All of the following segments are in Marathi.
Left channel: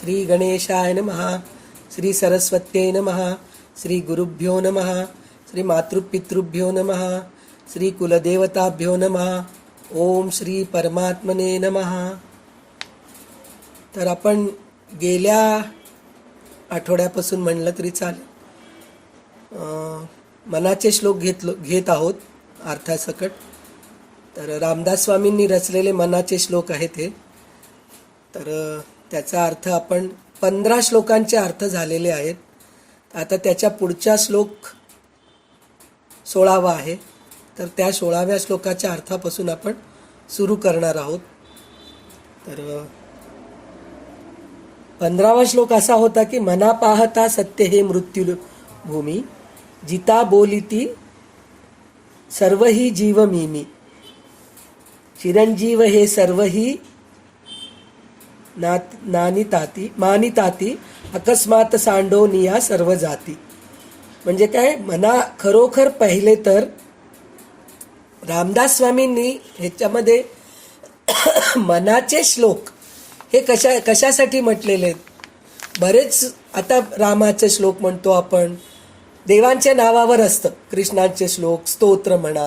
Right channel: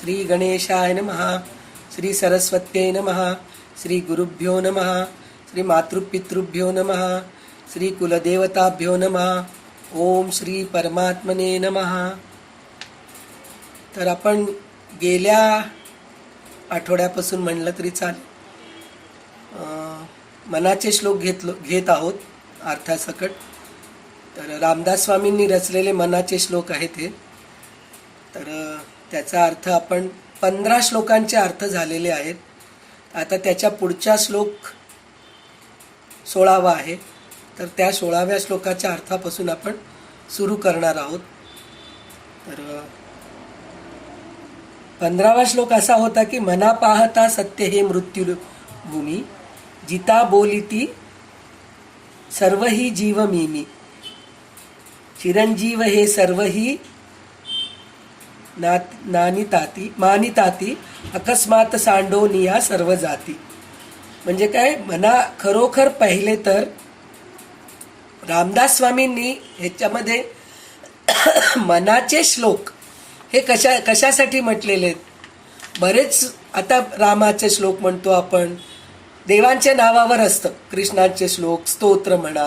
श्री गणेशाय नमः, श्री सरस्वत्यै नमः, श्री गुरुभ्यो नमः, श्री मातृपितृभ्यो नमः, श्री कुलदेवताभ्यो नमः. ओम श्री परमात्मने नमः. तर आपण गेल्या आठवड्यापासून म्हणलं तरी चालेल मनाचे श्लोक घेत आहोत अर्थासकट. तर रामदास स्वामींनी रचलेले मनाचे श्लोक आहेत हे. तर त्याचा अर्थ आपण 15 श्लोकांचे अर्थ झालेले आहेत. आता त्याच्या पुढचा श्लोक 16वा आहे. तर त्या 16व्या श्लोकाच्या अर्थापासून आपण सुरू करणार आहोत. तर 15वा श्लोक असा होता की मना पाहता सत्य हे मृत्यू भूमी, जिता बोलिती सर्वही जीव मीमी, चिरंजीव हे सर्वही मानिताती अकस्मात सांडो निया सर्व जाती. म्हणजे काय, मना खरोखर पाहिले तर रामदास स्वामींनी ह्याच्यामध्ये मनाचे श्लोक हे कशासाठी म्हटलेले आहेत. बरेच आता रामाचे श्लोक म्हणतो आपण, देवांच्या नावावर असतं. कृष्णाचे श्लोक, स्तोत्र म्हणा,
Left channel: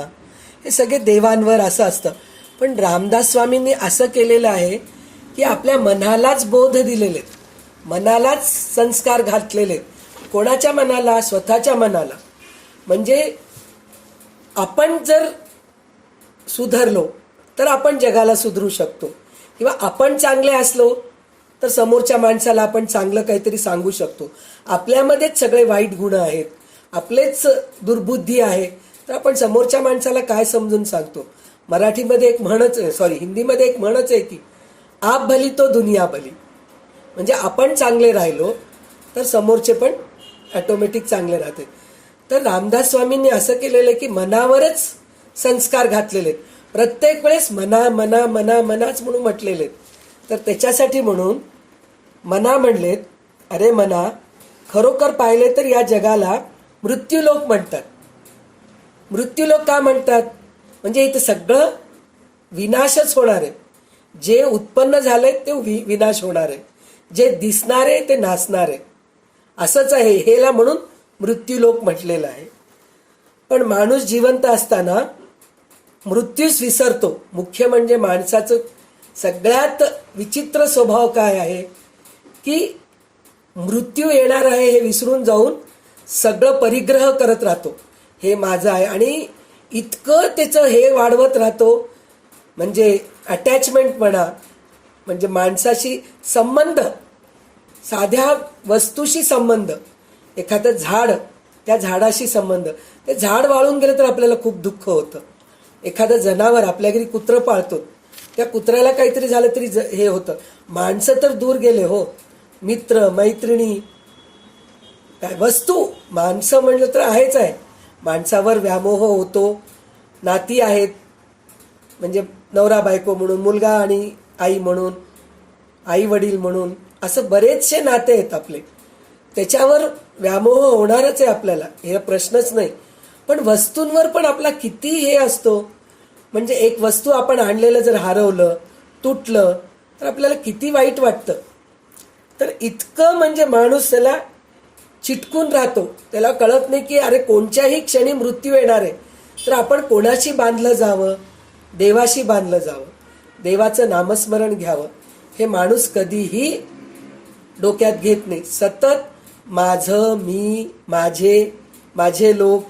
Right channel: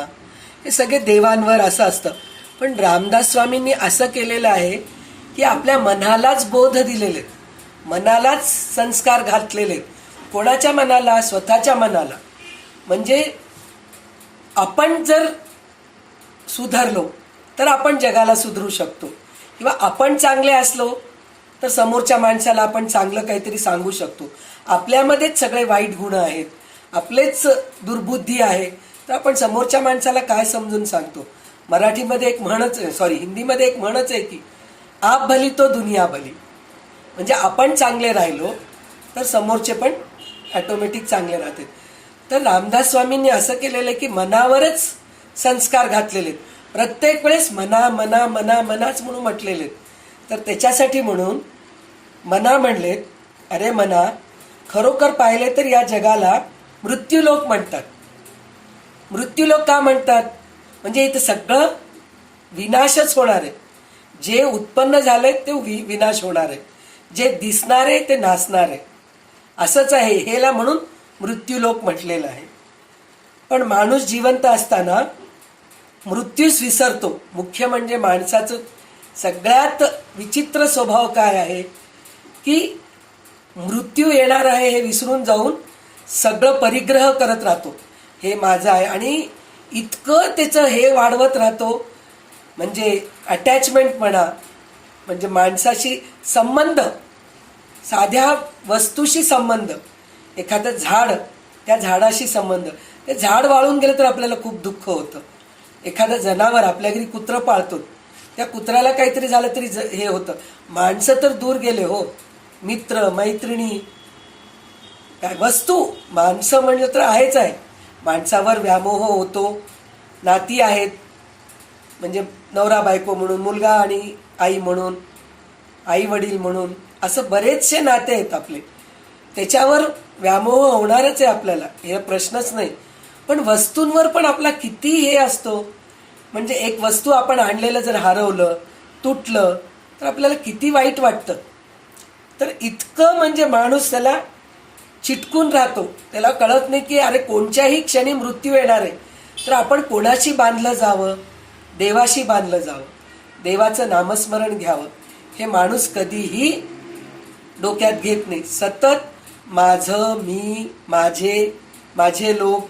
हे सगळे देवांवर असं असतं. पण रामदास स्वामींनी असं केलेलं आहे की आपल्या मनालाच बोध दिलेले आहेत, मनालाच संस्कार घातलेले आहेत. कोणाच्या मनाला? स्वतःच्या मनाला. म्हणजे आपण जर सुधारलो तर आपण जगाला सुधरू शकतो, किंवा आपण चांगले असलो तर समोरच्या माणसाला आपण चांगलं काहीतरी सांगू शकतो. आपल्यामध्येच सगळे वाईट गुण आहेत, आपलेच दुर्बुद्धी आहे, तर आपण समोरच्या माणसाला काय समजून सांगतो. मराठीमध्ये एक म्हणच आहे, हिंदीमध्ये एक म्हणच आहे की आप भली तो दुनिया भली. म्हणजे आपण चांगले राहिलो तर समोरचे पण ऑटोमॅटिक चांगले राहतात. तर रामदास स्वामींनी असं केलेलं आहे की मनावरच संस्कार घातलेले आहेत. प्रत्येक वेळेस मना मना मना मनाच म्हणून म्हटलेले आहेत. तर त्याच्यासाठी म्हणून मना म्हणलेत, अरे मना, खरोखर पाहिले तर या जगाला मृत्यूलोक म्हणतात. मृत्यूलोक का म्हणतात? म्हणजे इथं सगळं विनाशच होणार आहे. जे उत्पन्न झालंय ते विनाश होणार आहे, जे दिसणार आहे ते नासणार आहे. असंच आहे, हेला म्हणून मृत्यूलोक म्हटलेलं आहे. पण माणूस जिवंत असताना मृत्यूच विसरतो. मुख्य म्हणजे माणसाचं सगळ्यात विचित्र स्वभाव काय आहे की मृत्यू येणार आहे हे विसरून जाऊन सगळं परिग्रह करत राहतो. हे माझं आहे, आणि इतकं त्याचं हे वाढवत राहतो. म्हणजे अटॅचमेंट म्हणा, म्हणजे माणसाशी संबंध, साध्या वस्तूशी संबंध, एखादं झाड, त्या झाडाशी संबंध. ते झाड वाळून गेलं तर आपल्याला खूप दुःख होतं. एखादं जनावर, आपल्या घरी कुत्रं पाळतो, त्या कुत्र्याला काहीतरी झालं तरी हे होतं. माणसं तर दूर गेले हो, मित्र मैत्रिणी, काय वस्तू, माणसं म्हणलं तर आहेच आहे. माणसावर व्यामोह होतो. नाती आहेत, म्हणजे नवरा बायको म्हणून, मुलगा आणि आई म्हणून, आई वडील म्हणून, असं बरेचसे नाते आहेत आपले. त्याच्यावर व्यामोह होणारच आहे आपल्याला, हे प्रश्नच नाही. पण वस्तूंवर पण आपला किती हे असतो. म्हणजे एक वस्तू आपण आणलेलं जर हरवलं, तुटलं, तर आपल्याला किती वाईट वाटतं. तर इतकं म्हणजे माणूस त्याला चिटकून राहतो. त्याला कळत नाही की अरे कोणत्याही क्षणी मृत्यू येणार आहे. तर आपण कोणाशी बांधलं जावं? देवाशी बांधलं जावं, देवाचं नामस्मरण घ्यावं. हे माणूस कधीही डोक्यात घेत नाही. सतत माझं, मी, माझे लोक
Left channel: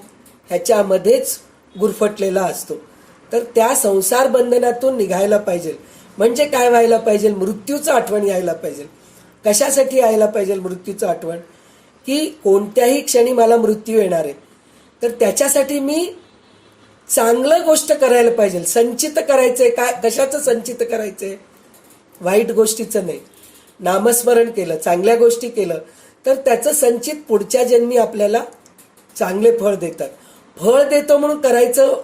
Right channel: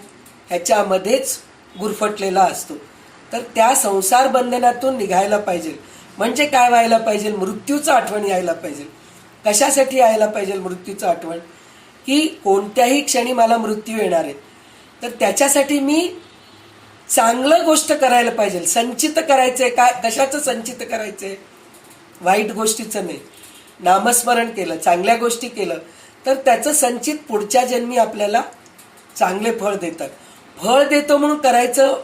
ह्याच्यामध्येच गुरफटलेला असतो. तर त्या संसार बंधनातून निघायला पाहिजे. म्हणजे काय व्हायला पाहिजे? मृत्यूचं आठवण यायला पाहिजे. कशासाठी यायला पाहिजे मृत्यूचं आठवण? की कोणत्याही क्षणी मला मृत्यू येणार आहे, तर त्याच्यासाठी मी चांगलं गोष्ट करायला पाहिजे. संचित करायचंय. काय, कशाचं संचित करायचंय? वाईट गोष्टीचं नाही. नामस्मरण केलं, चांगल्या गोष्टी केलं, तर त्याचं संचित पुढच्या जन्मी आपल्याला चांगले फळ देतात. फळ देतो म्हणून करायचं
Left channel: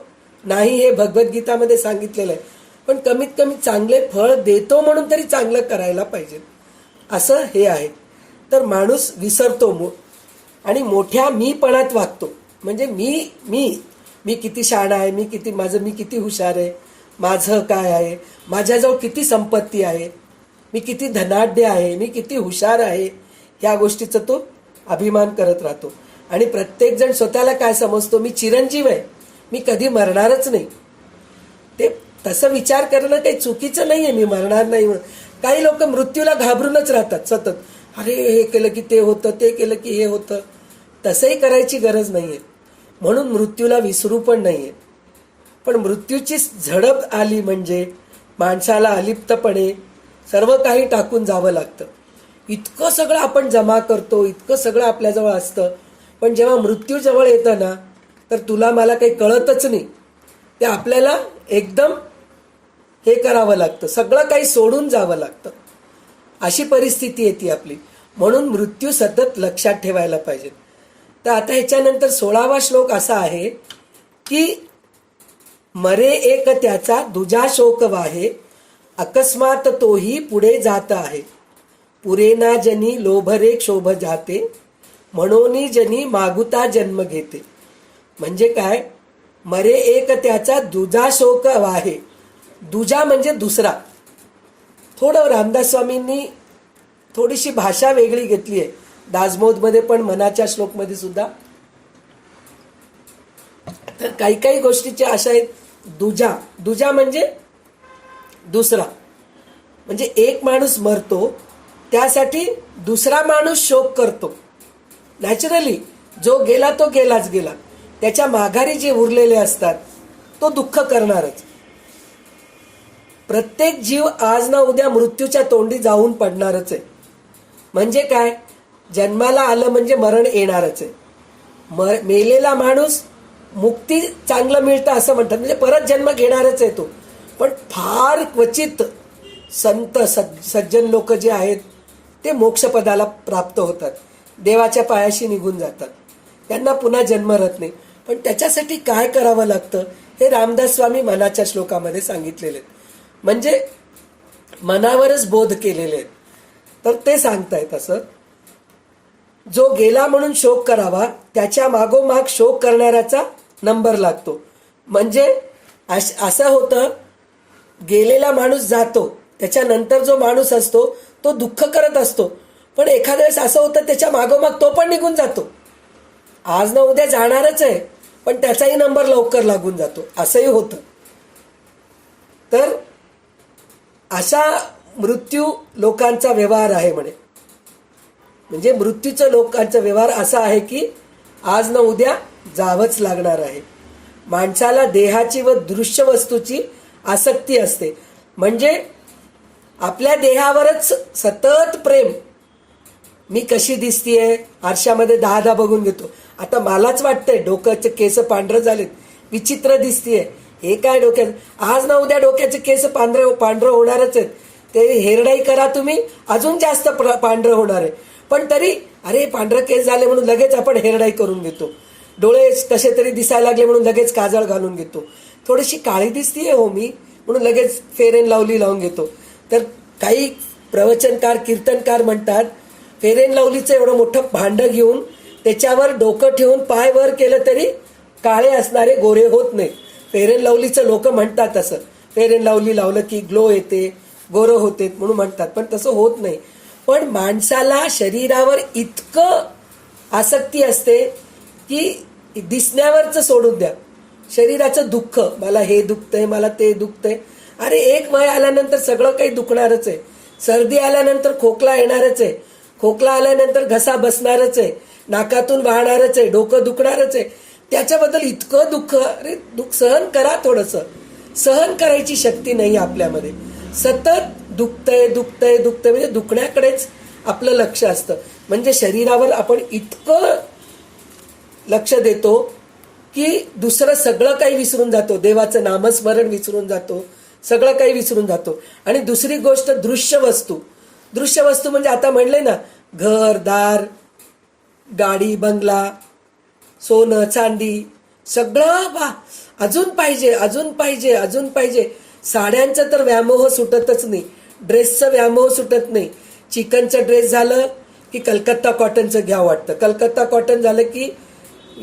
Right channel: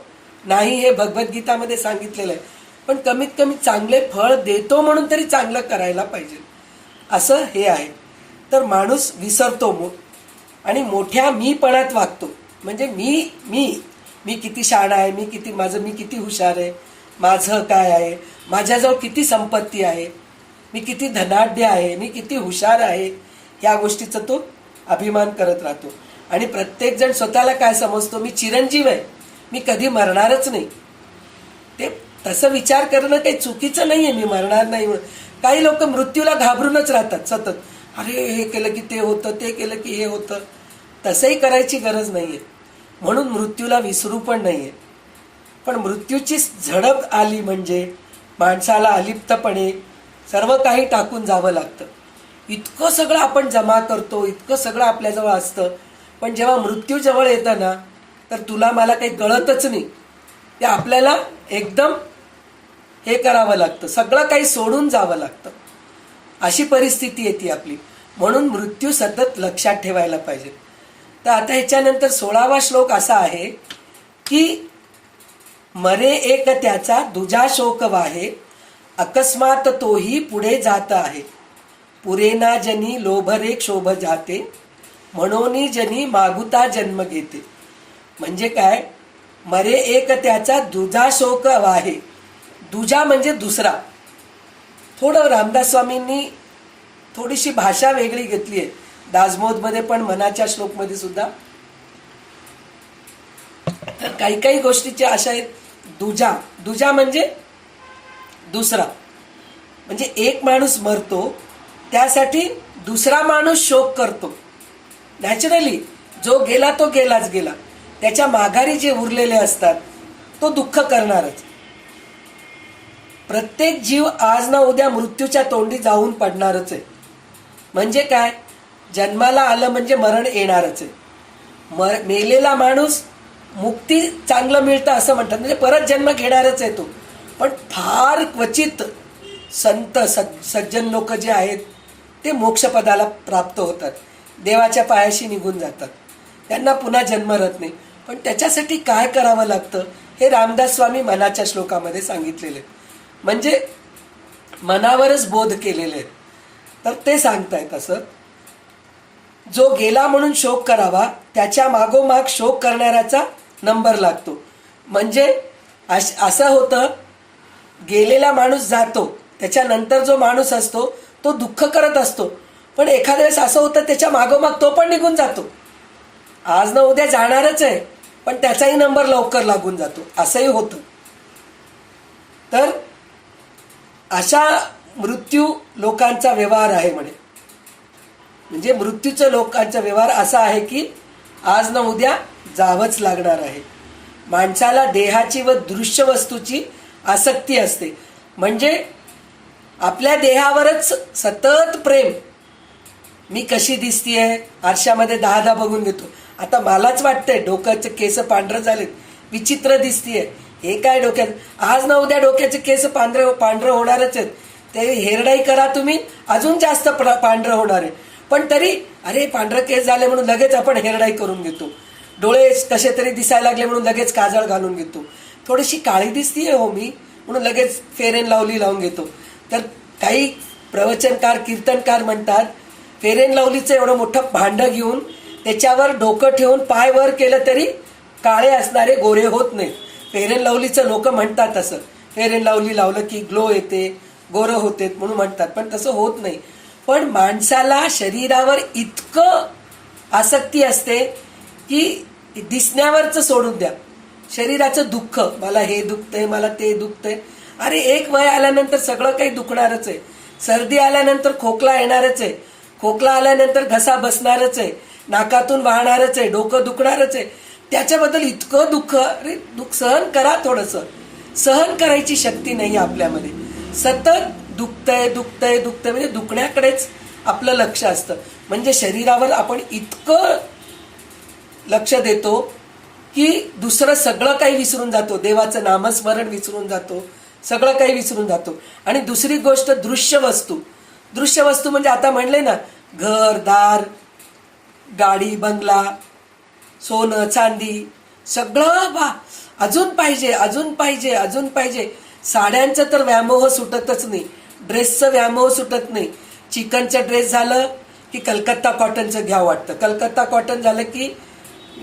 नाही, हे भगवद्गीतामध्ये सांगितलेलं आहे. पण कमीत कमी चांगले फळ देतो म्हणून तरी चांगलं करायला पाहिजे, असं हे आहे. तर माणूस विसरतो आणि मोठ्या मीपणात वागतो. म्हणजे मी किती शहाणा आहे, मी किती हुशार आहे, माझं काय आहे, माझ्याजवळ किती संपत्ती आहे. मी किती धनाढ्य आहे, मी किती हुशार आहे, या गोष्टीचा तो अभिमान करत राहतो. आणि प्रत्येकजण स्वतःला काय समजतो, मी चिरंजीव आहे, मी कधी मरणारच नाही. ते तसं विचार करणं काही चुकीचं नाही आहे, मी मरणार नाही म्हणून. काही लोक मृत्यूला घाबरूनच राहतात सतत. अरे हे केलं की ते होतं, ते केलं की हे होतं. तसंही करायची गरज नाही आहे. म्हणून मृत्यूला विसरू पण नाही आहे. पण मृत्यूची झडप आली म्हणजे माणसाला अलिप्तपणे सर्व काही टाकून जावं लागतं. इतकं सगळं आपण जमा करतो, इतकं सगळं आपल्याजवळ असतं, पण जेव्हा मृत्यू जवळ येतं ना, तर तुला मला काही कळतच नाही. ते आपल्याला एकदम हे करावं लागतं, सगळं काही सोडून जावं लागतं. अशी परिस्थिती येते आपली. म्हणून मृत्यू सतत लक्षात ठेवायला पाहिजे. तर आता ह्याच्यानंतर 16वा श्लोक असा आहे की मरे एक त्याचा दुजा शोक वाहे, अकस्मात तोही पुढे जात आहे. पुरेना जनी लोभरे क्षोभ जाते, म्हणोनी जनी मागुता जन्म घेते. म्हणजे काय, मरे एक त्याचा दुजा शोक वाहे. दुजा म्हणजे दुसरा. थोडं रामदास स्वामींनी थोडीशी भाषा वेगळी घेतली आहे दासबोधमध्ये पण, मनाच्या श्लोकमध्ये सुद्धा. तर काही काही गोष्टीच्या अशा आहेत. दुजा, दुजा म्हणजे दुसरा. म्हणजे एक माणूस मरतो, त्यासाठी दुसरा माणूस शोक करतो. नॅचरली जो गेला तो गेलाच गेला. त्याच्या माघारी जे उरलेले असतात तो दुःख करणारच. प्रत्येक जीव आज ना उद्या मृत्यूच्या तोंडी जाऊन पडणारच आहे. म्हणजे काय, जन्माला आलं म्हणजे मरण येणारच आहे. मेलेला माणूस मुक्ती चांगलं मिळतं असं म्हणतात, म्हणजे परत जन्म घेणारच आहे तो. पण फार क्वचित संत सज्जन लोक जे आहेत ते मोक्षपदाला प्राप्त होतात, देवाच्या पायाशी निघून जातात, त्यांना पुन्हा जन्म राहत नाही. पण त्याच्यासाठी काय करावं लागतं हे रामदास स्वामी मनाच्या श्लोकामध्ये सांगितलेले, म्हणजे मनावरच बोध केलेले आहेत. तर ते सांगतायत असं, जो गेला म्हणून शोक करावा, त्याच्या मागोमाग शोक करणाऱ्याचा नंबर लागतो. म्हणजे असं होतं, गेलेला माणूस जातो, त्याच्यानंतर जो माणूस असतो तो दुःख करत असतो. पण एखाद्या वेळेस असं होतं त्याच्या मागोमाग तो पण निघून जातो. आज ना उद्या जाणारच आहे, पण त्याचाही नंबर लवकर लागून जातो, असंही होतं. तर अशा मृत्यू लोकांचा व्यवहार आहे म्हणे. म्हणजे मृत्यूच्या लोकांचा व्यवहार असा आहे की आज ना उद्या जावंच लागणार आहे. माणसाला देहाची व दृश्य वस्तूची आसक्ती असते. म्हणजे आपल्या देहावरच सतत प्रेम. मी कशी दिसतीये आरशामध्ये 10 बघून घेतो. आता मलाच वाटतंय डोक्याचे केस पांढरं झालेत, विचित्र दिसतीये, हे काय डोक्यात. आज ना उद्या डोक्याचे केस पांढरं होणारच आहेत. ते हेरडाई करा तुम्ही, अजून जास्त पांढरं होणार आहे. पण तरी अरे पांढरं केस झाले म्हणून लगेच आपण हेरडाई करून घेतो. डोळे कसे तरी दिसायला लागले म्हणून लगेच काजळ घालून घेतो. थोडीशी काळी दिसतीये हो मी म्हणून लगेच फेअर अँड लवली लावून घेतो. तर काही प्रवचनकार कीर्तनकार म्हणतात, फेअर अँड लवलीचं एवढं मोठं भांडं घेऊन त्याच्यावर डोकं ठेवून पाय वर केलं तरी काळे असणारे गोरे होत नाहीत. फेअर अँड लवलीचं लोक म्हणतात असं, फेअर अँड लवली लावलं की ग्लो येते, गोरं होते म्हणून म्हणतात, पण तसं होत नाही. पण माणसाला शरीरावर इतकं आसक्ती असते की दिसण्यावरचं सोडून द्या, शरीराचं दुःख, मला हे दुखतंय, मला ते दुखतंय. अरे एक वय आल्यानंतर सगळं काही दुखणारच आहे. सर्दी आल्यानंतर खोकला येणारच आहे, खोकला आल्यानंतर घसा बसणारच आहे, नाकातून वाहणारच आहे, डोकं दुखणारच आहे. त्याच्याबद्दल इतकं दुःख, अरे दुःख सहन करा. थोडंसं सहन करायची शक्ती नाही आपल्यामध्ये. सतत दुखतंय दुखतंय दुखतंय म्हणजे दुखण्याकडेच आपलं लक्ष असतं. म्हणजे शरीरावर आपण इतकं लक्ष देतो की दुसरं सगळं काही विसरून जातो, देवाचं नामस्मरण विसरून जातो, सगळं काही विसरून जातो. आणि दुसरी गोष्ट दृश्य वस्तू. दृश्य वस्तू म्हणजे आता म्हणले ना, घर दार, गाडी बंगला, सोनं चांदी, सगळं अजून पाहिजे, अजून पाहिजे, अजून पाहिजे. साड्यांचं तर व्यामोह सुटतच नाही, ड्रेसचं व्यामोह सुटत नाही. चिकनचं ड्रेस झालं की कलकत्ता कॉटनचं घ्यावं वाटतं, कलकत्ता कॉटन झालं की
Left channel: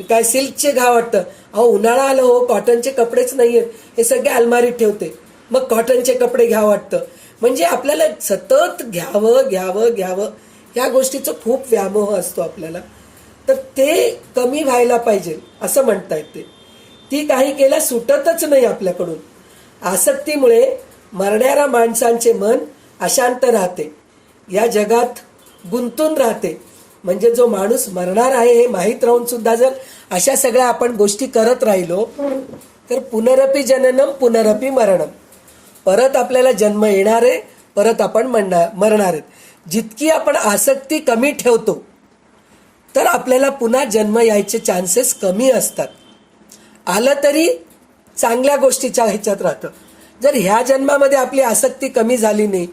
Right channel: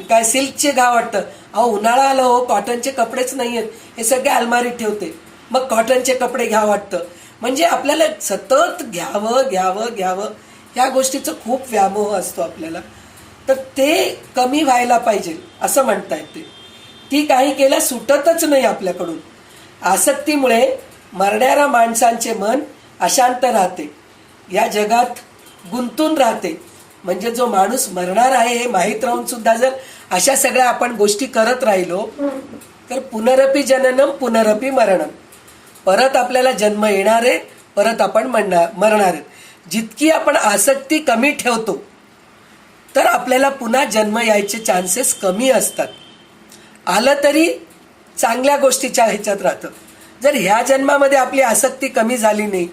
काय सिल्कचे घ्यावं वाटतं. अहो उन्हाळा आलं हो, कॉटनचे कपडेच नाही आहेत, हे सगळे अलमारीत ठेवते, मग कॉटनचे कपडे घ्यावं वाटतं. म्हणजे आपल्याला सतत घ्यावं घ्यावं घ्यावं ह्या गोष्टीचं खूप व्यामोह असतो आपल्याला. तर ते कमी व्हायला पाहिजे असं म्हणतायत ते. ती काही केल्या सुटतच नाही आपल्याकडून. आसक्तीमुळे मरणाऱ्या माणसांचे मन अशांत राहते, या जगात गुंतून राहते. म्हणजे जो माणूस मरणार आहे हे माहीत राहून सुद्धा जर अशा सगळ्या आपण गोष्टी करत राहिलो तर पुनरपी जननम पुनरपी मरणम, परत आपल्याला जन्म येणार आहे, परत आपण मरणार आहेत. जितकी आपण आसक्ती कमी ठेवतो तर आपल्याला पुन्हा जन्म यायचे चान्सेस कमी असतात. आलं तरी चांगल्या गोष्टीच्या ह्याच्यात राहतं. जर ह्या जन्मामध्ये आपली आसक्ती कमी झाली नाही,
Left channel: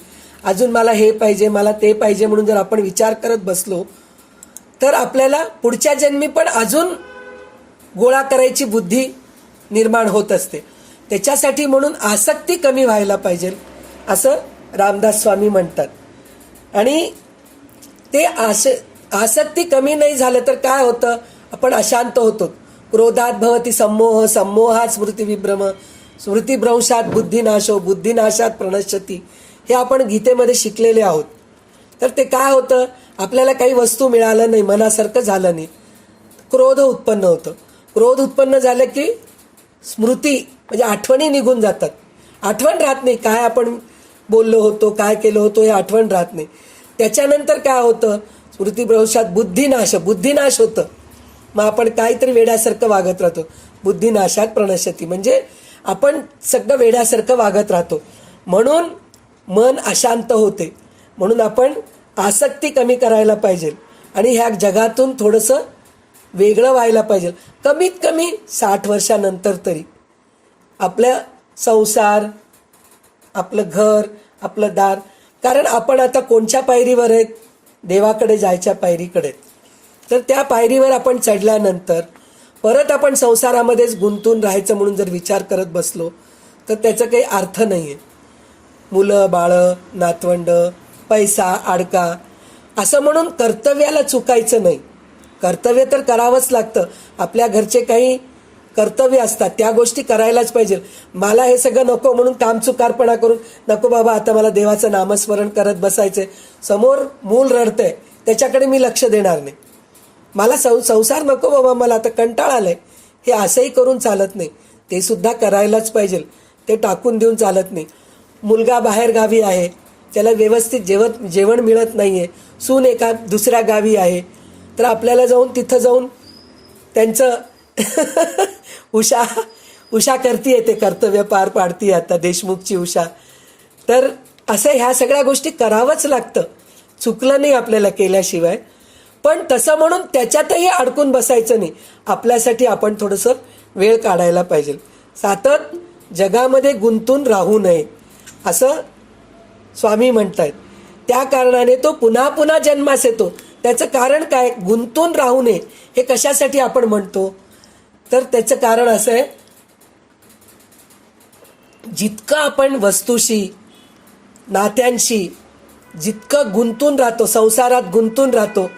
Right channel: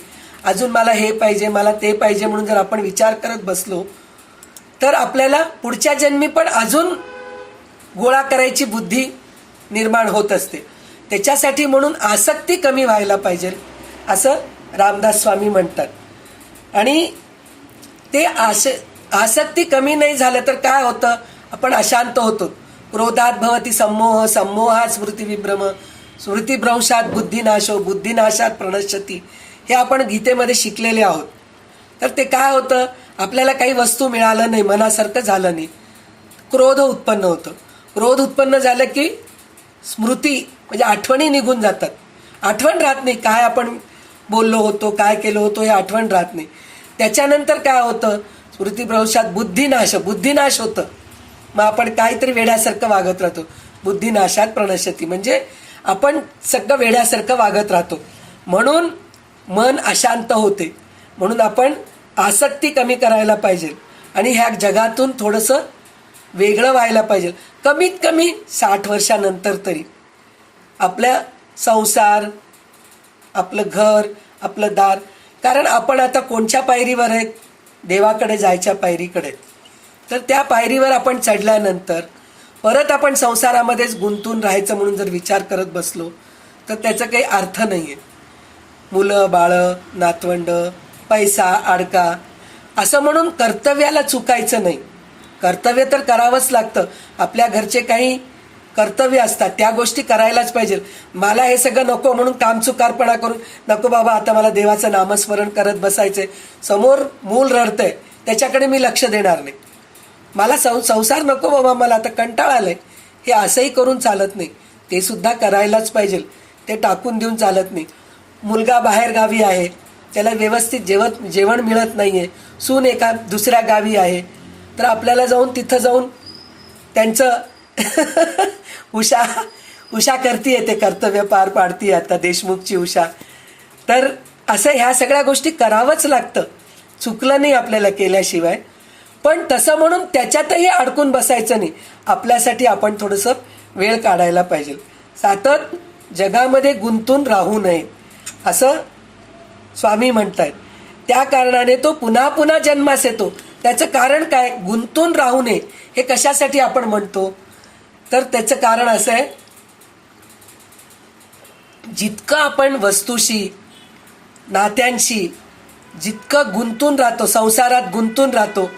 अजून मला हे पाहिजे मला ते पाहिजे म्हणून जर आपण विचार करत बसलो तर आपल्याला पुढच्या जन्मी पण अजून गोळा करायची बुद्धी निर्माण होत असते. त्याच्यासाठी म्हणून आसक्ती कमी व्हायला पाहिजे असं रामदास स्वामी म्हणतात. आणि ते आसक्ती कमी नाही झालं तर काय होतं, आपण अशांत होतो. क्रोधात भवती सम्मोह, सम्मोहात स्मृतिविभ्रम, स्मृतिभ्रंशात बुद्धिनाशो, बुद्धिनाशात प्रणश्यती, हे आपण गीतेमध्ये शिकलेले आहोत. तर ते काय होतं, आपल्याला काही वस्तू मिळालं नाही, मनासारखं झालं नाही, क्रोध उत्पन्न होतं. क्रोध उत्पन्न झालं की स्मृती म्हणजे आठवणी निघून जातात. आठवण राहत नाही, काय आपण बोललो होतो, काय केलं होतं हे आठवण राहत नाही. त्याच्यानंतर काय होतं, स्मृतिभ्रंशात बुद्धिनाश होतं. मग आपण काहीतरी वेड्यासारखं वागत राहतो. बुद्धिनाशात प्रणश्यती म्हणजे आपण सगळं वेड्यासारखं वागत राहतो. म्हणून मन अशांत होते. म्हणून आपण आसक्ती कमी करायला पाहिजे आणि ह्या जगातून थोडंसं वेगळं व्हायला पाहिजे. कमीत कमी 60 वर्षानंतर तरी आपल्या संसार, आपलं घर, आपलं दार, कारण आपण आता कोणत्या पायरीवर आहेत, देवाकडे जायच्या पायरीकडे. तर त्या पायरीवर आपण चढल्यानंतर परत आपण संसारामध्येच गुंतून राहायचं म्हणून जर विचार करत बसलो तर त्याचा काही अर्थ नाही आहे. मुलं बाळं, नातवंड, पैसा, अडका असं म्हणून कर्तव्याला चुकायचं नाही. कर्तव्य तर करावंच लागतं. आपल्या घरचे काही कर्तव्य असतात त्या गोष्टी करायलाच पाहिजे. मला हे सगळं नको म्हणून कामचुकारपणा करून नको बाबा आता मला देवाचं नामस्मरण करत बसायचंय, समोर मूल रडतंय त्याच्याकडे मी लक्ष देणार नाही, मला संसार नको बाबा मला आता कंटाळा आलाय, हे असंही करून चालत नाही. ते सुद्धा करायलाच पाहिजे, ते टाकून देऊन चालत नाही. मुलगा बाहेर गावी आहे, त्याला व्यवस्थित जेवण मिळत नाही आहे, सून एका दुसऱ्या गावी आहे, तर आपल्याला तिथं जाऊन त्यांचं उषा करतीये, ते कर्तव्य पार पाडतीये आता देशमुखची उषा. तर असं ह्या सगळ्या गोष्टी करावंच लागतं, चुकलं नाही आपल्याला केल्याशिवाय. पण तसं म्हणून त्याच्यातही अडकून बसायचं नाही. आपल्यासाठी आपण थोडंसं वेळ काढायला पाहिजे. सतत जगामध्ये गुंतून राहू नये असं स्वामी म्हणतायत. त्या कारणाने तो पुन्हा पुन्हा जन्मास येतो. त्याचं कारण काय, गुंतून राहू नये हे कशासाठी आपण म्हणतो, तर त्याचं कारण असं आहे, जितकं आपण वस्तूशी, नात्यांशी जितकं गुंतून राहतो, संसारात गुंतून राहतो,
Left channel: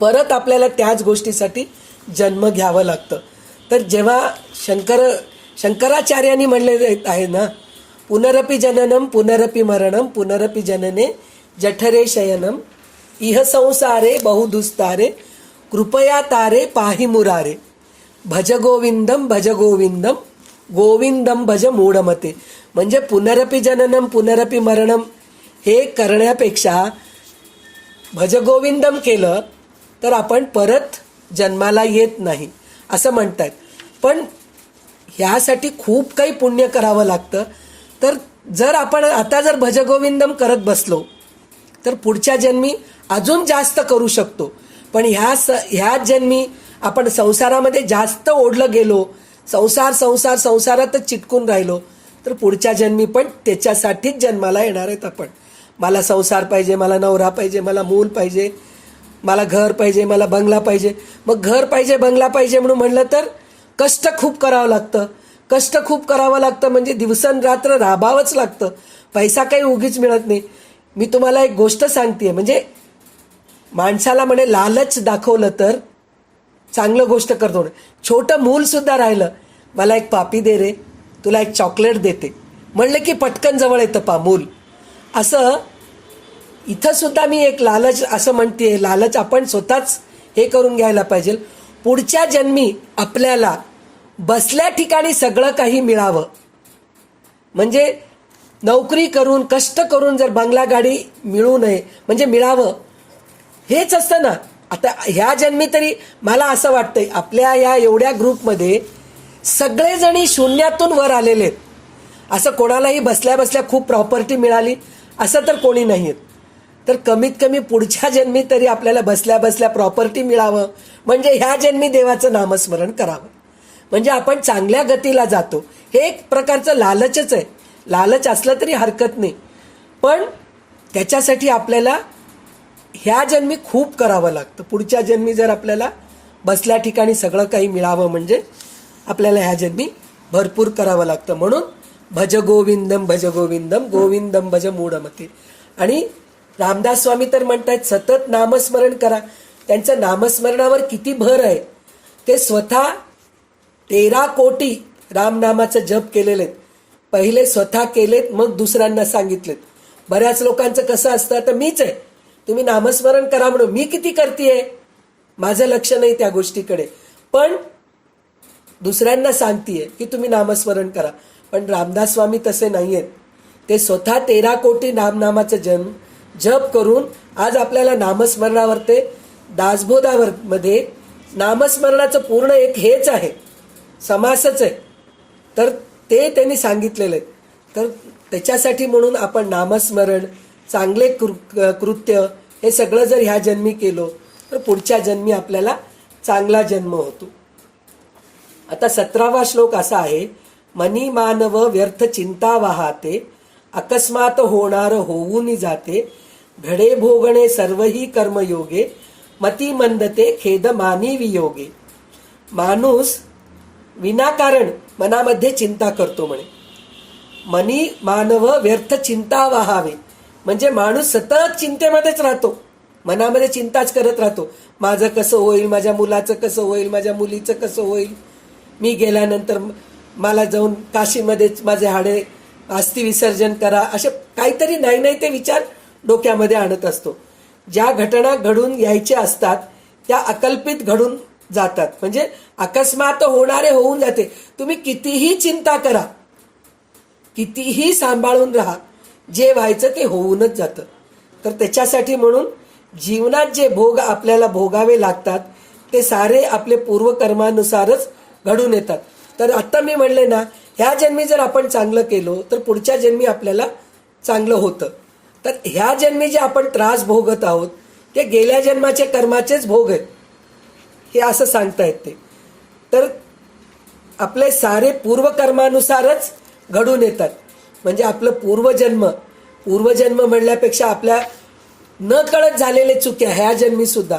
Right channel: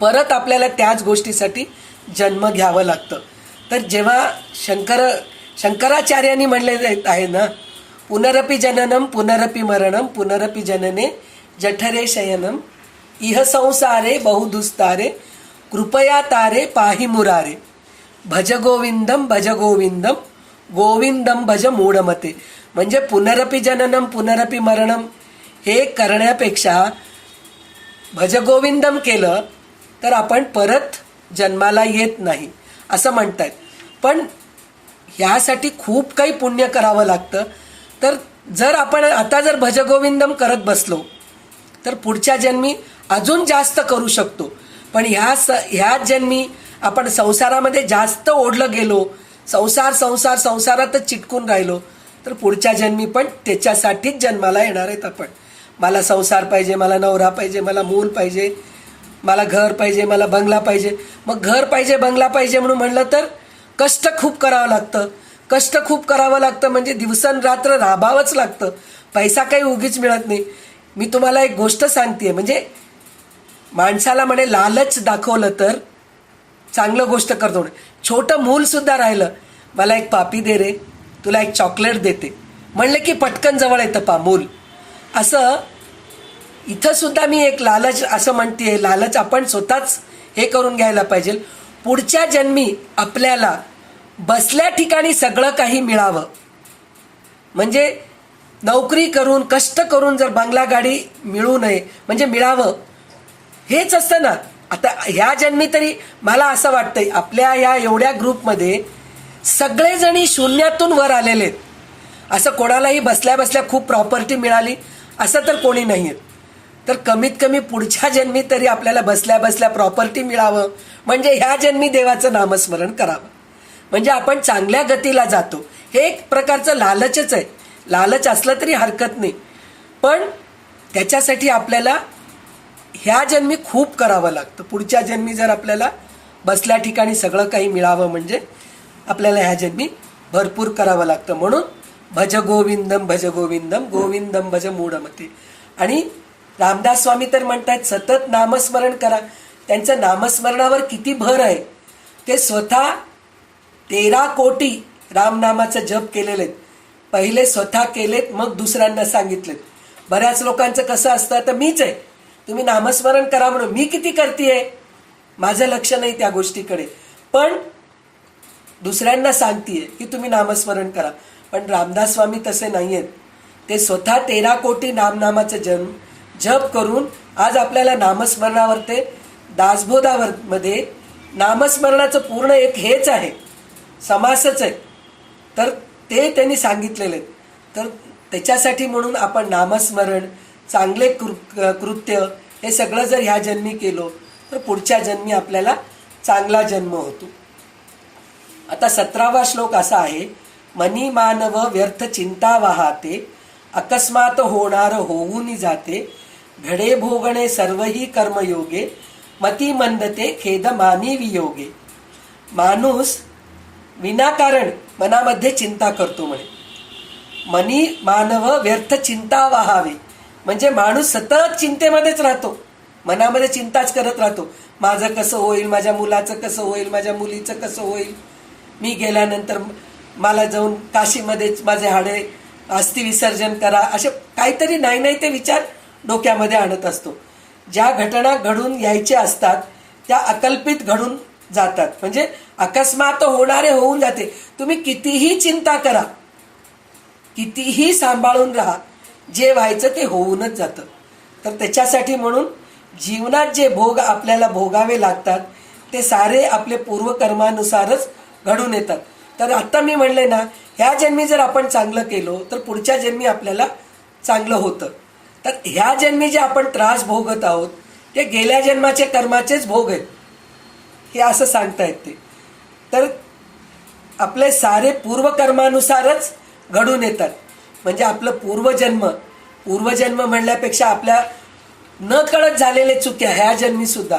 परत आपल्याला त्याच गोष्टीसाठी जन्म घ्यावं लागतं. तर जेव्हा शंकराचार्यांनी म्हणले आहे ना, पुनरपि जननम पुनरपि मरणम पुनरपि जनने जठरे शयनम इह संसारे बहुदुस्तारे कृपया तारे पाहि मुरारे भज गोविंदम गोविंदम भज मूढमते. म्हणजे पुनरपि जननम पुनरपि मरणम हे करण्यापेक्षा भज गोविंदम केलं तर आपण परत जन्माला येत नाही असं म्हणतात. पण ह्यासाठी खूप काही पुण्य करावं लागतं. तर जर आपण आता जर भजगोविंदम करत बसलो तर पुढच्या जन्मी अजून जास्त करू शकतो. पण ह्याच जन्मी आपण संसारामध्ये जास्त ओढलं गेलो, संसारातच चिटकून राहिलो, तर पुढच्या जन्मी पण त्याच्यासाठीच जन्माला येणार आहेत आपण. मला संसार पाहिजे, मला नवरा पाहिजे, मला मूल पाहिजे, मला घर पाहिजे, मला बंगला पाहिजे. मग घर पाहिजे, बंगला पाहिजे म्हणून म्हणलं तर कष्ट खूप करावं लागतं. म्हणजे दिवसरात्र राबावंच लागतं. पैसा काही उगीच मिळत नाही. मी तुम्हाला एक गोष्ट सांगते, म्हणजे माणसाला म्हणे लालच दाखवलं तर चांगलं गोष्ट करतो. छोटं मूल सुद्धा राहिलं, मला एक पापी दे रे, तुला एक चॉकलेट देते म्हणलं की पटकन जवळ येतं मूल. असं इथं सुद्धा मी एक लालच असं म्हणते, लालच आपण स्वतःच हे करून घ्यायला पाहिजे. पुढच्या जन्मी आपल्याला बसल्या ठिकाणी सगळं काही मिळावं, म्हणजे नोकरी करून कष्ट करून जर बंगला गाडी मिळू नये, म्हणजे मिळावं हेच असतं ना. आता ह्या जन्मी तरी मला असं वाटतंय आपल्या या एवढ्या ग्रुपमध्ये सगळेजणी शून्यातून वर आलेले आहेत. असं कोणालाही बसल्या बसल्या खूप प्रॉपर्टी मिळाली असं तर कोणी नाही आहेत. तर कमीत कमी पुढच्या जन्मी तरी आपल्याला बसल्या बसल्या प्रॉपर्टी मिळावं, म्हणजे ह्या जन्मी देवाचं नामस्मरण करावं, म्हणजे आपण चांगल्या गतीला जातो. हे एक प्रकारचं लालचच आहे. लालच असलं तरी हरकत नाही, पण त्याच्यासाठी आपल्याला ह्या जन्मी खूप करावं लागतं. पुढच्या जन्मी जर आपल्याला बसल्या ठिकाणी सगळं काही मिळावं म्हणजे आपल्याला ह्या जन्मी भरपूर करावं लागतं. म्हणून भज गोविंदम भज गोविंदम गोविंदम भज मूढमते. आणि रामदास स्वामी तर म्हणतात सतत नामस्मरण करा. त्यांचं नामस्मरणावर किती भर आहे. ते स्वतः 13 कोटी रामनामाचं जप केलेले आहेत. पहिले स्वतः केलेत, मग दुसऱ्यांना सांगितलेत. बऱ्याच लोकांचं कसं असतं, तर मीच आहे, तुम्ही नामस्मरण करा म्हणून मी किती करतेय, माझं लक्ष नाही त्या गोष्टीकडे, पण दुसऱ्यांना सांगतेय की तुम्ही नामस्मरण करा. पण रामदास स्वामी तसे नाही आहेत. ते स्वतः 13 कोटी नामनामाचं जप करून आज आपल्याला नामस्मरणावर ते दासबोधावर मध्ये नामस्मरणाचं पूर्ण एक हेच आहे, समासच आहे. तर ते त्यांनी सांगितलेले आहेत. तर त्याच्यासाठी म्हणून आपण नामस्मरण, चांगले कृत्य हे सगळं जर ह्या जन्मी केलो तर पुढच्या जन्मी आपल्याला चांगला जन्म होतो. आता 17वा श्लोक असा आहे, मनी मानव व्यर्थ चिंता वाहाते, अकस्मात होणार होऊनी जाते, घडे भोगणे सर्वही कर्मयोगे, मती मंदते खेद मानी वियोगे. माणूस विनाकारण मनामध्ये चिंता करतो म्हणे. मनी मानव व्यर्थ चिंता वाहावे, म्हणजे माणूस सतत चिंतेमध्येच राहतो, मनामध्ये चिंताच करत राहतो. माझं कसं होईल, माझ्या मुलाचं कसं होईल, माझ्या मुलीचं कसं होईल, मी गेल्यानंतर मला जाऊन काशीमध्ये माझे हाडे अस्थि विसर्जन करा, असे काहीतरी नाही ते विचार डोक्यामध्ये आणत असतो. ज्या घटना घडून यायच्या असतात त्या अकल्पित घडून जातात, म्हणजे अकस्मात होणारे होऊन जाते. तुम्ही कितीही चिंता करा, कितीही सांभाळून राहा, जे व्हायचं ते होऊनच जातं. तर त्याच्यासाठी म्हणून जीवनात जे भोग आपल्याला भोगावे लागतात ते सारे आपले पूर्वकर्मानुसारच घडून येतात. तर आता मी म्हणले ना, ह्या जन्मी जर आपण चांगलं केलो तर पुढच्या जन्मी आपल्याला चांगलं होतं. तर ह्या जन्मी जे आपण त्रास भोगत आहोत ते गेल्या जन्माचे कर्माचेच भोग आहेत, हे असं सांगतायत ते. तर आपले सारे पूर्वकर्मानुसारच घडून येतात, म्हणजे आपलं पूर्वजन्म म्हणल्यापेक्षा आपल्या न कळत झालेले चुक्या ह्या जन्मी सुद्धा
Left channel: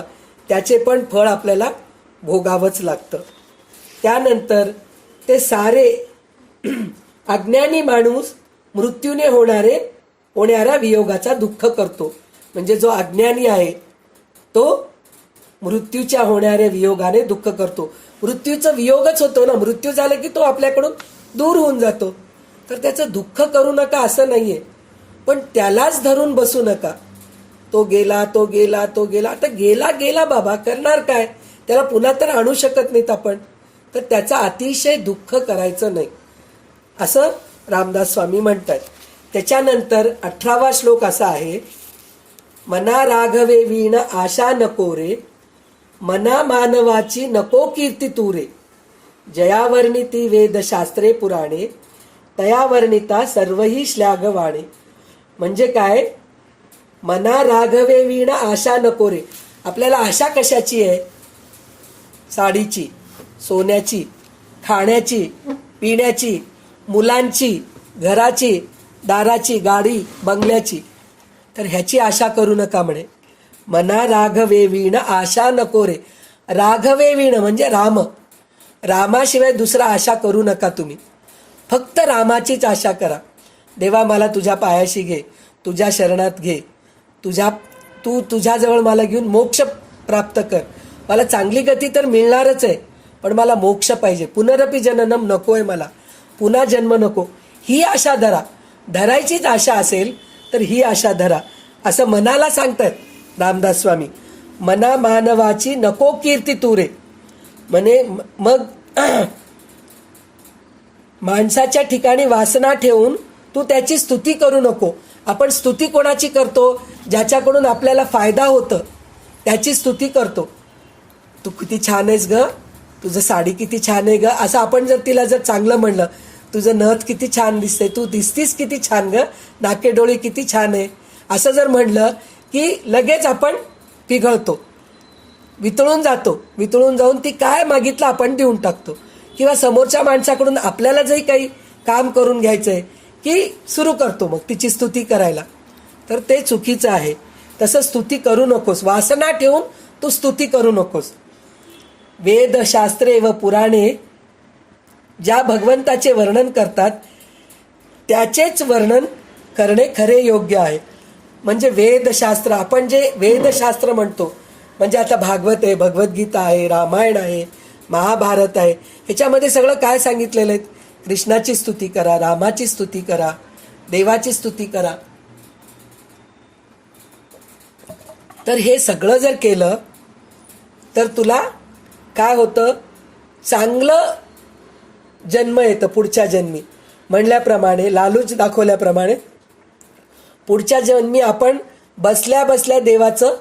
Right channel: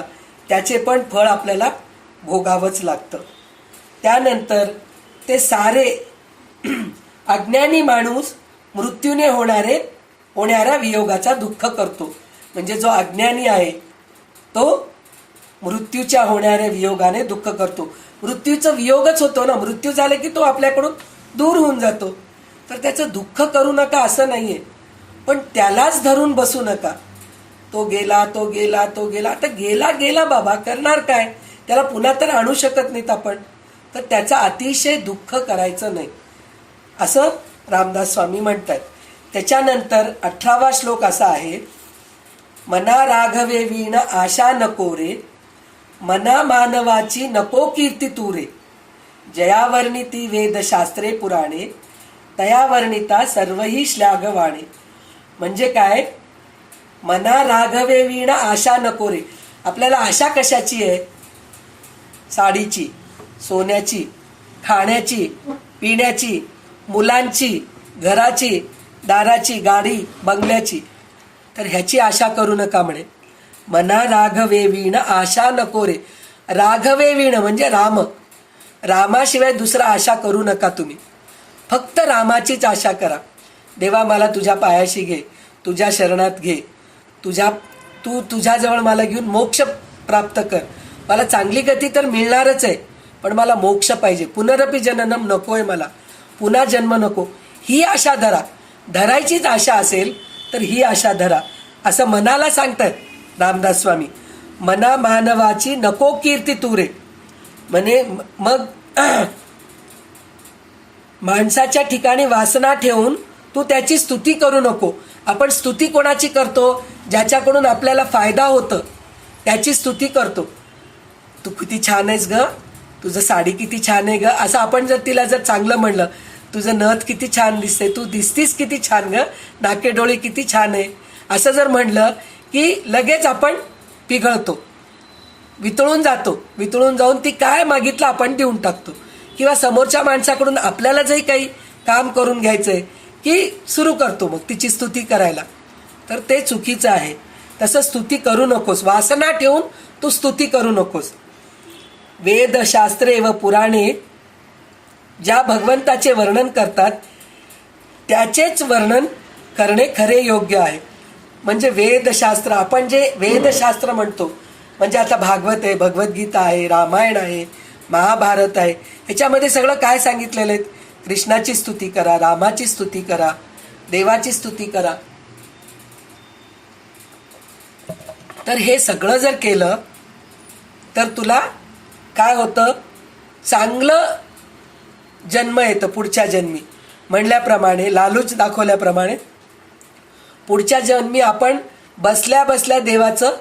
त्याचे पण फळ आपल्याला भोगावंच लागतं. त्यानंतर ते सारे अज्ञानी माणूस मृत्यूने होणाऱ्या वियोगाचा दुःख करतो. म्हणजे जो अज्ञानी आहे तो मृत्यूच्या होणाऱ्या वियोगाने दुःख करतो. मृत्यूचा वियोगच होतो ना, मृत्यू झाला की तो आपल्याकडून दूर होऊन जातो. तर त्याचं दुःख करू नका असं नाहीये, पण त्यालाच धरून बसू नका. तो गेला. आता गेला बाबा, करणार काय, त्याला पुन्हा तर आणू शकत नाहीत आपण. तर त्याचा अतिशय दुःख करायचं नाही असं रामदास स्वामी म्हणतात. त्याच्यानंतर 18वा श्लोक असा आहे, मना राघवे वीण आशा नको रे, मना मानवाची नको कीर्ती तू रे, जयावर्णिती वेदशास्त्रे पुराणे, तया वर्णिता सर्वही श्लाघवाणे. म्हणजे काय, मना राघवे वीण आशा नको रे. आपल्याला आशा कशाची आहे, साडीची, सोन्याची, खाण्याची, पिण्याची, मुलांची, घराची, दाराची, गाडी, बंगल्याची. तर ह्याची आशा करू नका म्हणे. मना राघवे वीण आशा नको रे. राघवे वीण म्हणजे राम, रामाशिवाय दुसरा आशा करू नका तुम्ही. फक्त रामाचीच आशा करा. देवा मला तुझ्या पायाशी घे, तुझ्या शरणात घे, तू तुझ्याजवळ मला घेऊन मोक्ष प्राप्त कर. मला चांगली गती तर मिळणारच आहे, पण मला मोक्ष पाहिजे. पुनरपी जननम नको आहे मला, पुन्हा जन्म नको. ही आशा धरायचीच आशा असेल तर ही आशा धरा, असं मनाला सांगतात रामदास स्वामी. मना मानवाची नको कीर्ती तुरे, म्हणे मग माणसाच्या ठिकाणी वासना ठेवून तू त्याची स्तुती करू नको. आपण स्तुती कोणाची करतो? ज्याच्याकडून आपल्याला फायदा होतं त्याची स्तुती करतो. तू किती छान आहेस ग, तुझं साडी किती छान आहे ग, असं आपण जर तिला जर चांगलं म्हणलं, तुझं नथ किती छान दिसते, तू दिसतीस किती छान ग, नाकेडोळे किती छान आहे, असं जर म्हणलं की लगेच आपण पिघळतो, वितळून जातो. वितळून जाऊन ती काय मागितलं आपण देऊन टाकतो. किंवा समोरच्या माणसाकडून आपल्याला जरी काही काम करून घ्यायचं आहे की सुरू करतो मग तिची स्तुती करायला, तर ते चुकीचं आहे. तसं स्तुती करू नकोस, वासना ठेवून तू स्तुती करू नकोस. वेदशास्त्रे व पुराणे ज्या भगवंताचे वर्णन करतात त्याचेच वर्णन करणे खरे योग्य आहे. म्हणजे वेदशास्त्र, आपण जे वेदशास्त्र म्हणतो म्हणजे आता भागवत आहे, भगवद्गीता आहे, रामायण आहे, महाभारत आहे, ह्याच्यामध्ये सगळं काय सांगितलेलं आहे? कृष्णाची स्तुती करा, रामाची स्तुती करा, देवाची स्तुती करा. तर हे सगळं जर केलं तर तुला काय होतं? चांगलं जन्म येतं पुढच्या जन्मी. म्हणल्याप्रमाणे, लालूच दाखवल्याप्रमाणे पुढच्या जन्मी आपण बसल्या बसल्या देवाचं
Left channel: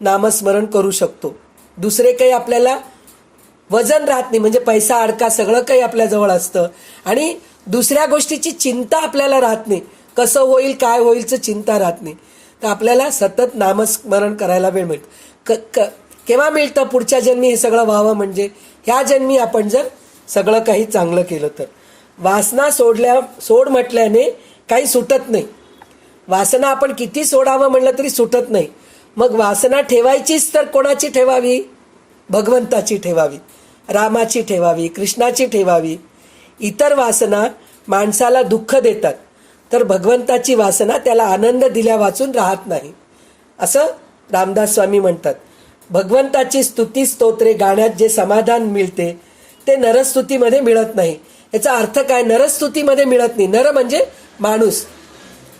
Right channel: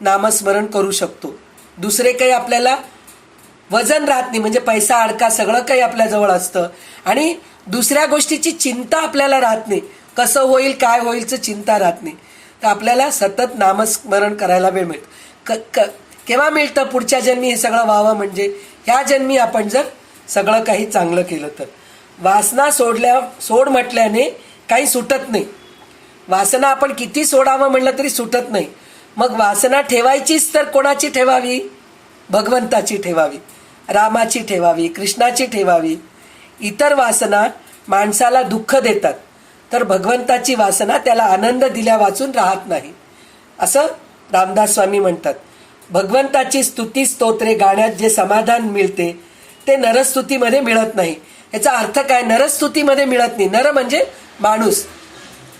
नामस्मरण करू शकतो. दुसरे काही आपल्याला वजन राहत नाही, म्हणजे पैसा अडका सगळं काही आपल्याजवळ असतं आणि दुसऱ्या गोष्टीची चिंता आपल्याला राहत नाही. कसं होईल, काय होईलचं चिंता राहत नाही. तर आपल्याला सतत नामस्मरण करायला वेळ मिळतं. केव्हा मिळतं? पुढच्या जन्मी हे सगळं व्हावं, म्हणजे ह्या जन्मी आपण जर सगळं काही चांगलं केलं तर. वासना सोड म्हटल्याने काही सुटत नाही. वासना आपण किती सोडावं म्हणलं तरी सुटत नाही. मग वासना ठेवायचीच तर कोणाची ठेवावी? भगवंताची ठेवावी, रामाची ठेवावी, कृष्णाची ठेवावी. इतर वासना माणसाला दुःख देतात, तर भगवंताची वासना त्याला आनंद दिल्या वाचून राहत नाही, असं रामदास स्वामी म्हणतात. भगवंताची स्तुती स्तोत्रे गाण्यात जे समाधान मिळते ते नरस्तुतीमध्ये मिळत नाही. याचा अर्थ काय? नरस्तुतीमध्ये मिळत नाही. नर म्हणजे माणूस,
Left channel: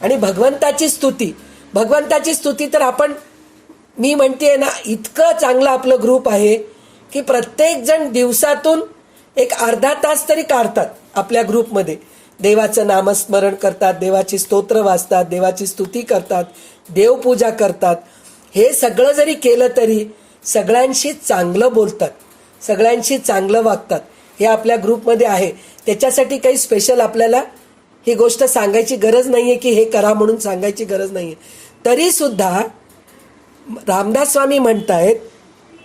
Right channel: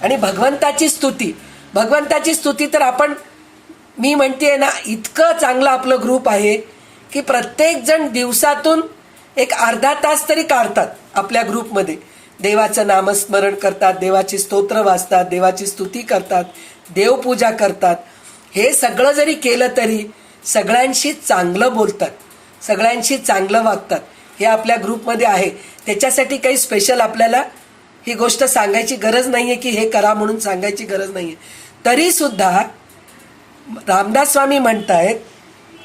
आणि भगवंताची स्तुती तर आपण, मी म्हणते ना, इतकं चांगलं आपलं ग्रुप आहे की प्रत्येक जण दिवसातून एक अर्धा तास तरी काढतात आपल्या ग्रुपमध्ये. देवाचं नामस्मरण करतात, देवाची स्तोत्र वाचतात, देवाची स्तुती करतात, देवपूजा करतात. हे सगळं जरी केलं तरी सगळ्यांशी चांगलं बोलतात, सगळ्यांशी चांगलं वागतात. हे आपल्या ग्रुपमध्ये आहे. त्याच्यासाठी काही स्पेशल आपल्याला ही गोष्ट सांगायची गरज नाही आहे की हे करा म्हणून सांगायची गरज नाही आहे. तरीसुद्धा रामदास स्वामी म्हणतायत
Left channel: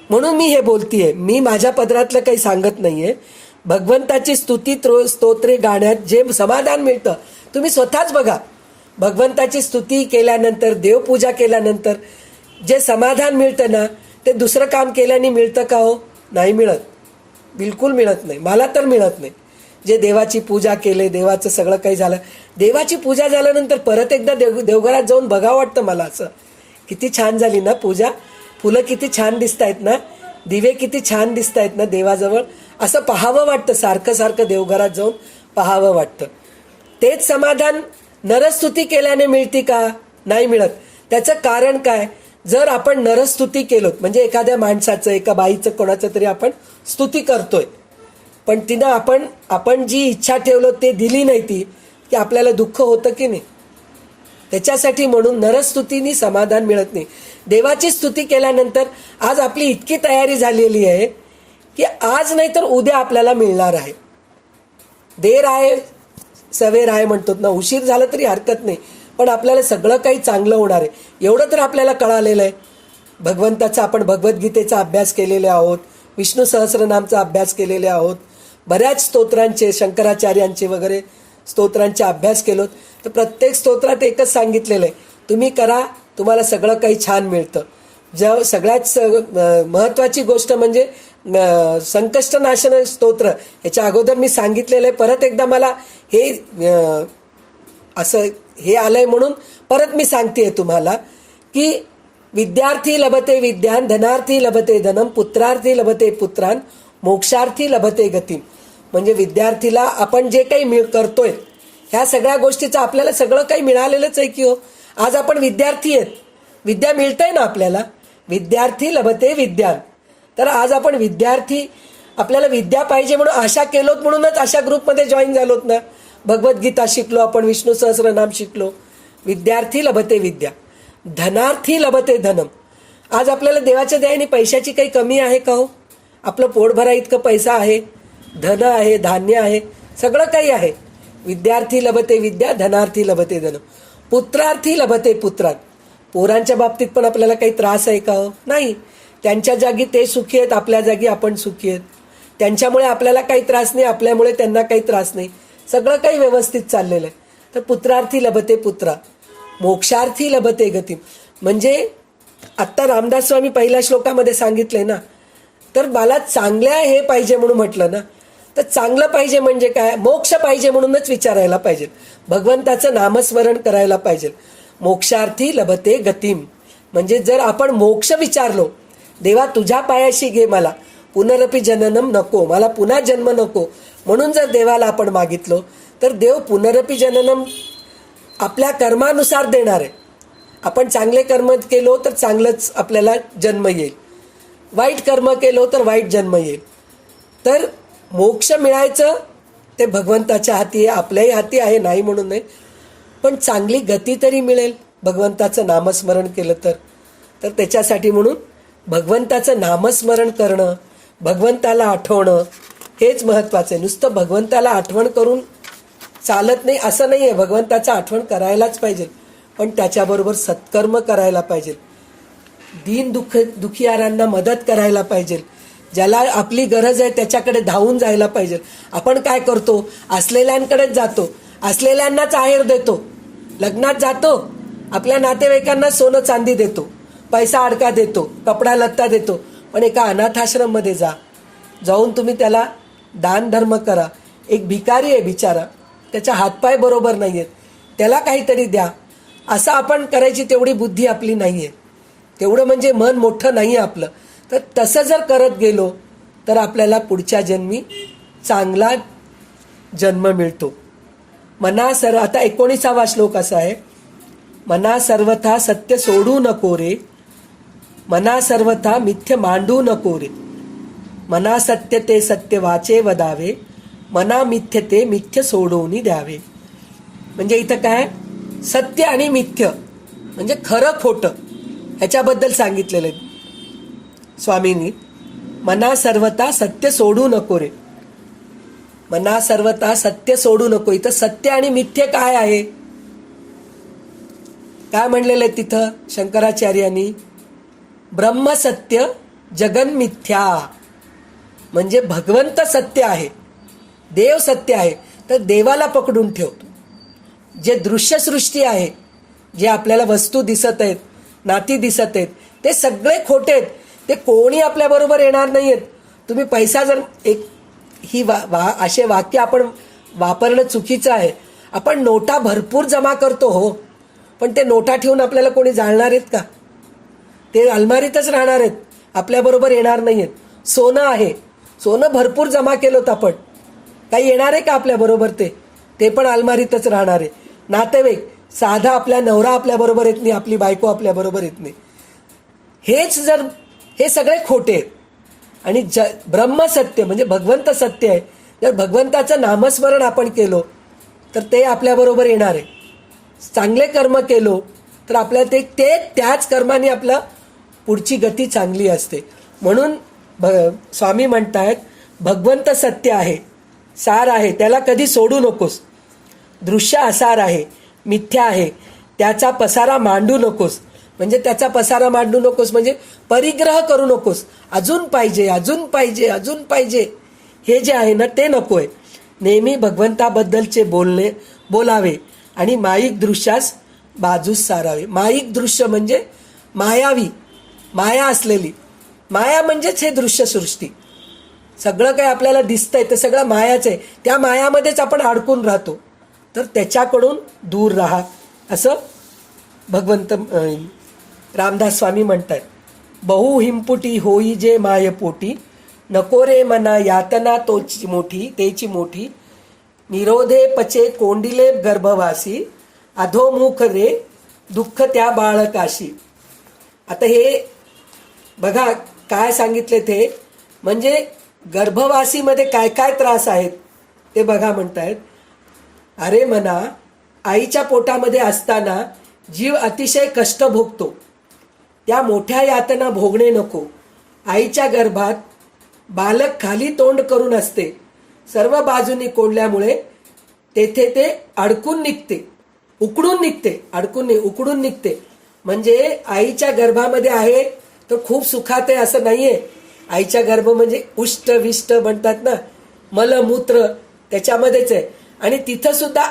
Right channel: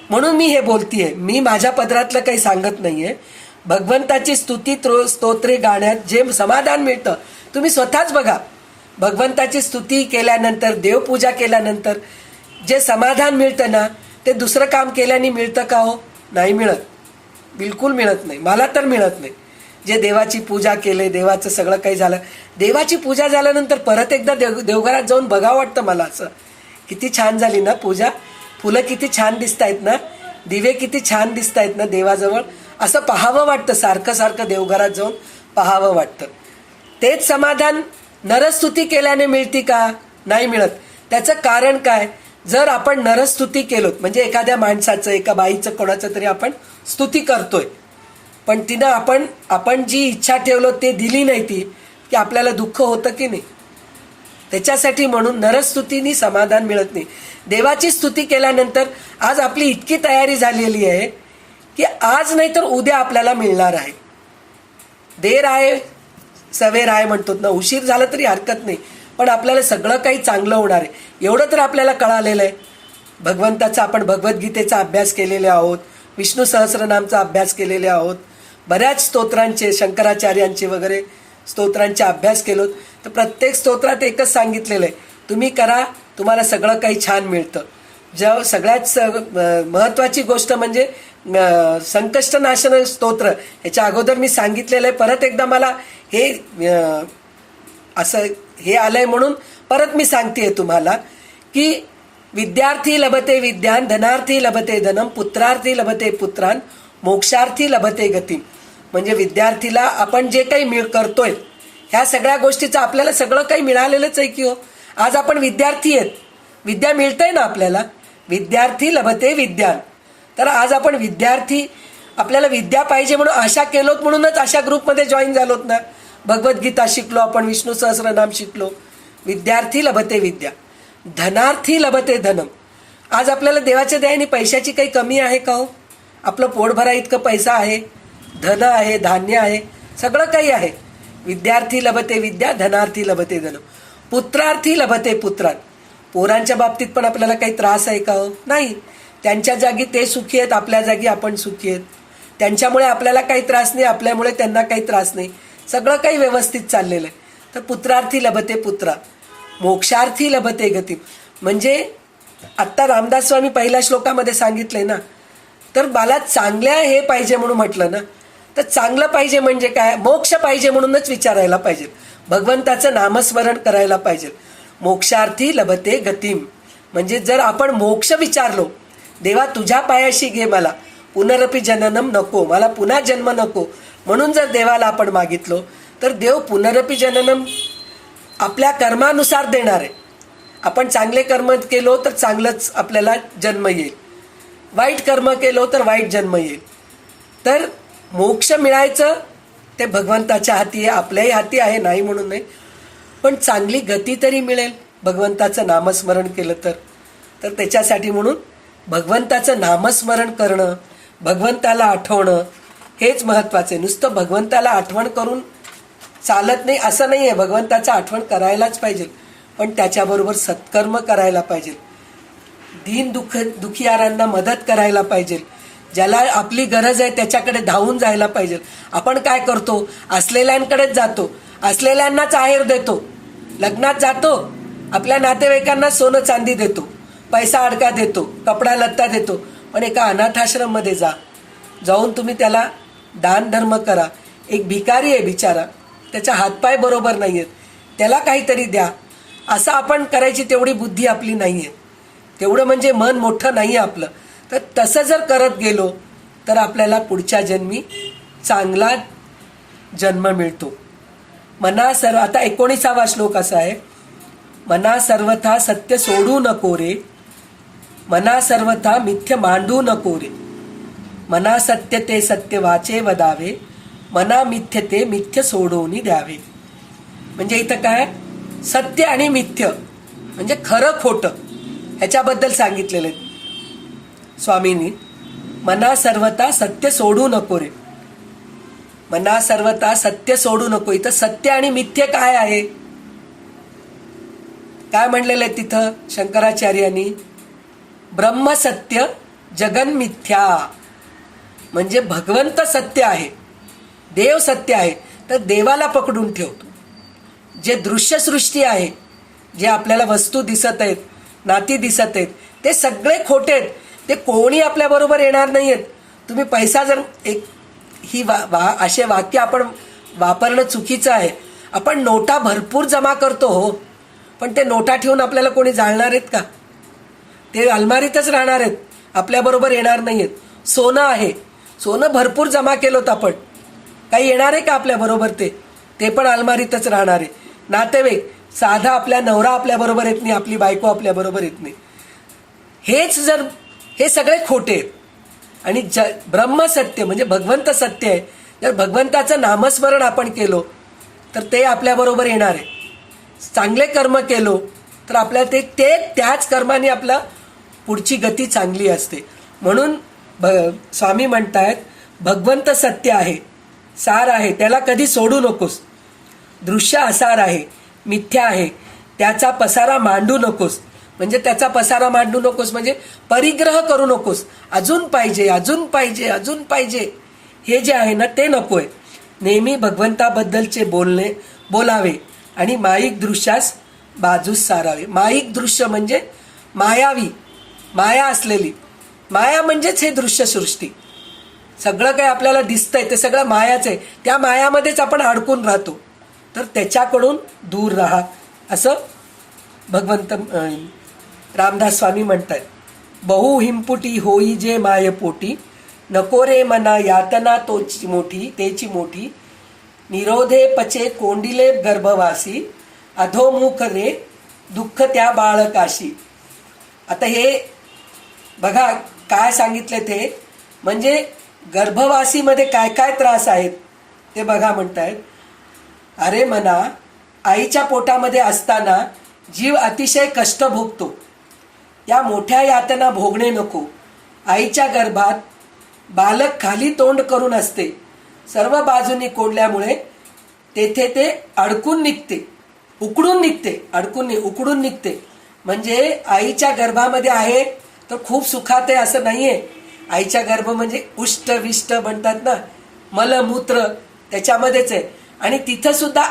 म्हणून मी हे बोलतीये. मी माझ्या पदरातलं काही सांगत नाही आहे. भगवंताची स्तुती स्तोत्रे गाण्यात जे समाधान मिळतं तुम्ही स्वतःच बघा. भगवंताची स्तुती केल्यानंतर, देवपूजा केल्यानंतर जे समाधान मिळतं ना, ते दुसरं काम केल्याने मिळतं का हो? नाही मिळत, बिलकुल मिळत नाही. मला तर मिळत नाही. जे देवाची पूजा केले, देवाचं सगळं काही झालं, देवाची पूजा झाल्यानंतर परत एकदा देवघरात जाऊन बघावं वाटतं मला. असं किती छान झाली ना पूजा, फुलं किती छान दिसत आहेत ना, दिवे किती छान दिसत आहेत ना देवाजवळ, असं पाहावं वाटतं. सारखं सारखं देवघरात जाऊन पाहावं वाटतं. तेच समाधान नरस्तुती केल्याने मिळते का? नाही मिळत. त्याचं कारण काय? जर आपण नरस्तुती केलोत, म्हणजे एखाद्या माणसाचं, एका बाईचं, कोणाचं तरी आपण स्तुती करतोय, पण तिनं आपण जी इच्छा ठेवलो ते दिली नाही ती, की आपल्याला दुःख होतं की नाही? त्याच्यासाठी म्हणून नरस्तुतीनी समाधान मिळत नाही. देवाची स्तुती केल्यानंतर आज आपली इतकी तयारी झालेली आहे की आज नाही तर उद्या आपल्याला मिळणार आहे. देर आहे सवेर आहे म्हणतो ना, उशीर झाला तरी हरकत नाही, पण आपल्याला सगळं काही चांगलं होणार आहे एवढं तर आपल्याला कळालेलं आहे. भगवंताचा आपण भगवद्गीतेचा अभ्यास केलेले आहोत, विष्णू सहस्रनामचा अभ्यास केलेले आहोत, बऱ्याच स्तोत्रांचे, शंकराचार्यांचे वगैरे स्तोत्रांचे अभ्यास केलोत. तर प्रत्येक स्तोत्रात एकच सांगितलेलं आहे, तुम्ही करा, तुम्हाला सगळं काही छान मिळतं. सगळ्यात महत्त्वाची गोष्ट म्हणजे संकष्टनाशन स्तोत्र. ह्याच्या अगोदर मी सांगितलेलं आहे, परत एकदा मला हे असं हे आलंय म्हणून परत मी सांगते तुम्हाला की विद्यार्थी लभते विद्यान, धनार्थी लभते धनम, पुत्रार्थी लभते पुत्रान, मोक्षार्थी लभते गती. म्हणजे विद्यार्थीला आपण जे काही करतोय ह्या सगळ्या गोष्टीचं आपल्याला सगळं काही मिळालेलंच आहे की हो. आज आपण विद्यार्थी आहेत, विद्या मिळतंय ना आपल्याला. विद्यार्थी लभते विद्यान. तर आज आपण विद्यार्थी, आपल्याला विद्या पाहिजे म्हणून आशा केलोत, म्हणूनच अशा ग्रुपमध्ये जॉईन झालोत ना. भगवद्गीता शिकलो आपण, विष्णू सहस्रनाम शिकलो. विद्यार्थी लभते विद्या, धनार्थी लभते धनम. आज आपल्याला देवाच्या दयाने पैशाची काही कमी आहे का हो? आपलं पोट भरा इतकं पैसा आहे, धन आहे, धान्य आहे, सगळं काही आहे. विद्यार्थी लभते विद्या, धनार्थी लभते धनम. पुत्रार्थी लभते पुत्रात. पोरांच्या बाबतीत पण आपल्याला काही त्रास आहे का हो? नाही. त्यांच्या जागी ते सुखी आहेत, आपल्या जागी आपण सुखी आहेत. त्यांच्यामुळे आपल्याला काही त्रास नाही, आपल्यामुळे त्यांना काही त्रास नाही, सगळं काही व्यवस्थित चाललेलं आहे. तर पुत्रार्थी लभते पुत्रा, मोक्षार्थी लभते गती. म्हणजे आत्ता रामदास स्वामी पहिल्या श्लोकामध्ये सांगितलंय ना. तर मला चांगल्या हे पाहिजे म्हणून म्हटलं ना. तर चांगलं पाहिजे म्हणजे काय? मोक्ष पाहिजे म्हणूनच विचारायला पाहिजे, भगवंताचं नामस्मरण करायला पाहिजे. मोक्षार्थी लभते गतीम. म्हणजे जर आपण मोक्ष विचारलो, देवा तुझ्या पायाशी घे मला, पुनरपि जननम नको, मला पुन्हा जन्म नको, म्हणून जर देवाला आपण मागितलो तर देव पुनरपि जननम आपल्या कर्मानुसार देणार आहे. आपण चांगले कर्म केलो तर चांगलंच आपल्याला जन्म येईल, वाईट कर्म केलो तर वाईट जन्म येईल. तर मोक्ष मिळायचं ते भगवंताच्या हाती आहे, आपल्याही हाती आहे, नाही म्हणून नाही. पण चांगली गती तरी मिळेल भगवंताचं नामस्मरण केलं तर. तर त्याच्यासाठी म्हणून भगवंताचं नामस्मरण करणं, भगवंताला आठवणं हेच महत्त्वाचं आहे. नुसतं भगवंताला आठवण करून चालत नाही असं नाही आहे. भगवंताचं आठवण करायलाच पाहिजे, पण त्याच्याबरोबर सत्कर्म करायला पाहिजे. दीन दुखियारांना मदत करायला पाहिजे. ज्याला आपली गरज आहे त्याच्याकडे धावून जायला पाहिजे. आपण काय करतो? असलेल्यांकडेच जातो, असलेल्यांनाच आहेर देतो, लग्नात जातो, आपल्या नातेवाईकांना सोनं चांदी देतो, पैसा अडका देतो, कपडा लत्ता देतो. पण एका अनाथाश्रममध्ये जाऊन तुम्ही त्याला दान धर्म करा. एक भिकारी आहे बिचारा, त्याचा हातपाय बरोबर नाही आहेत, त्याला काहीतरी द्या. असं आपण करायची तेवढी बुद्धी आपली नाही आहे, तेवढं म्हणजे मन मोठं नाही आहे आपलं. तर तसं जर करत गेलो तर आपल्याला पुढच्या जन्मी चांगला जन्म मिळतो. मना सर्व, आता 19वा श्लोक असा आहे, मना सर्वथा सत्य सोडू नको रे, मना सर्वथा मिथ्य मांडू नको रे, मना सत्य ते सत्य वाचे वदावे, मना मिथ्य ते मिथ्य सोडवून द्यावे. म्हणजे इथं काय? सत्य आणि मिथ्य म्हणजे खरं खोटं ह्याच्याबद्दल सांगितलेलं आहे स्वामींनी. मना सर्वथा सत्य सोडू नको रे, मना सर्वथा सत्य सोडू नको. इथं सत्य आणि मिथ्य काय आहे? काय म्हणलेलं आहे तिथं शंकराचार्यांनी? ब्रह्म सत्य जगन मिथ्या. म्हणजे भगवंत सत्य आहे, देव सत्य आहे. तर देवाला पकडून ठेवतो. जे दृश्यसृष्टी आहे, जे आपल्याला वस्तू दिसत आहेत, नाती दिसत आहेत, ते सगळे खोटे आहेत. ते कोणी आपल्याबरोबर येणार नाही आहेत. तुम्ही पैसा जर ही असे वाक्य आपण वापरणं चुकीचं आहे. आपण नोटा भरपूर जमा करतो हो, पण ते नोटा ठेवून आपल्याला कोणी जाळणार आहेत का? ते अलमारीतच राहणार आहेत, आपल्याबरोबर येणार नाही आहेत. सोनं आहे, सोनं भरपूर जमा केलं आपण, काही येणार आहे का आपल्याबरोबर? ते पण अलमारीतच राहणार आहे. नातेवाईक, साधा आपल्या नवरा आपल्याबरोबर येत नाही, आपली बायको आपल्याबरोबर येत नाही. हे सगळे खोटे आहेत. आणि ब्रह्मसत्य म्हणजे भगवंत सत्य आहे. जर भगवंताचं नामस्मरण आपण केलो तर ते आपल्याबरोबर येणार आहे. चांगले कर्म केलो तर आपल्याला ते त्याच कर्माने आपला पुढची गती चांगली असते. म्हणून स्वामी म्हणतायत भगवंत सत्य आहे, सार आहे, त्याला कधी सोडू नकोस. दृश्य असार आहे, मिथ्या आहे, त्याचा पसारा मांडू नकोस. म्हणजे त्याचा पसारा मांडू नकोस म्हणजे परिग्रह करू नकोस. अजून पाहिजे, अजून पाहिजे, अजून पाहिजे, हे जे आहे ना ते नको आहे. नेहमी भगवंताबद्दलचे बोलावे आणि माईक दृश्यास बाजूस सारावे. माईक दृश्य म्हणजे मायावी, माया असलेली. माया म्हणजेच हे दृश्यसृष्टी. सगळं काही आपल्याला दिसतंय ते सगळं मायाच आहे. त्या मायामध्येच आपण अडकून राहतो. तर त्याच्याकडून दूर राहा असं भगवंत रामदास स्वामी म्हणतात. बहु हिंपुटी होई जे मायपोटी, नको रे मना यातना तोची मोठी तेची मोठी, निरोधे पचे कोंडिले गर्भवासी, अधोमुख रे दुःख त्या बाळकाशी. आता हे बघा काय सांगितले ते, म्हणजे गर्भवासीमध्ये काय काय त्रास आहेत ते बघा. म्हणतायत, अरे मना, आईच्या पोटामध्ये असताना जीव अतिशय कष्ट भोगतो. त्या मोठ्या यातना भोगणे नको. आईच्या गर्भात बालक खाली तोंड करून असते. सर्व बाजूनी कोंडल्यामुळे तेथे ते अडकून निघते, उकडून निघते, उकडून निघते. म्हणजे आईच्या गर्भामध्ये आहे तर खूप सुखात आहे असं नाहीये. आईच्या गर्भ म्हणजे उष्ट विष्ट म्हणतात ना, मलमूत्र त्याच्यामध्येच आहे. आणि तिथं सुद्धा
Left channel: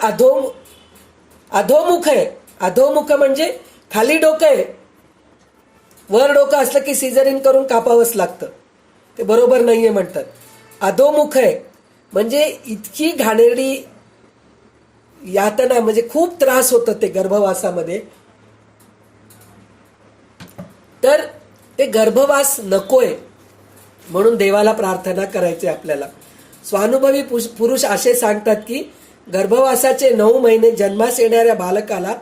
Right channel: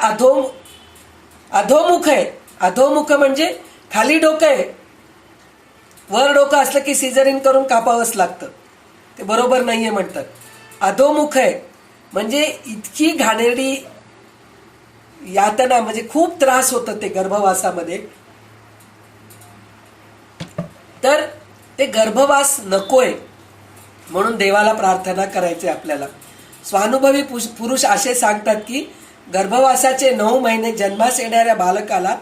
अधोमुख आहे. अधोमुख म्हणजे खाली डोकं आहे. वर डोकं असलं की सिझरिंग करून कापावंच लागतं, ते बरोबर नाहीये म्हणतात. अधोमुख आहे म्हणजे इतकी घाणेरडी यातना, म्हणजे खूप त्रास होतं ते गर्भवासामध्ये. तर ते गर्भवास नकोय म्हणून देवाला प्रार्थना करायची आपल्याला. स्वानुभवी पुरुष असे सांगतात की गर्भवासाचे 9 महिने जन्मास येणाऱ्या बालकाला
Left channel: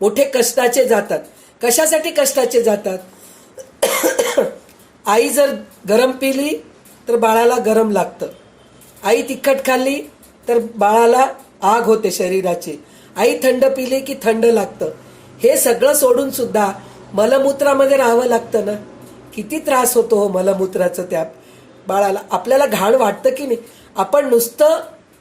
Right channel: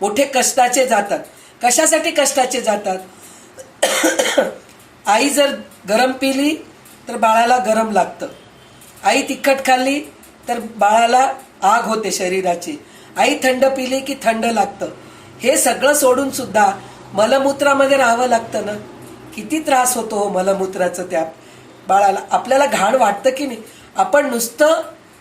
मोठे कष्टाचे जातात. कशासाठी कष्टाचे जातात? आई जर गरम पिली तर बाळाला गरम लागतं. आई तिखट खाल्ली तर बाळाला आग होते शरीराची. आई थंड पिली की थंड लागतं. हे सगळं सोडून सुद्धा मलमूत्रामध्ये राहावं लागतं ना. किती त्रास होतो हो मलमूत्राचं त्या बाळाला. आपल्याला घाण वाटतं की नाही? आपण नुसतं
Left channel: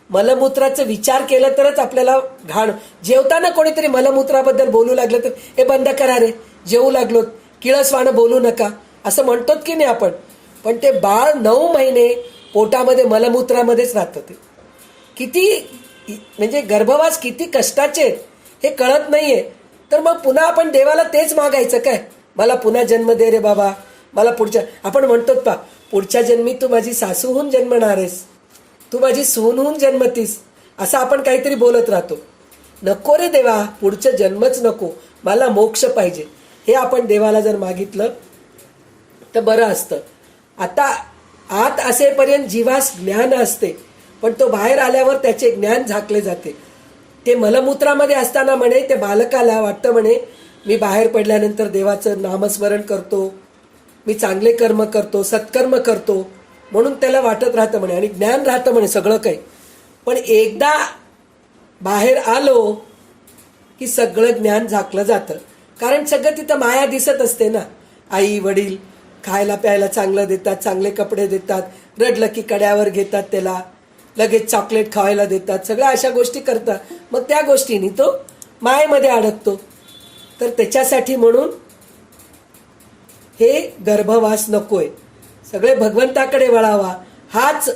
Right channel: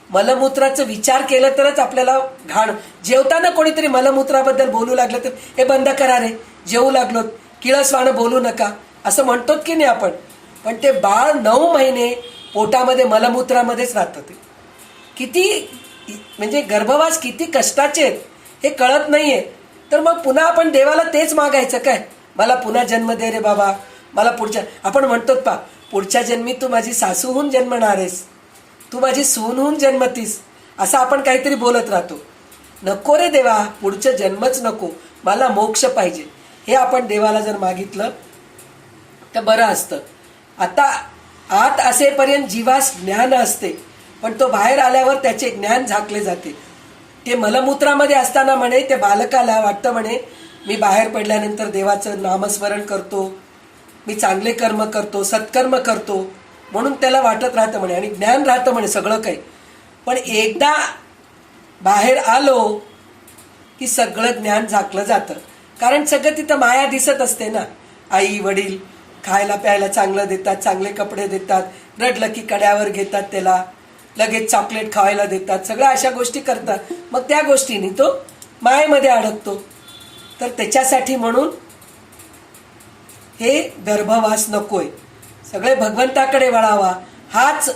मलमूत्राचा विचार केला तरच आपल्याला घाण. जेवताना कोणीतरी मलमूत्राबद्दल बोलू लागलं तर हे बंद करा रे, जेवू लागलो, किळसवाणं बोलू नका असं म्हणतो की नाही आपण. पण ते बाळ 9 महिने पोटामध्ये मलमूत्रामध्येच राहतं. ते किती म्हणजे गर्भवास किती कष्टाचे हे कळत नाहीये. तर मग पुन्हा आपण देवाला तेच मागायचं काय, मला पुन्हा जन्म दे रे बाबा, मला पुढच्या. आपण म्हणतो पा, पुढच्या जन्मी तू माझी सासू होऊन जन्मणार आहेस, तू माझी सून होऊन जन्मतीस, असं आपण काहीतरी बोलत राहतो. नको रे देवा, पुढचं जन्मच नको, मला मोक्ष पाहिजे. हे आपण देवाला जर मागितलं तर बरं असतं. आता आत असेपर्यंत जीवास ज्ञान असते, पण तो बाहेर आल्यावर त्याचे ज्ञान झाकले जाते. ते मलमूत्रामध्ये असताना म्हणे त्या बालकाला वाटतं म्हणे मी बाहेर पडल्यानंतर देवाचं नामस्मरण करतो, मी चांगले कर्म करतो, सत्कर्म करतो, म्हणून त्याला वाटत राहतं म्हणे आणि ज्ञान राहतं म्हणे सगळं काही. पण एकदा बाहेर आलो की सगळं ज्ञान झाकलं जातं. कारण सगळं तिथं माया दिसत असते ना. आई वडील खायला प्यायला चांगलं देतात, चांगले कपडे देतात, रडलं की कड्यावर घेतात, त्याला लगेच चॉकलेट खावायला देतात, सगळ्या अशा गोष्टी करतात. मग त्या गोष्टींनी तो मायेमध्ये अडकतो. तर त्याच्यासाठी म्हणून हे गर्भवास नकोय, सगळे भगवंताकडे वळावा, हाच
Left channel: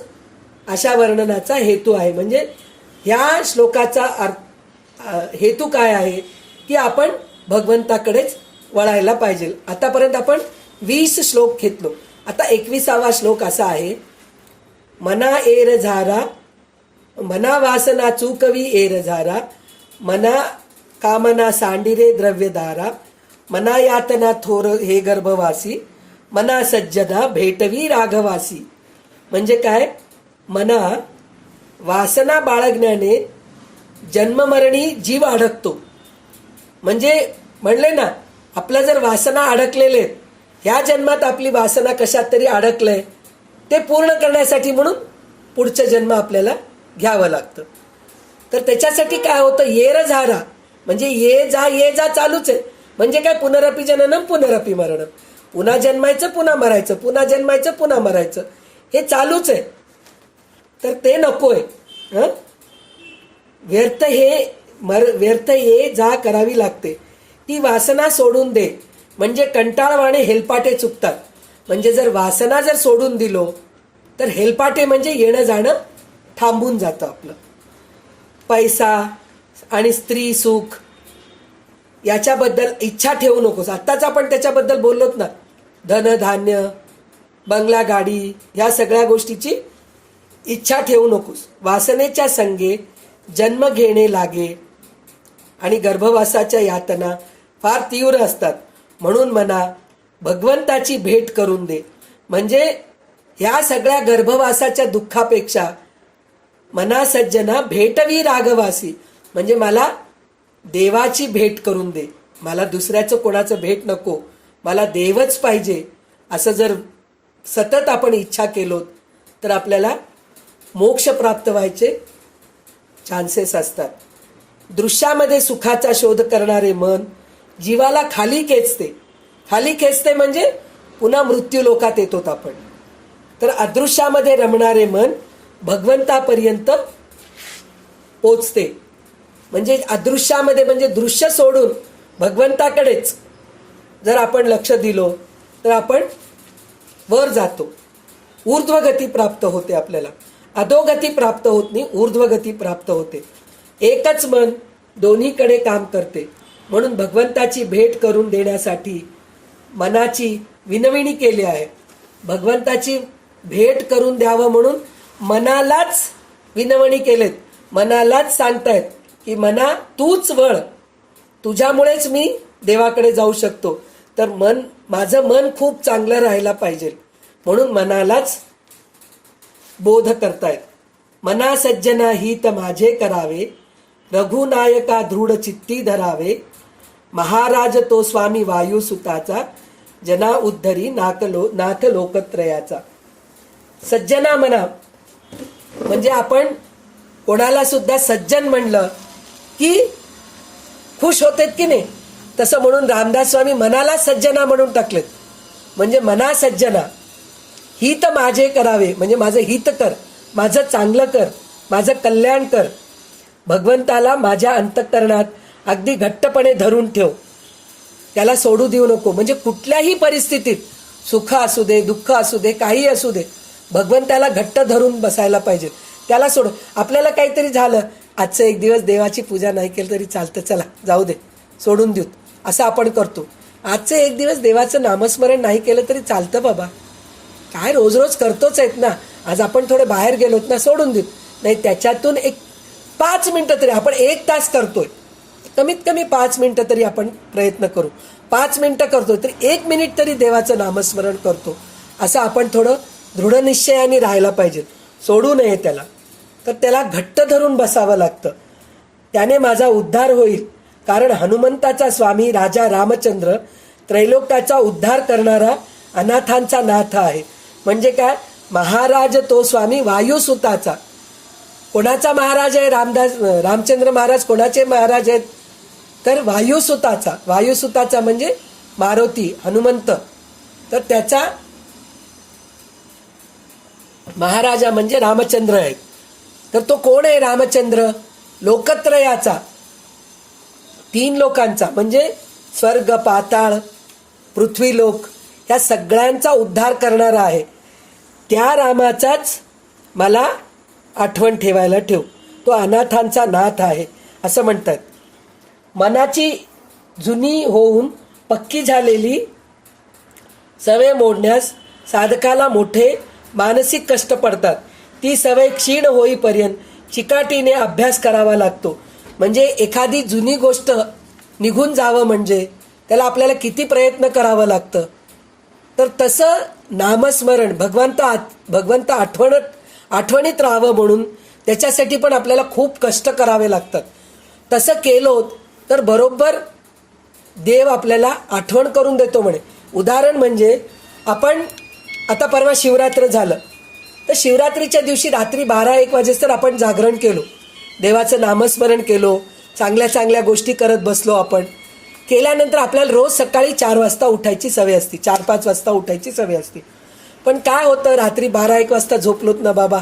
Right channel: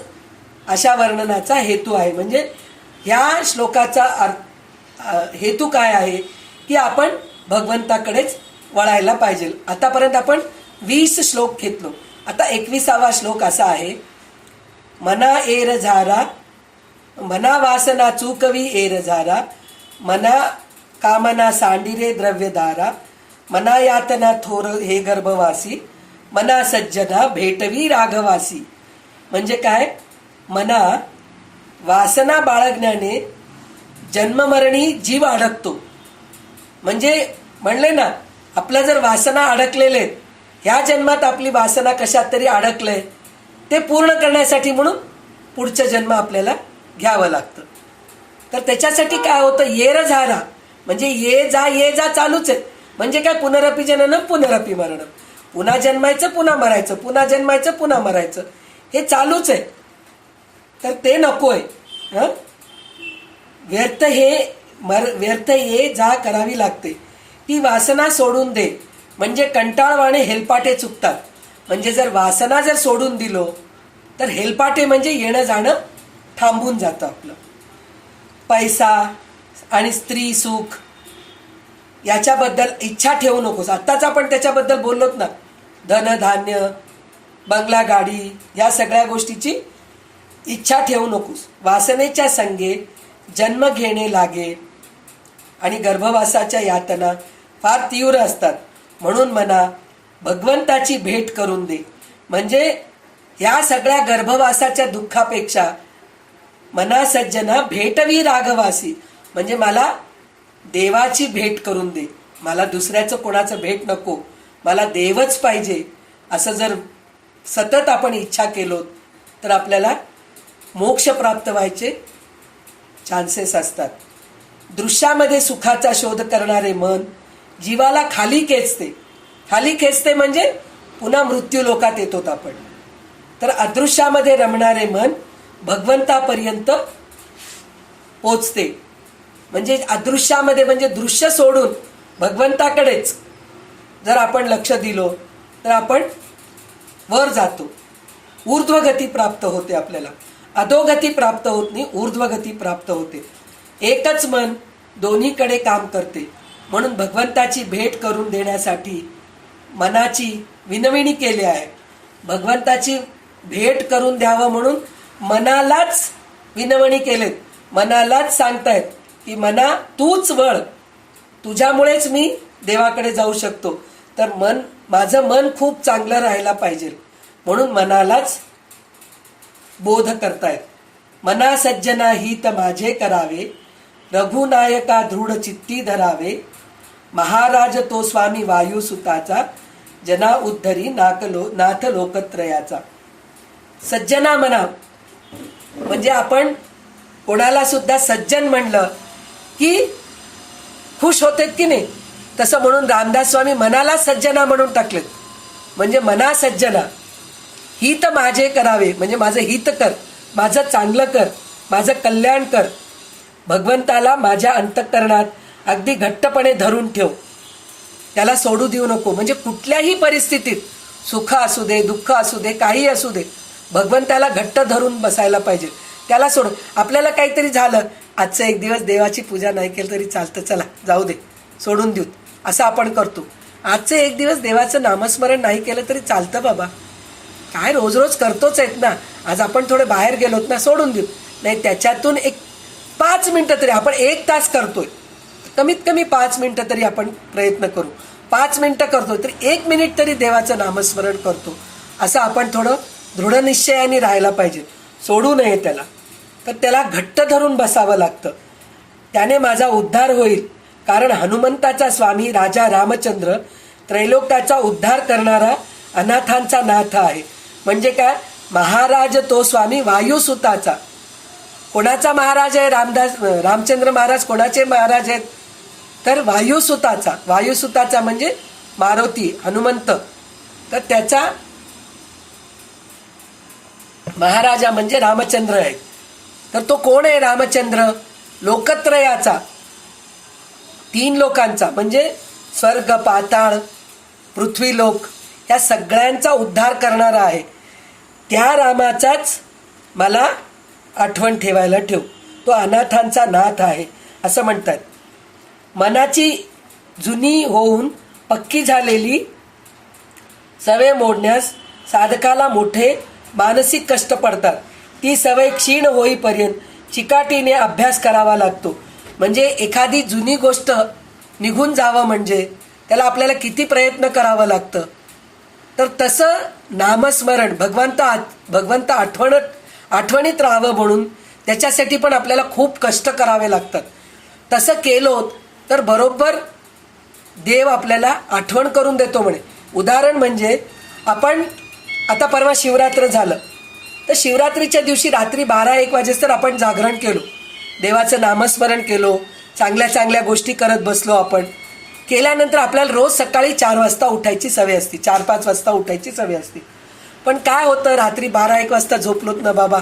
अशा वर्णनाचा हेतू आहे. म्हणजे ह्या श्लोकाचा हेतू काय आहे की आपण भगवंताकडेच वळायला पाहिजे. आतापर्यंत आपण 20 श्लोक घेतलो. आता 21वा श्लोक असा आहे, मना एर झारा, मना वासना चूकवी एर झारा, मना कामना सांडिरे द्रव्यधारा, मना यातना थोर हे गर्भवासी, मना सज्जना भेटवी राघवासी. म्हणजे काय? मना वासना बाळगण्याने जन्ममरणी जीव अडकतो. म्हणजे म्हणले ना, आपल्या जर वासना अडकलेले, ह्या जन्मात आपली वासना कशात तरी अडकलंय, ते पूर्ण करण्यासाठी म्हणून पुढचं जन्म आपल्याला घ्यावं लागतं. तर त्याच्यासाठी काय होतं, येर झारा म्हणजे ये जा चालूच आहे. म्हणजे काय, पुनरपी जननम पुनरपी मरणम, पुन्हा जन्मायचं पुन्हा मरायचं, पुन्हा जन्मायचं पुन्हा मरायचं, हे चालूच आहे. तर ते नकोय. व्यर्थ ये जा करावी लागते. ती वासना सोडून दे. म्हणजे कंटाळवाणे हेलपाटे चुकतात. म्हणजे जर वासना जर सोडून दिलो तर हेलपाटे म्हणजे येणं जाणं थांबून जातं आपलं. पैसा आणि स्त्री सुख याच्याबद्दल इच्छा ठेवू नकोस. आत्ताच आपण त्याच्याबद्दल बोललोत ना, धन धान्य बंगला गाडी या सगळ्या गोष्टीची इच्छा ठेवू नकोस. वासनेच्या संगे जन्म घेणे लागे आणि गर्भवासाच्या यातना फार तीव्र असतात. म्हणून मला भगवंताची भेट करून दे. म्हणजे ह्या सगळ्या गर्भवासाच्या दुःखापेक्षा मना सज्जना भेटवी राघवासी, म्हणजे मला देवाची भेट करून दे, मला दुसऱ्याचं कोणाचं भेट नको, मला देवच पाहिजे. असं जर सतत आपण इच्छा केलो तर आपल्याला मोक्ष प्राप्त व्हायचे चान्सेस असतात. दृश्यामध्ये सुखाचा शोध करणारे मन जीवाला खाली खेचते. खाली खेचते म्हणजे पुन्हा मृत्यू लोकात येतोत आपण. तर अदृश्यामध्ये रमणारे मन भगवंतापर्यंत पोचते. म्हणजे अदृश्यामध्ये म्हणजे दृश्य सोडून भगवंताकडेच जर आपण लक्ष दिलो तर आपण वर जातो, ऊर्ध्वगती प्राप्त होते. आपल्याला अधोगती प्राप्त होत नाही, ऊर्ध्वगती प्राप्त होते. एकच मन दोन्हीकडे काम करते. म्हणून भगवंताची भेट करून देण्यासाठी मनाची विनवणी केली आहे. भगवंताची भेट करून द्यावं म्हणून मनालाच विनवणी केलेत. मनालाच सांगतायत की मना तूच वळ, तुझ्यामुळेच मी देवाकडे जाऊ शकतो. तर माझं मन खूप चांगलं राहायला पाहिजे म्हणून मनालाच बोध करतायत. मना सज्जना हित माझे करावे, रघुनायका दृढ चित्ती धरावे. महाराज तो स्वामी वायुसुताचा, जना उद्धरी नाथ लोकत्रयाचा. सज्जना म्हणा म्हणजे आपण कोणाला सुद्धा सज्जन म्हणलं की खुश होतेत की नाही, तसं म्हणून रामदास स्वामी मनाला सज्जना म्हणून टाकलेत. म्हणजे मना सज्जना हित माझे करावे, म्हणजे माझं हित कर, माझं चांगलं कर, माझं कल्याण कर. भगवंताला माझ्या अंतःकरणात अगदी घट्टपणे धरून ठेव, त्याला सोडू देऊ नको. म्हणजे कुठल्याही परिस्थितीत सुख असू दे, दुःख असू दे, काही असू दे, भगवंताला घट्ट धरून बसायला पाहिजे. त्याला सोड. आपल्याला काहीतरी झालं, आजचं एक दिवस देवाची पूजा नाही केली तरी चालतं, चला जाऊ दे, सोडून देऊ, असं आपण करतो. आजचं एक दिवस देवाचं नामस्मरण नाही केलं तरी चालतं बाबा, काय रोज रोज करतोच आहेत ना. आज आपण थोडे बाहेर गेलोत ना, सोडून देऊ. नाही, त्याच्यातून एक 5 मिनिटं तरी, आपण 1 तास करतोय, कमीत कमी 5 मिनिटं तरी आपण प्रयत्न करू. 5 मिनिटं करतो तरी 1 मिनिट तरी देवाचं नामस्मरण करतो. असं आपण थोडं दृढनिश्चयाने राहायला पाहिजे, सोडू नये त्याला. तर त्याला घट्ट धरून बसावं लागतं. त्याने माझा उद्धार होईल. कारण हनुमंताचा स्वामी राजा रामचंद्र त्रैलोक्याचा उद्धार करणारा अनाथांचा नाथ आहे. म्हणजे काय, महाराज तो स्वामी वायुसुताचा. कोणाचा महाराज आहे रामचंद्र महाराज? कोणाचे महाराज आहेत? तर वायुसुताचा. वायुसुताचा म्हणजे मारुती, हनुमंत. तर त्याचा महाराजा म्हणजे रामचंद्र आहे. तर तो कोण आहे रामचंद्र? लोकत्रयाचा, 3 लोकांचा म्हणजे स्वर्ग, पाताळ, पृथ्वीलोक, या सगळ्यांचा उद्धार करणारा आहे. त्या रामाचाच मला आठवण ठेवायला ठेव. तो अनाथांचा नाथ आहे असं म्हणतात. मनाची जुनी होऊन पक्की झालेली सवय मोडण्यास साधकाला मोठे मानसिक कष्ट पडतात. ती सवय क्षीण होईपर्यंत चिकाटीने अभ्यास करावा लागतो. म्हणजे एखादी जुनी गोष्ट निघून जावं म्हणजे त्याला आपल्याला किती प्रयत्न करावं लागतं. तर तसं नामस्मरण, भगवंत आठवणीत राहावं म्हणून त्याच्यासाठी पण आपल्याला खूप कष्ट करावे लागतात. तसं केलो तर बरोबर देव आपल्याला आठवण करून देतो म्हणे. उदाहरण म्हणजे आपण आता परवा शिवरात्र झालं, तर शिवरात्रीच्या दिवशी रात्री 12-1 वाजेस्तर आपण जागरण केलो, देवाचं नामस्मरण केलो, चांगल्या चांगल्या गोष्टी करत बसलो. आपण केल्यानंतर आपल्याला रोज सकाळी 4 वाजता उठायची सवय असते, 4-5 वाजता उठायची सवय असते. पण काय होतं, रात्री 12-1 वाजता झोपलोत ना बाबा,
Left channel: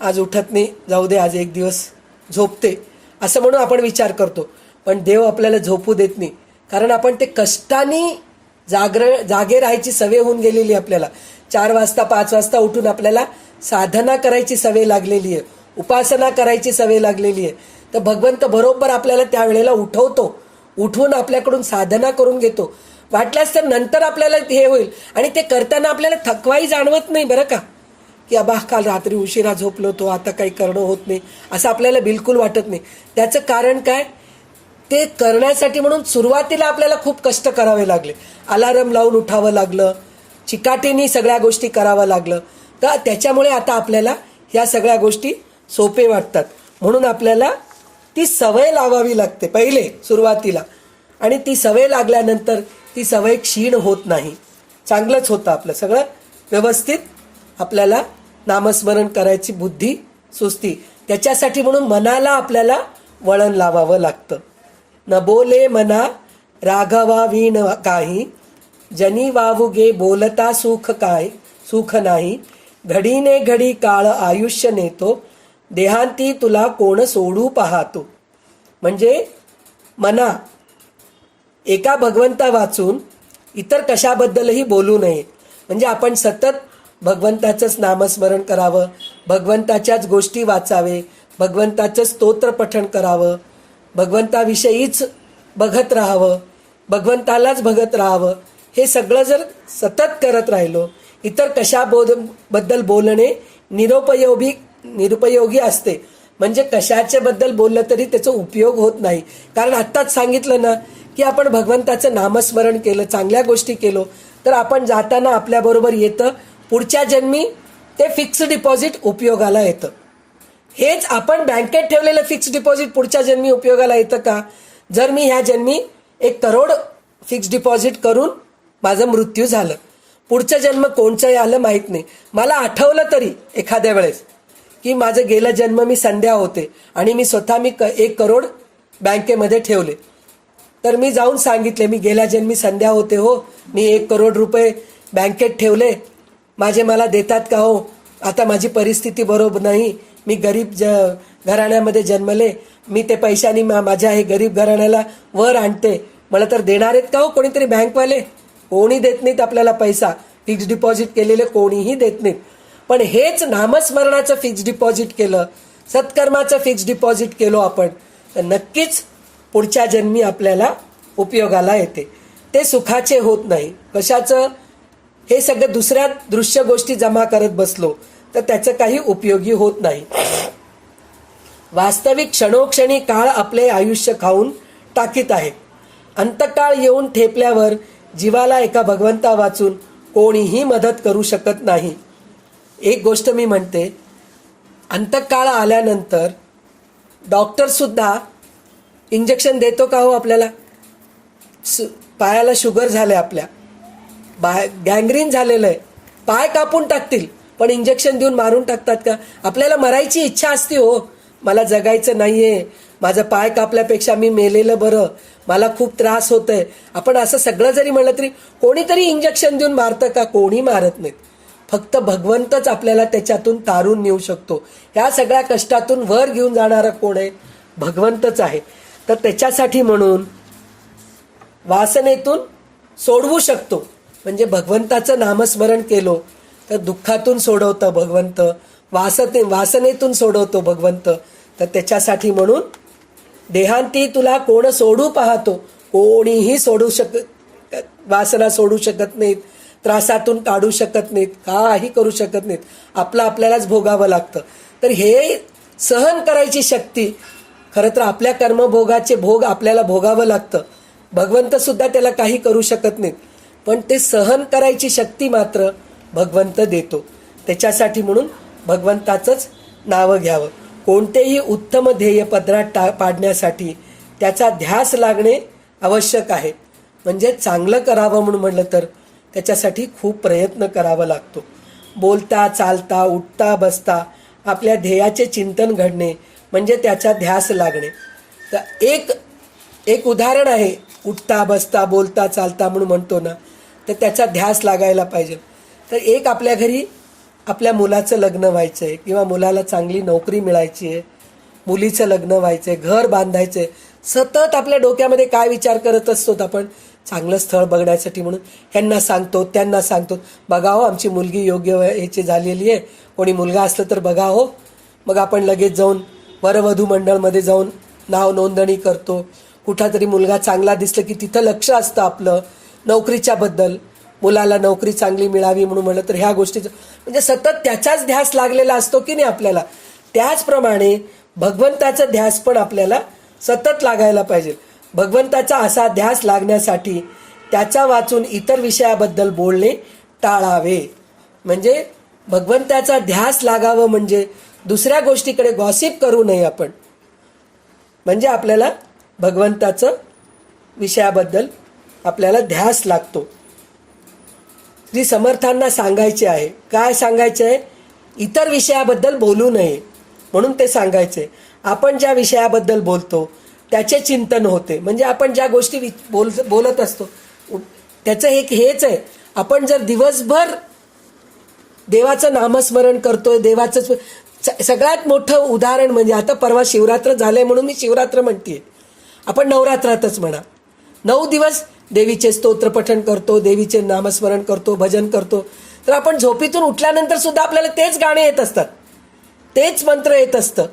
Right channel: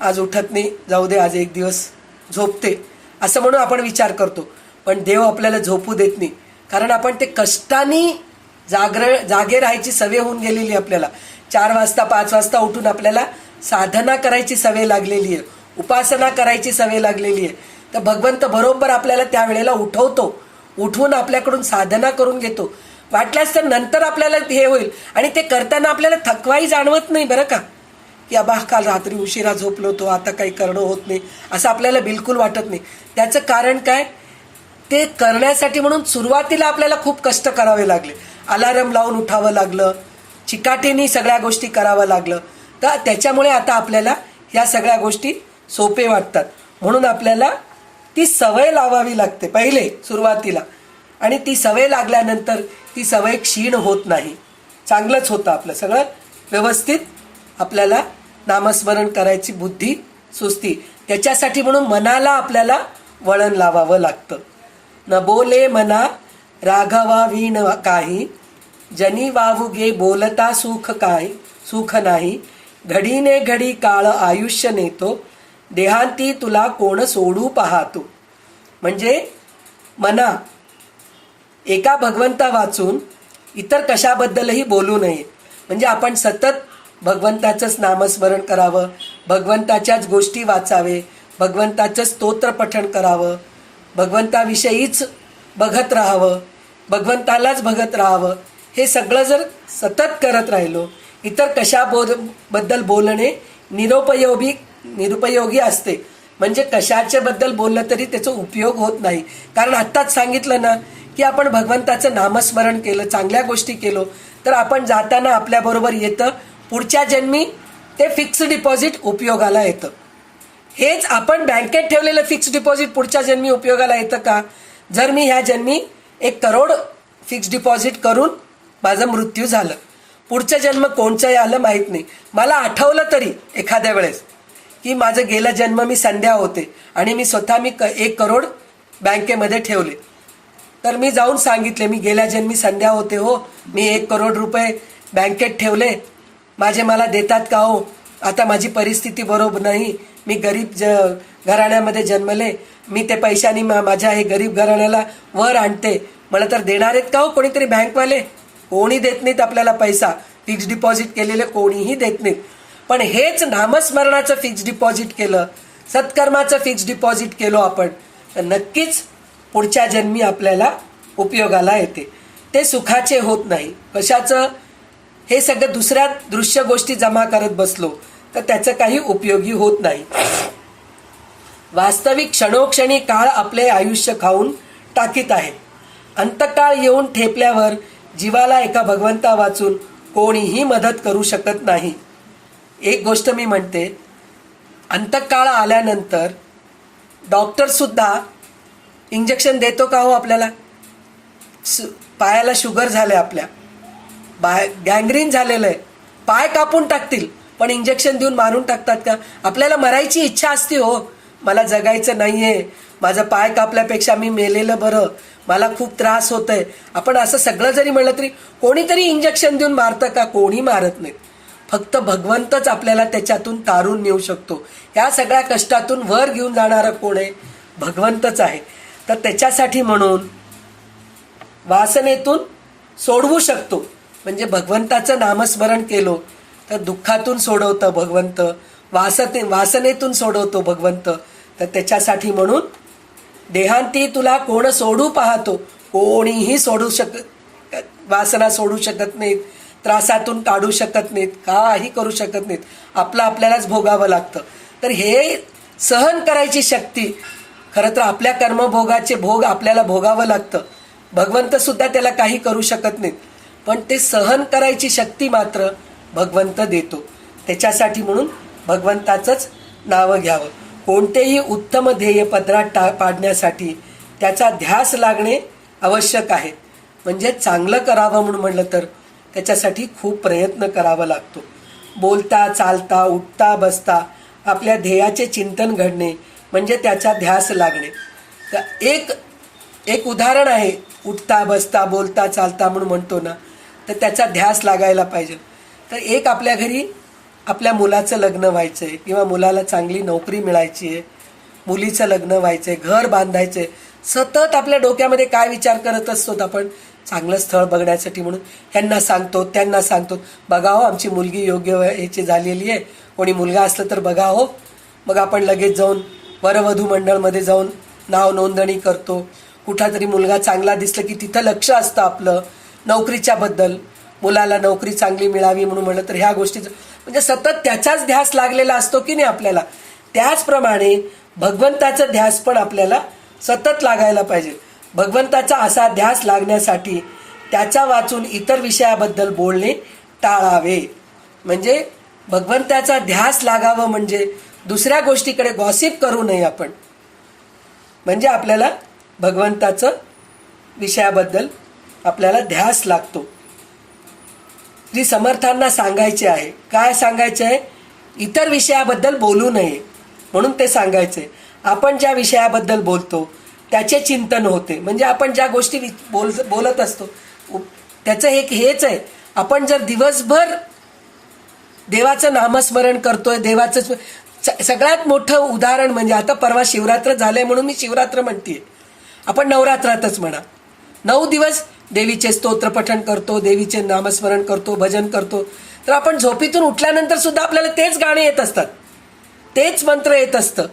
आज उठत नाही, जाऊ दे, आज एक दिवस झोपते, असं म्हणून आपण विचार करतो. पण देव आपल्याला झोपू देत नाही. कारण आपण ते कष्टाने जागे राहायची सवय होऊन गेलेली. आपल्याला 4 वाजता 5 वाजता उठून आपल्याला साधना करायची सवय लागलेली आहे, उपासना करायची सवय लागलेली आहे. तर भगवंत बरोबर आपल्याला त्यावेळेला उठवतो, उठवून आपल्याकडून साधना करून घेतो. वाटल्यास तर नंतर आपल्याला हे होईल. आणि ते करताना आपल्याला थकवाही जाणवत नाही बरं का, की अबा काल रात्री उशिरा झोपलो तो, आता काही करणं होत नाही, असं आपल्याला बिलकुल वाटत नाही. त्याचं कारण काय, ते करण्यासाठी म्हणून सुरुवातीला आपल्याला खूप कष्ट करावे लागले. अलार्म लावून उठावं लागलं, चिकाटीने सगळ्या गोष्टी करावं लागलं. तर त्याच्यामुळे आता आपल्याला ह्या सगळ्या गोष्टी सोपे वाटतात. म्हणून आपल्याला ती सवय लावावी लागते पहिले सुरुवातीला, आणि ती सवय लागल्यानंतर ती सवय क्षीण होत नाही, चांगलंच होतं आपलं सगळं व्यवस्थित. आपल्याला नामस्मरण करायची बुद्धी सुस्ती. त्याच्यासाठी म्हणून मनाला आपल्याला वळण लावावं लागतं. न बोले मना राघवा वीण काही, जनी वावुगे बोलता सुख नाही. घडीने घडी काळ आयुष्य नेतो, देहांती तुला कोण सोडू पाहतो. म्हणजे मना, एका भगवंता वाचून इतर कशाबद्दलही बोलू नये. म्हणजे आपण सतत भगवंताचंच नामस्मरण करावं, भगवंताच्याच गोष्टी वाचावे, भगवंताचं स्तोत्र पठण करावं, भगवंताविषयीच बघत राहावं, भगवंतालाच बघत राहावं. हे सगळं जर सतत करत राहिलो, इतर कशाबद्दल बोलणे निरुपयोगी असते. म्हणजे कशाच्या बद्दल बोललं तरी त्याचा उपयोग होत नाही. कारण आत्ताच सांगितलं ना की आपण भगवंताचं नामस्मरण केलं, चांगल्या गोष्टी केलो, तर आपण जाताना आपल्याबरोबर येतं पुढच्या जन्मी ते फिक्स डिपॉझिट उपयोगाला येतं. हेच आपण बँकेत ठेवलेलं फिक्स डिपॉझिट पुढच्या जन्मी उपयोगाला येतं का? जर मी ह्या जन्मी 1 करोड फिक्स डिपॉझिट करून माझं मृत्यू झालं, पुढचं जन्म कोणचंही आलं माहीत नाही, मला आठवलं तरी एखाद्या वेळेस की माझं गेला जन्म मी संध्या होते आणि मी स्वतः 1 करोड बँकेमध्ये ठेवले, तर मी जाऊन सांगितले मी गेल्या जन्मी संध्या होते हो, मी 1 करोड रुपये बँकेत ठेवले, माझे मला देतात का हो? आता माझी परिस्थिती बरोबर नाही, मी गरीब घराण्यामध्ये जन्मले, मी ते पैशानी माझ्या हे गरीब घराण्याला वर आणते, मला तर देणार आहेत का हो कोणीतरी बँकवाले? कोणी देत नाहीत आपल्याला पैसा, फिक्स डिपॉझिट केलेले कोणीही देत नाहीत. पण हेच नामस्मरणाचं फिक्स डिपॉझिट केलं, सत्कर्माचं फिक्स डिपॉझिट केलो आपण, तर नक्कीच पुढच्या जन्मी आपल्याला उपयोगाला येते. ते सुखाचे होत नाही. कशाचं? हे सगळं दुसऱ्या दृश्य गोष्टी जमा करत बसलो तर त्याचं काही उपयोगी होत नाही. वास्तविक क्षणोक्षणी काळ आपले आयुष्य खाऊन टाकीत आहे. अंतकाळ येऊन ठेपल्यावर जीवाला एका भगवंता वाचून कोणीही मदत करू शकत नाही. एक गोष्ट मी म्हणते, अंतकाळ आल्यानंतर डॉक्टरसुद्धा इंजेक्शन देतो का हो आपल्याला? पायाला शुगर झाले, आपल्या गँग्रीन झालेलं आहे, पाय कापून टाकतील पण इंजेक्शन देऊन मारून टाकतात का? आपल्याला मरायची इच्छा असते हो, मला जगायचं नाहीये, माझा पाय कापल्यापेक्षा मी मेलेलं बरं, मला खूप त्रास होत आहे. आपण असं सगळं जरी म्हणलं तरी कोणीतरी इंजेक्शन देऊन मारतं का? कोणी मारत नाही. फक्त भगवंतच आपल्याला त्याच्यातून तारून नेऊ शकतो. ह्या सगळ्या कष्टातून वर घेऊन जाणारा कोण आहे? भगवंतच आहे. तर त्याच्यासाठी म्हणून वासनेतून सोडवू शकतो. म्हणजे भगवंताचं नामस्मरण केलो तर दुःखातून सोडवतं भगवंत, वासनेतून सोडवतो भगवंत. तर त्याच्यासाठी म्हणून देहांती तुला कोण सोडू पाहतो, कोणीही वासना सोडू शकत नाहीत, त्रासातून काढू शकत नाहीत, काही करू शकत नाहीत. आपल्यालाच भोगावं लागतं. तर हे सहन करायची शक्ती, खरं तर आपल्या कर्मभोगाचे भोग आपल्याला भोगावं लागतं. भगवंत सुद्धा त्याला काही करू शकत नाहीत, पण ते सहन करायची शक्ती मात्र भगवंत देतो. त्याच्यासाठी म्हणून भगवंताचंच नावं घ्यावं. कोणतेही उत्तम ध्येय पदरात पाडण्यासाठी त्याचा ध्यास लागणे आवश्यक आहे. म्हणजे चांगलं करावं म्हणून म्हटलं तर त्याच्यासाठी खूप प्रयत्न करावा लागतो. बोलता चालता उठता बसता आपल्या ध्येयाचे चिंतन घडणे म्हणजे त्याचा ध्यास लागणे. तर एक उदाहरण आहे, उठता बसता बोलता चालता म्हणून म्हणतो ना, तर त्याचा ध्यास लागायला पाहिजे. तर एक आपल्या घरी आपल्या मुलाचं लग्न व्हायचं आहे किंवा मुलाला चांगली नोकरी मिळायची आहे, मुलीचं लग्न व्हायचं आहे, घर बांधायचं आहे. सतत आपल्या डोक्यामध्ये काय विचार करत असतो आपण? चांगलं स्थळ बघण्यासाठी म्हणून ह्यांना सांगतो त्यांना सांगतो, बघा हो आमची मुलगी योग्य ह्याची झालेली आहे, कोणी मुलगा असलं तर बघा हो. मग आपण लगेच जाऊन वरवधू मंडळमध्ये जाऊन नाव नोंदणी करतो. कुठला तरी मुलगा चांगला दिसलं की तिथं लक्ष असतं आपलं नोकरीच्या बद्दल, मुलाला नोकरी चांगली मिळावी म्हणून म्हणलं तर ह्या गोष्टीचं म्हणजे सतत त्याचाच ध्यास लागलेला असतो की नाही आपल्याला. त्याचप्रमाणे भगवंताचा ध्यास पण आपल्याला सतत लागायला पाहिजे. भगवंताचा असा ध्यास लागण्यासाठी त्याचा वाचून इतर विषयाबद्दल बोलणे टाळावे. म्हणजे भगवंताचा ध्यास लागावं म्हणजे दुसऱ्या गोष्टीकडे गॉसिप करू नये आपण. म्हणजे आपल्याला भगवंताचं विषयाबद्दल आपल्याला ध्यास लागतो. श्री समर्थांना सांगायचे आहे. काय सांगायचे आहे? इतर विषयाबद्दल बोलू नये म्हणून ते सांगायचे. आपण ज्या विषयाबद्दल बोलतो त्याचे चिंतन होते. म्हणजे आपण ज्या गोष्टी बोलत असतो त्याचं हेच आहे. आपण जर दिवसभर देवाचं नामस्मरण करतोय, देवाचं सगळ्यात मोठं उदाहरण म्हणजे आता परवा शिवरात्र झालंय म्हणून मी शिवरात्र म्हणते. आपण नवरात्रातच म्हणा, 9 दिवस देवीचे स्तोत्र पठण करतो, देवीचे नामस्मरण करतो, भजन करतो. तर आपण झोपेतून उठल्यानंतर सुद्धा आपल्याला तेच गाणे येत असतात, तेच मंत्र येत असतं,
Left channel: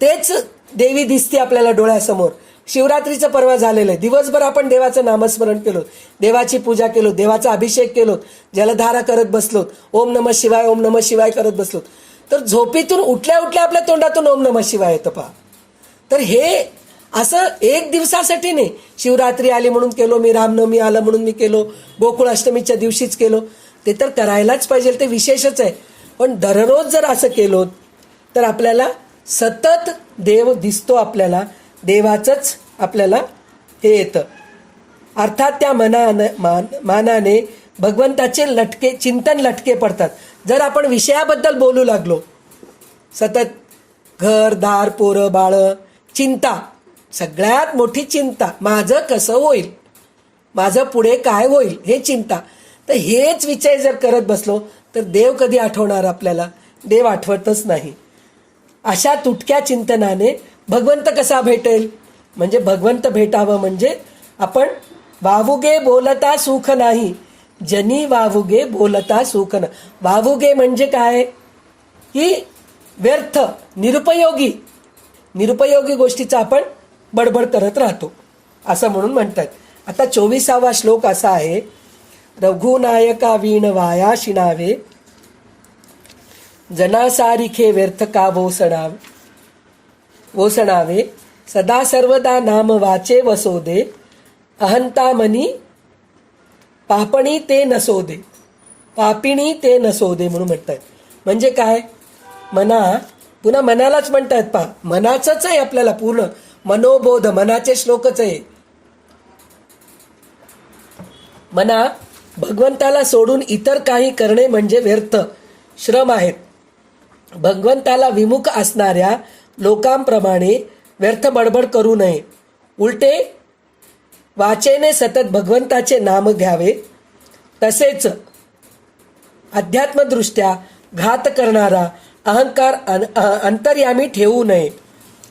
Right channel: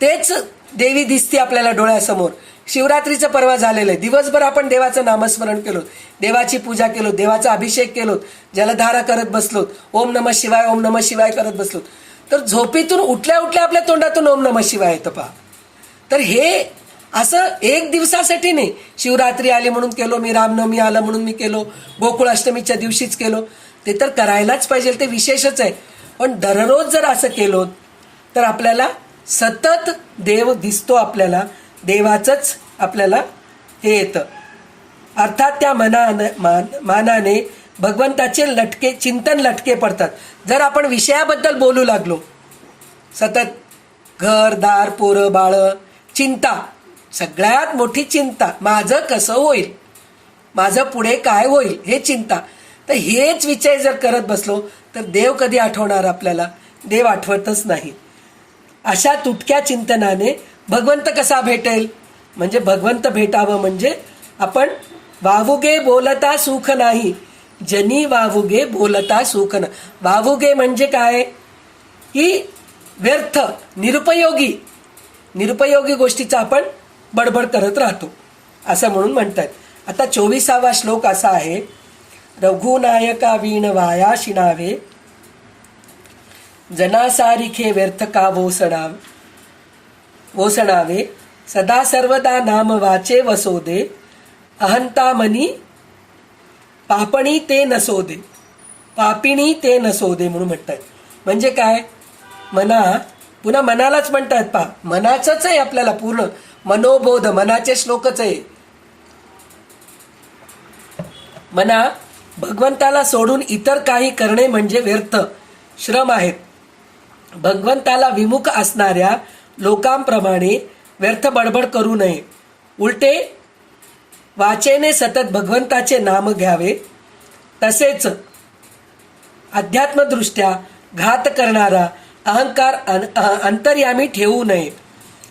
तेच देवी दिसते आपल्याला डोळ्यासमोर. शिवरात्रीचं परवा झालेलं आहे. दिवसभर आपण देवाचं नामस्मरण केलो, देवाची पूजा केलो, देवाचा अभिषेक केलो, जलधारा करत बसलो, ओम नमः शिवाय ओम नमः शिवाय करत बसलो. तर झोपेतून उठल्या उठल्या आपल्या तोंडातून ओम नमः शिवाय येतं पहा. तर हे असं एक दिवसासाठी नाही, शिवरात्री आली म्हणून केलो मी, रामनवमी आलं म्हणून मी केलो, गोकुळाष्टमीच्या दिवशीच केलो. ते तर करायलाच पाहिजे, ते विशेषच आहे. पण दररोज जर असं केलो तर आपल्याला सतत देव दिसतो, आपल्याला देवाचंच आपल्याला हे येतं. अर्थात त्या मानाने भगवंताचे लटके चिंतन लटके पडतात. जर आपण विषयाबद्दल बोलू लागलो सतत, घर दार पोरं बाळं, चिंता, सगळ्यात मोठी चिंता माझं कसं होईल, माझं पुढे काय होईल हे चिंता. तर हेच विचार जर करत बसलो तर देव कधी आठवणार आपल्याला? देव आठवतच नाही. अशा तुटक्या चिंतनाने भगवंत कसा भेटेल? म्हणजे भगवंत भेटावं म्हणजे आपण वावुगे बोलता सुख नाही, जनी वावुगे बोलता सुख न. वावुगे म्हणजे काय? ही व्यर्थ निरुपयोगी गोष्टीचा आपण बडबड करत राहतो असं म्हणून म्हणतात. आता 24वा श्लोक असा आहे, रघुनायका वीण वाया शिणावे, जनासारिखे व्यर्थ का वोसणावे, सदा सर्वदा नाम वाचे वसोदे, अहंता मनी पापिणी ते नसोदे म्हणून म्हणतात. म्हणजे काय? पुन्हा मनालाच म्हणतात पहा. मनाचंच आहे आपल्याला पूर्ण मनोबोध, मनाचे श्लोकच आहे. मना भगवंताला सोडून इतर काही करणे म्हणजे व्यर्थ श्रम आहेत. भगवंताला विमुख असणाऱ्या लोकांप्रमाणे व्यर्थ बडबड करू नये. उलटे वाचेने सतत भगवंताचे नाम घ्यावे. तसेच अध्यात्मदृष्ट्या घात करणारा अहंकार अंतर्यामी ठेवू नये.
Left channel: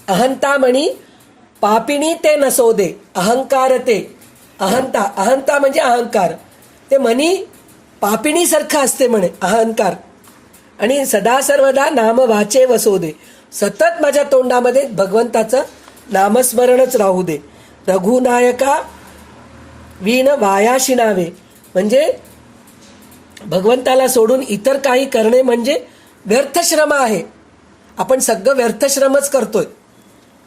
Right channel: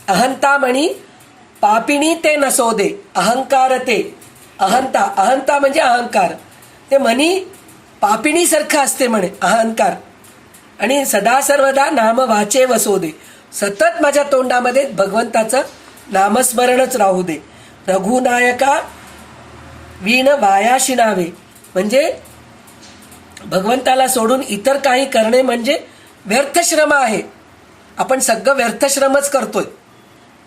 अहंता म्हणी पापिणी ते नसोदे. अहंता म्हणजे अहंकार, ते म्हणी पापिणीसारखं असते म्हणे अहंकार. आणि सदा सर्वदा नाम वाचे वसोदे, सतत माझ्या तोंडामध्ये भगवंताचं नामस्मरणच राहू दे. रघुनायका वीण वाया शिणावे म्हणजे भगवंताला सोडून इतर काही करणे म्हणजे व्यर्थ श्रम आहे. आपण सगळं व्यर्थ श्रमच करतोय.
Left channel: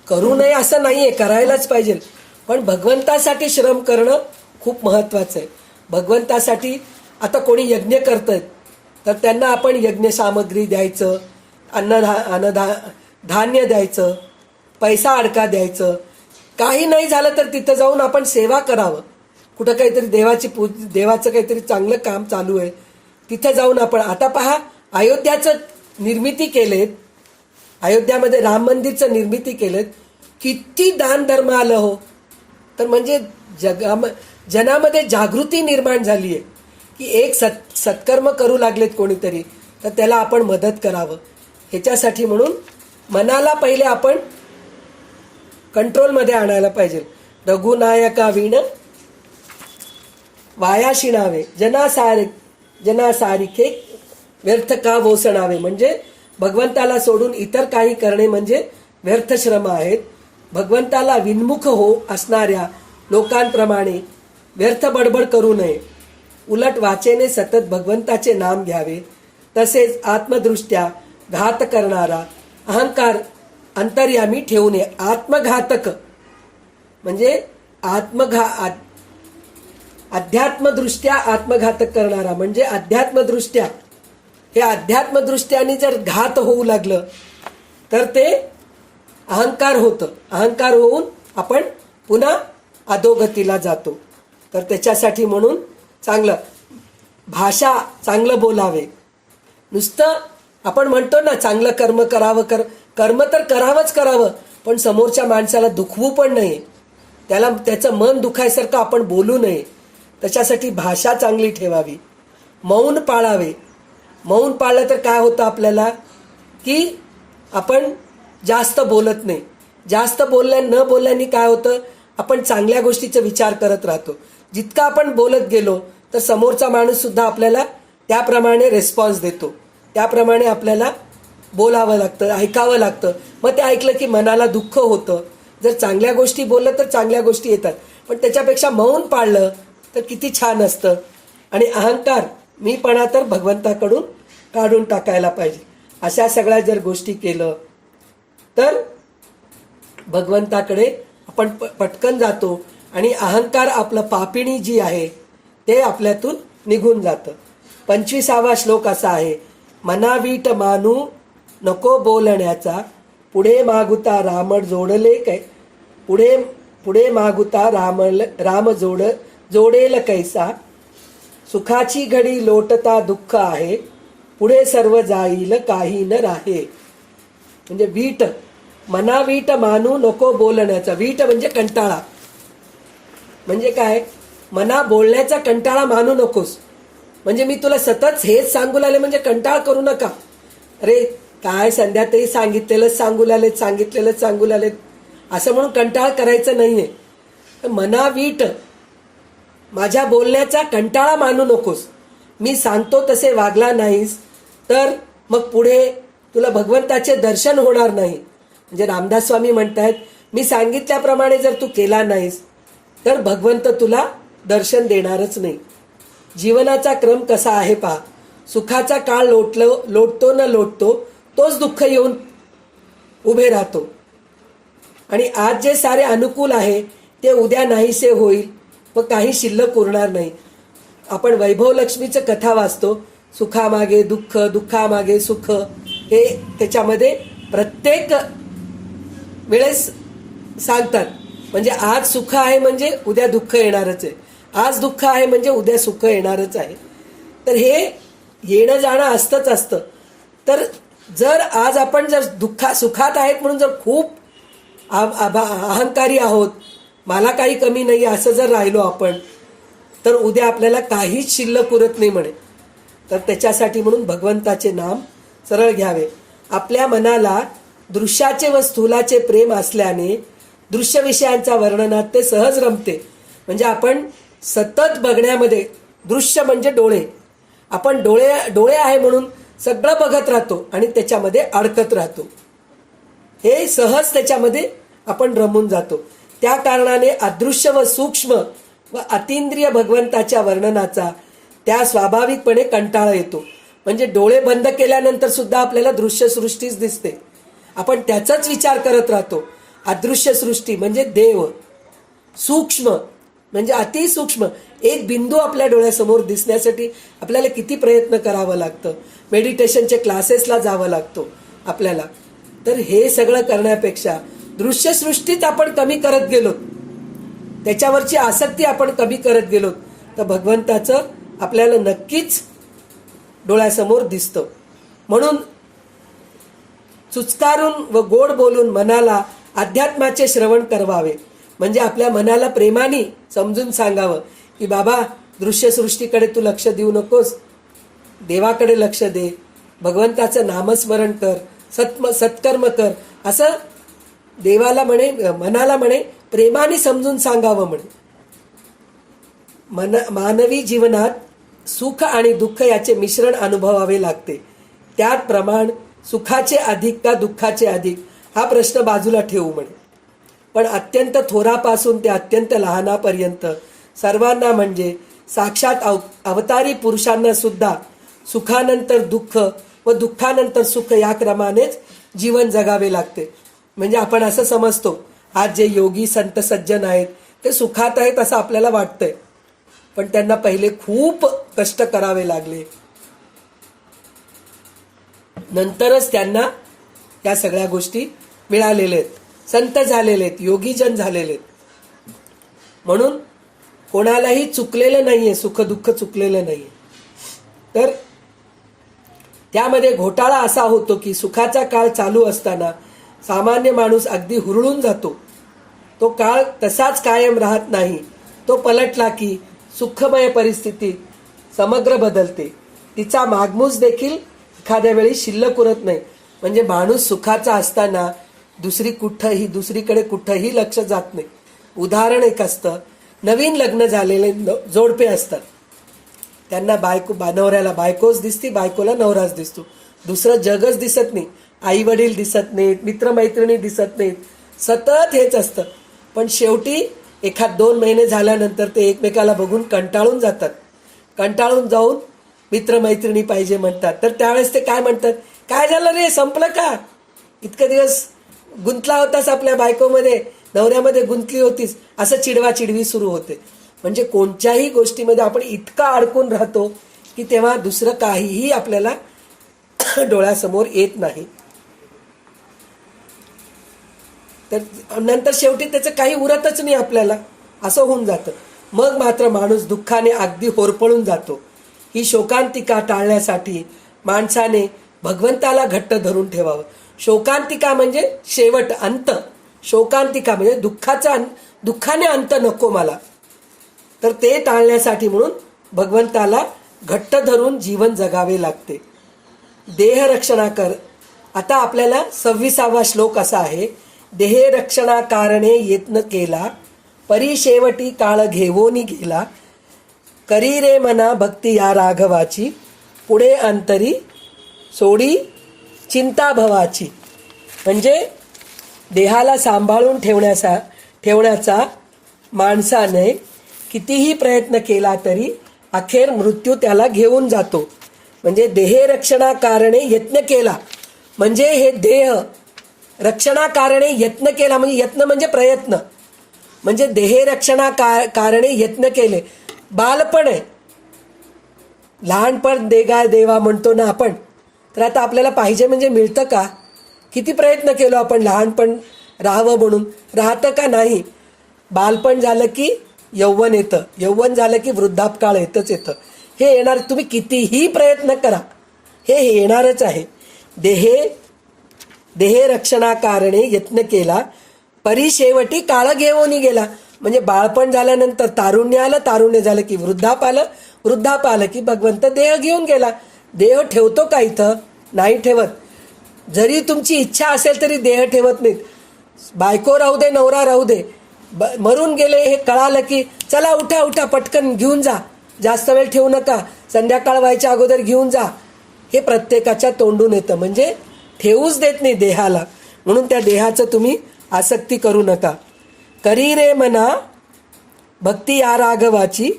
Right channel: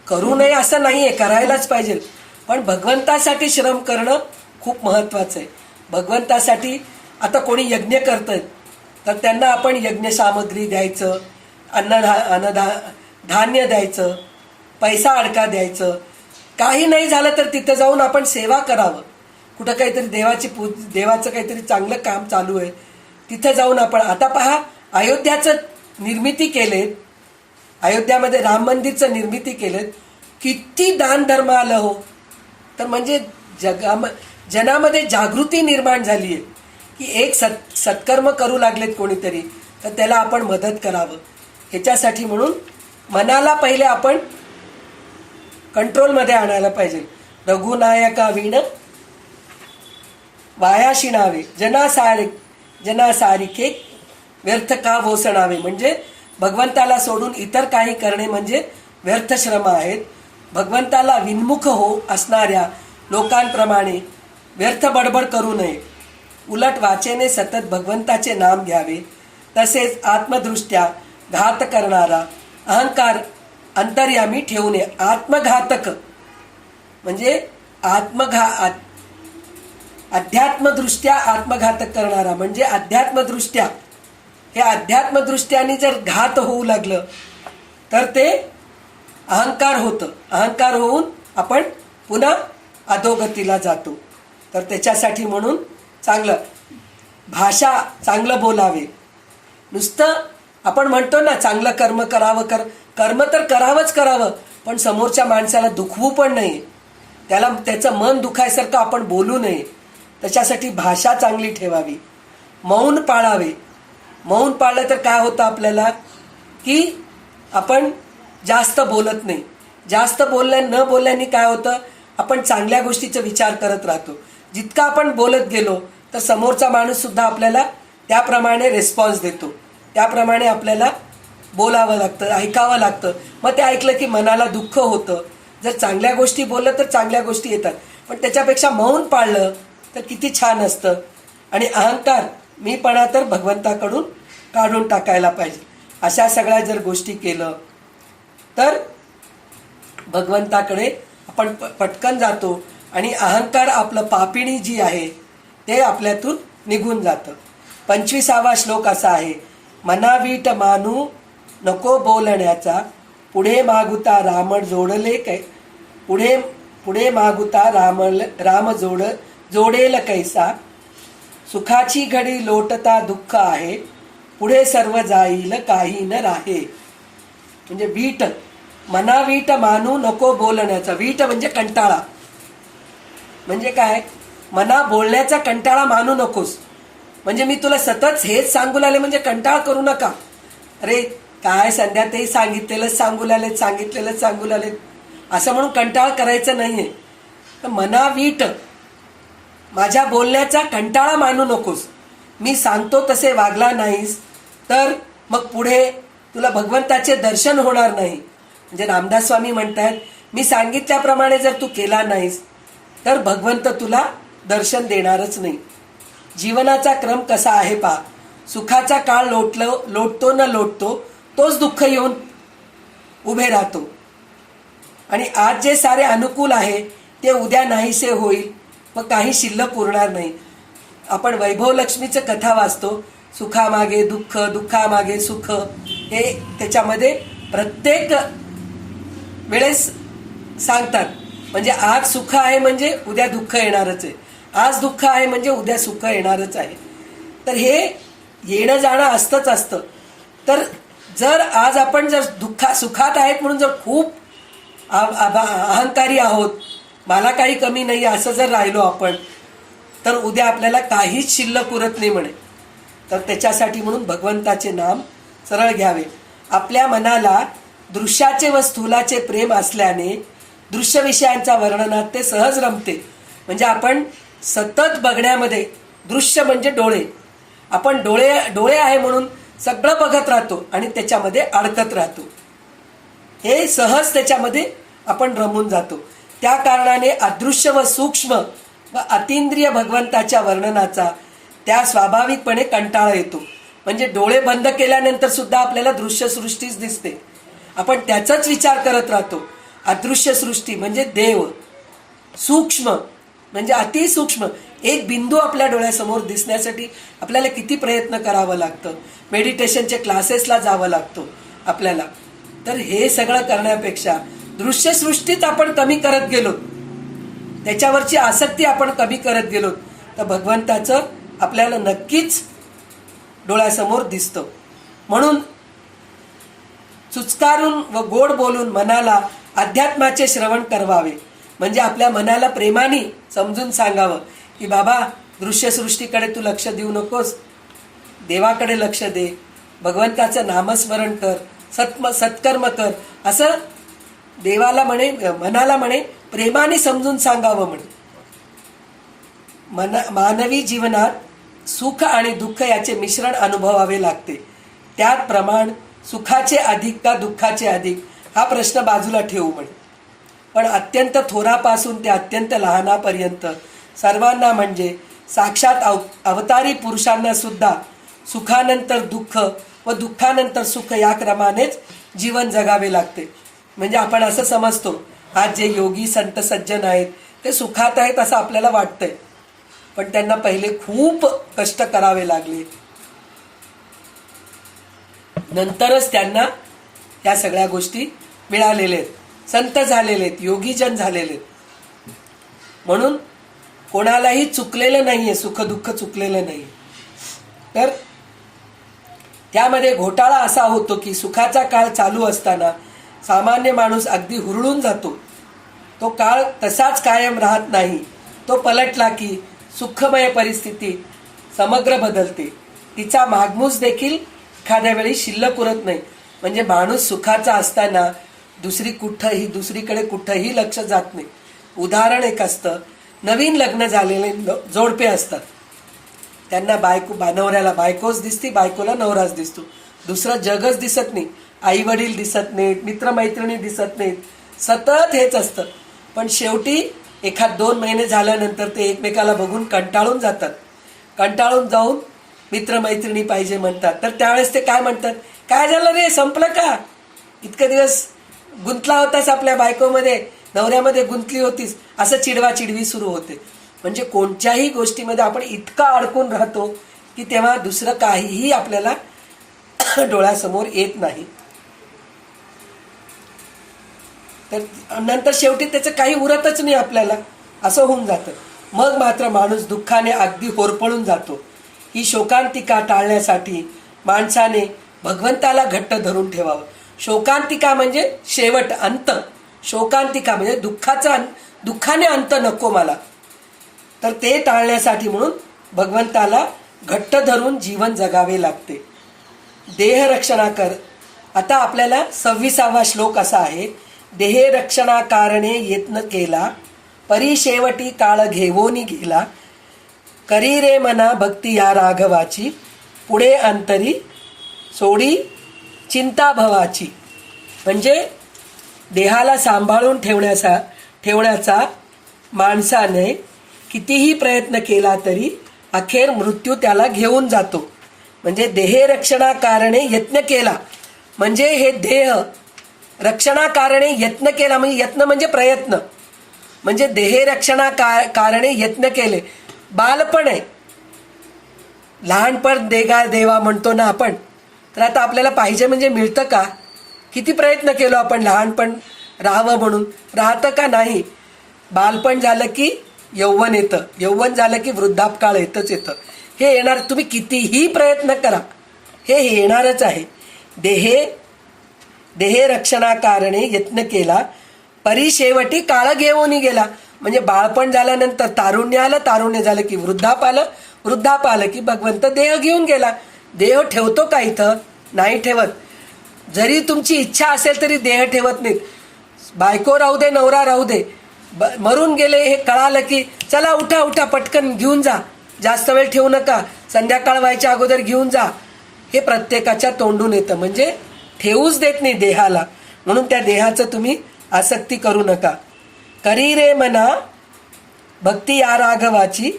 करू नये असं नाहीये, करायलाच पाहिजे. पण भगवंतासाठी श्रम करणं खूप महत्वाचं आहे. भगवंतासाठी आता कोणी यज्ञ करतंय तर त्यांना आपण यज्ञ सामग्री द्यायचं, धान्य द्यायचं, पैसा अडका द्यायचं. काही नाही झालं तर तिथं जाऊन आपण सेवा करावं. कुठं काहीतरी देवाचं काहीतरी चांगलं काम चालू आहे तिथं जाऊन आपण, आता पहा अयोध्याचं निर्मिती केलेत, अयोध्यामध्ये राम मंदिरचं निर्मिती केलेत, किती दान धर्म आलं हो. तर म्हणजे जनामध्ये जागृती निर्माण झाली आहे की एक सत्कर्म करू लागलेत कोणीतरी तर त्याला आपण मदत करावं. ह्याच्यासाठी म्हणून मनाला पहिले आपण कंट्रोलमध्ये आणायला पाहिजे. रघुनायका वीण वाया शिणावे, जनासारिखे व्यर्थ का वोसणावे म्हणजे भगवंताला सोडून इतर काही करणे म्हणजे व्यर्थ श्रम आहेत. भगवंताला विन्मुख असणाऱ्या लोकांप्रमाणे व्यर्थ बडबड करू नये. उलट वाचेने सतत भगवंताचे नाम घ्यावे. तसेच आत्मदृष्ट्या घात करणारा अहंकार अंतर्यामी ठेवू नये. आत्मघातक म्हणजे अध्यात्मदृष्ट्या आत्मघातक करणारा म्हणजे अध्यात्मदृष्ट्याने जर घात होऊ लागलं तर ते अहंकार होतं. अहंकार होऊन आपण पुन्हा अधोगतीला जातो. तर त्याच्यासाठी म्हणून चांगलं भाषा चांगलं बोलावे. नुसतं आपण म्हणतो ना चांगलं कर्म करावं, कर्म तर करावंच करावं, पण समोरच्या माणसाला दुखवू पण नाही, त्याला त्याचं मन दुखायसारखं आपण बोलू नये. त्याच्यासाठी भाषा चांगली ठेवावी. मौन पाळावे. मौन पाळलं तर काय होतं आपल्याला की आपण जास्त बोलत नाही. जास्त न बोलल्याने काय होतं, आपण चांगल्या गोष्टीचा विचार करत राहतो. जितका आपण बोलत गेलो तर समोरचा माणूस सुद्धा आपल्याला त्याप्रमाणे रिस्पॉन्स देतो. त्याप्रमाणे आपल्याला बोलावं लागतं, ऐकावं लागतं. मग ते ऐकलं की मनाला दुःख होतं. जर चांगल्या गोष्टी बोललं तर चांगल्या गोष्टी येतात, पण त्याच्यापेक्षा मौन पाळलं तर किती छान असतं. आणि अहंकार मीपणा तर भगवंताकडून काढून टाकायला पाहिजे. अशा सगळ्या जर गोष्टी केलं तर भगवंताकडे आपण पटकन जातो आणि अहंकार आपलं पापिणी जी आहे ते आपल्यातून निघून जातं. 25वा श्लोक असा आहे, मनावीट मानू नको बोलण्याचा, पुढे मागुता राम जोडले काय, पुढे मागुता राम जोडेल कैसा, सुखाची घडी लोटता दुःख आहे, पुढे सर्व जाईल काही न राहे. म्हणजे वीट, मनावीट मानू नको बोलण्याचा. वीट म्हणजे कंटाळा. म्हणजे काय, मना बोलण्याचा कंटाळा मानू नकोस. म्हणजे मी तुला सतत हेच सांगू लागले म्हणजे कंटाळा करू नका. अरे काय संध्या ते सांगितलेलंच सांगू लागलेत असं म्हणून कंटाळा करायचं नाहीये. तर मनावीट, माझ्या बोलण्याचा कंटाळा मानू नकोस. मी सांगतो तसे वागला नाहीस तर मग पुढे तुला भगवंताचे दर्शन होणार नाही. म्हणजे रामदास स्वामी म्हणतात, मी सांगितल्याप्रमाणे जर तू केला नाहीस तर भगवंत तुला दर्शन देणारच नाही. जीवनाचा क्रम कसा आहे पहा. सुखाचा काळ लोटतो न लोटतो तोच दुःख येऊन उभे राहतो. आणि आज जे सारे अनुकूल आहे ते उद्या नाहीसे होईल व काही शिल्लक उरणार नाही. आपण वैभव लक्ष्मीचं कथा वाचतो, सुखामागे दुःख, दुःखामागे सुख. हे त्याच्यामध्ये प्रत्येक वेळेस सांगतात. म्हणजे आज सुख आहे म्हणजे उद्या दुःख येणारच आहे, आज दुःख आहे म्हणजे उद्या सुख येणारच आहे. तर हे येणं जाणं असतं. तर जर आज आपण जर सुखात आहेत म्हणून जर खूप अहंकारी आहोत, मला काही कमी नाही असं जर राहिलो आपण, तर उद्या आपल्याला काहीच शिल्लक उरत नाही म्हणे. तर त्याच्यासाठी म्हणून भगवंताचे नाम सरळ घ्यावे. आपल्या मनाला दृश्याचे व स्थूलाचे प्रेम असल्याने दृश्य विषयांच्या वर्णनात ते सहज रमते. म्हणजे आपण सतत बघण्यामध्ये, दृश्य म्हणजे डोळे, आपण डोळे आहे म्हणून सगळं बघत राहतो आणि त्याच्यामध्ये अडकत राहतो. हे सहज त्याच्यामध्ये आपण रमून जातो. त्या कारणाने अदृश्य व सूक्ष्म व अतींद्रिय भगवंताच्या वर्णनाचा त्या स्वाभाविकपणे कंटाळा येतो. म्हणजे डोळे बंद केल्यानंतर सुद्धा आपल्याला दृश्य सृष्टीच दिसते, आपण त्याचाच विचार करत राहतो. अदृश्य सृष्टी म्हणजे देव, सूक्ष्म म्हणजे अतिसूक्ष्म एक बिंदू आपल्या डोळ्यासमोर दिसण्यासाठी आपल्याला किती प्रयत्न करावं लागतं. मेडिटेशनचे क्लासेसला जावं लागतो आपल्याला. तर हे सगळं करण्यापेक्षा दृश्य सृष्टीच आपण कमी करत गेलो, त्याच्यावरची आसक्ती आपण कमी करत गेलो, तर भगवंताचं आपल्याला नक्कीच डोळ्यासमोर दिसतं. म्हणून चुचकारून व गोड बोलून मनाला अध्यात्माचे श्रवण करवावे. म्हणजे आपल्या मनाला प्रेमाने समजून सांगावं की बाबा दृश्यसृष्टीकडे तू लक्ष देऊ नकोस, देवाकडे लक्ष दे, भगवंताचं नामस्मरण कर, सत्कर्म कर, असं देवाला म्हणे, मनाला म्हणे प्रेमाने समजून सांगावं. म्हणे मानवी जीवनात सुख आणि दुःख याचे मिश्रण अनुभवावे लागते. त्यात प्रमाण सुखाचे अधिक का दुःखाचे अधिक हा प्रश्न बाजूला ठेवू म्हणे. पण अत्यंत थोरापासून ते अत्यंत लहानापर्यंत सर्वांना म्हणजे साक्षात अवतारी पुरुषांना सुद्धा सुखानंतर दुःख व दुःखानंतर सुख या क्रमानेच जीवन जगावे लागते. म्हणजे आपण असं समजतो आज जे योगी संत सज्जन आहेत ते सुखात आहेत असं आपल्याला वाटतंय, पण त्यांना पहिले खूप कष्ट करावे लागले, नंतरच त्यांना या सगळ्या गोष्टी मिळालेल्या आहेत. संत झालेले आहेत, योगीजन झालेले आहेत. म्हणून कोणालाही चुकलेलं नाहीये, सुख दुःख चुकलेलं नाही. तर त्यामध्ये घोटाळा असा होतो की सुखाचा काळ चालू असताना सामान्य माणूस अगदी हुरळून जातो. तो काळ तसाच कायम राहत नाही. तो पलटला की सुखमय परिस्थिती समग्र बदलते. तिचा मागमूस देखील एखाद्या वेळी शिल्लक उरत नाही. म्हणजे माणूस सुखाचा असताना दुसरीकडे कुठंही लक्ष जात नाही. उदाहरण एक असतं, नवीन लग्न झालेले जोडपे असतात. त्यांना नवऱ्याला बायकोच दिसती, बायकोला नवराच दिसतो. दुसरं जगच दिसत नाही. आई वडील दिसत नाहीत, मित्रमैत्रिणी दिसत नाहीत. सतत हेच असतं. पण शेवटी 1-2 महिने झाल्यानंतर ते एकमेकाला बघून कंटाळून जातात. कंटाळून जाऊन मित्रमैत्रिणी पाहिजे म्हणतात. तर त्यावेळेस ते काय म्हणतात, काय झालं रे, संपलं का? इतके दिवस गुंतला होतास आपल्या बायकोमध्ये, नवऱ्यामध्ये गुंतली होतीस, असं चिडवाचिडवी सुरू होते. म्हणजे कोणत्याही गोष्टीमध्ये आपण इतका अडकून राहतो की तेव्हा दुसरं काहीही आपल्याला डोळ्यासमोर येत नाही. तर नंतर शेवटी त्याचं काही उरतच नाही आपल्याला, असं होऊन जातं. मग मात्र माणूस दुःखाने अगदी होरपळून जातो. ही शोकांतिका टाळण्यासाठी माणसाने भगवंताला घट्ट धरून ठेवावं. शोकांतिका म्हणजे शेवट, अंत. शोकांतिका म्हणजे दुःखाने अंत नको मला. तर ते टाळण्यासाठी म्हणून भगवंताला घट्ट धरून जीवन जगावे लागते. देहरक्षणाकर. आता आपल्याला 26वा श्लोक असा आहे, देहरक्षणाकारणे यत्न केला, परी शेवटी काळ घेवोनी गेला, करी रे मना भक्ती या राघवाची, पुढे अंतरी सोडी चिंता भवाची. म्हणजे देहाला सांभाळून ठेवण्याचा माणसाने कितीही प्रयत्न केला तरी अखेर मृत्यू त्याला घेऊन जातो. म्हणजे देहरक्षणाकारणे यत्न केला म्हणजे हे देह रक्षणाकारणे यत्न केला, म्हणजे यत्न म्हणजे प्रयत्न. म्हणजे देहरक्षणाकारणे यत्न केले. बालपण आहे, लहानपण देवा म्हणतो ना आपण. तर आता आपल्याला पाहिजे म्हणजे मिळतं का? किती प्रयत्न केलो आपण लहानपण राहावं म्हणून, राहतं का? नाही. बालपण झालं की यौवन येतं, यौवन झालं की वृद्धापकाळ येतच येतं. हे येणार, तुम्ही कितीही प्रयत्न करा, हे येणारच आहे. देहरक्षणाकारणे यत्न केला, परी शेवटी काळ घेऊन गेला. म्हणजे बाळपण झाल्यानंतर तारुण्य आलं, तारुण्य झालं की वृद्धाप आलं की भगवंत देह घेऊन गेला. देह ठेवतो का इथं? नाही ठेवत. जरी तुमची इच्छा असेल तरी देह ठेवत नाहीत. बायको राहू दे, नवरा राहू दे, मरून गेले हे कळालं की चला उठा पटकन घेऊन जा, जास्त वेळ ठेवू नका, संध्याकाळ व्हायच्या अगोदर घेऊन जा. हे प्रत्येकाच्या तोंडून येतं. म्हणजे ठेवूच देत नाही देहाला. म्हणून त्या देहाचं तुम्ही आसक्ती करू नका. करी रे मना भक्ती या राघवाची,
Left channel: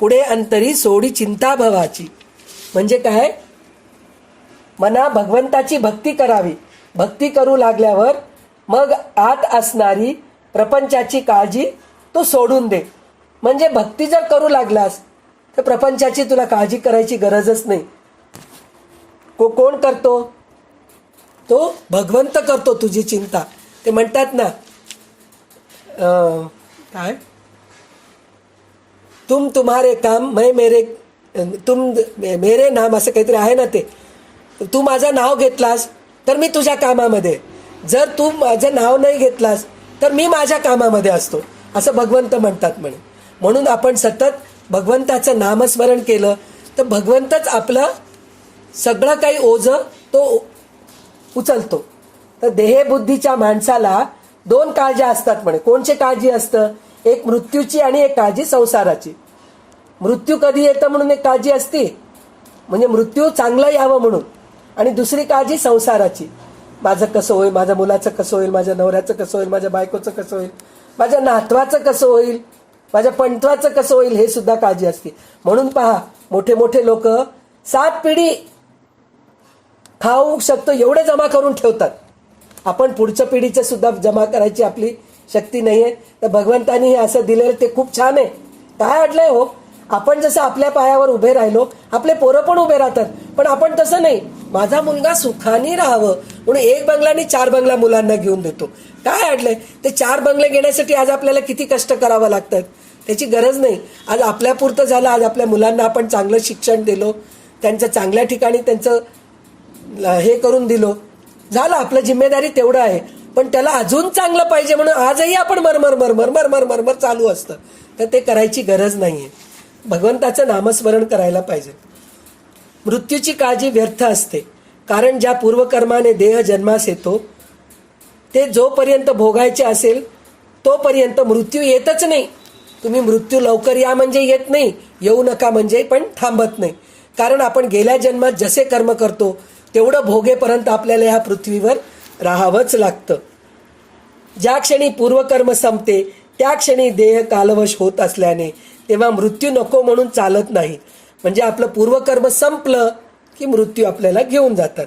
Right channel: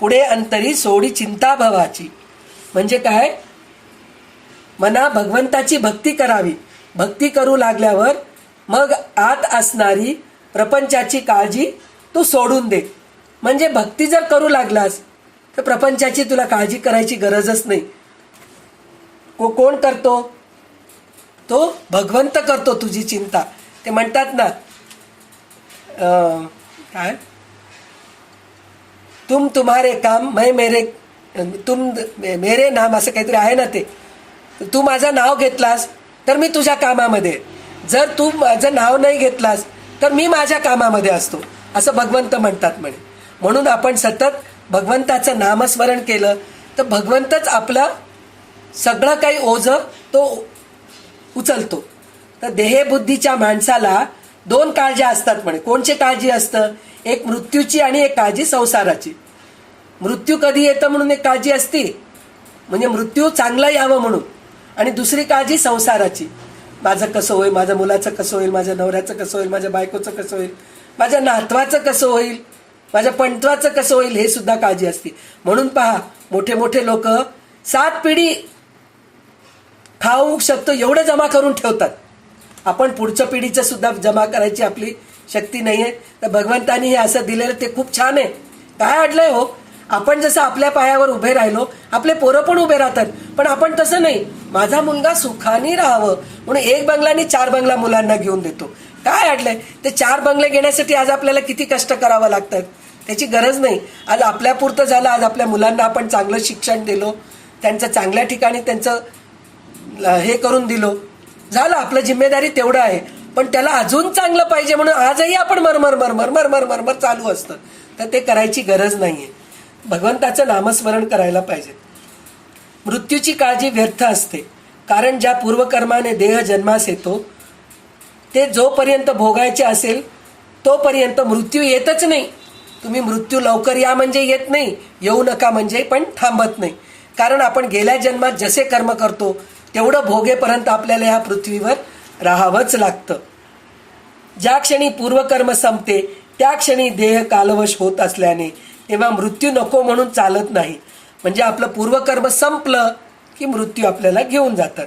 पुढे अंतरी सोडी चिंता भवाची. म्हणजे काय? मना भगवंताची भक्ती करावी. भक्ती करू लागल्यावर मग आत असणारी प्रपंचाची काळजी तू सोडून दे. म्हणजे भक्ती जर करू लागलास तर प्रपंचाची तुला काळजी करायची गरजच नाही. कोण करतो? तो भगवंत करतो तुझी चिंता. ते म्हणतात ना, काय, तुम तुम्हारे काम मैं मेरे, तुम मेरे नाम, असं काहीतरी आहे ना. ते तू माझं नाव घेतलास तर मी तुझ्या कामामध्ये, जर तू माझं नाव नाही घेतलास तर मी माझ्या कामामध्ये असतो, असं भगवंत म्हणतात म्हणे. म्हणून आपण सतत भगवंताचं नामस्मरण केलं तर भगवंतच आपलं सगळं काही ओझं तो उचलतो. तर देहबुद्धीच्या माणसाला 2 काळज्या असतात म्हणे. कोणची काळजी असतं? एक मृत्यूची आणि एक काळजी संसाराची. मृत्यू कधी येतं म्हणून एक काळजी असते, म्हणजे मृत्यू चांगला यावं म्हणून. आणि दुसरी काळजी संसाराची, माझं कसं होईल, माझ्या मुलाचं कसं होईल, माझ्या नवऱ्याचं कसं होईल, माझ्या बायकोचं कसं होईल, माझ्या नातवाचं कसं होईल, माझ्या पंटवाचं कसं होईल, हे सुद्धा काळजी असते. म्हणून पहा, मोठे लोक 7 पिढी खाऊ शकतो एवढं जमा करून ठेवतात. आपण पुढच्या पिढीचं सुद्धा जमा करायची आपली शक्ती नाही आहे. तर भगवंतानी हे असं दिलेलं ते खूप छान आहे. काय अडलंय हो, आपण जसं आपल्या पायावर उभे राहिलो, आपले पोरं पण उभे राहतात. पण आपण तसं नाही. माझा मुलगा सुखाने राहावं म्हणून एक बंगला आणि 4 बंगला मुलांना घेऊन देतो. काय अडलंय? ते 4 बंगले घेण्यासाठी आज आपल्याला किती कष्ट करावं लागतात. त्याची गरज नाही. आज आपल्यापुरतं झालं. आज आपल्या मुलांना आपण चांगलं शिक्षण दिलो, त्यांचं चांगल्या ठिकाणी त्यांचं हे करून दिलो, झालं. आपलं जिम्मेदारी तेवढं आहे. पण त्याला अजून चांगलं पाहिजे म्हणून आजही आपण मरमर मरमर मरमर मरमर चालू असतं. तर ते करायची गरज नाहीये. भगवंताचं नामस्मरण करायला पाहिजे. मृत्यूची काळजी व्यर्थ असते, कारण ज्या पूर्वकर्माने देह जन्मास येतो ते जोपर्यंत भोगायचे असेल तोपर्यंत मृत्यू येतच नाही. तुम्ही मृत्यू लवकर या म्हणजे येत नाही, येऊ नका म्हणजे पण थांबत नाही. कारण आपण गेल्या जन्मात जसे कर्म करतो तेवढं भोगेपर्यंत आपल्याला ह्या पृथ्वीवर राहावंच लागतं. ज्या क्षणी पूर्वकर्म संपते त्या क्षणी देह कालवश होत असल्याने तेव्हा मृत्यू नको म्हणून चालत नाही. म्हणजे आपलं पूर्वकर्म संपलं की मृत्यू आपल्याला घेऊन जातात.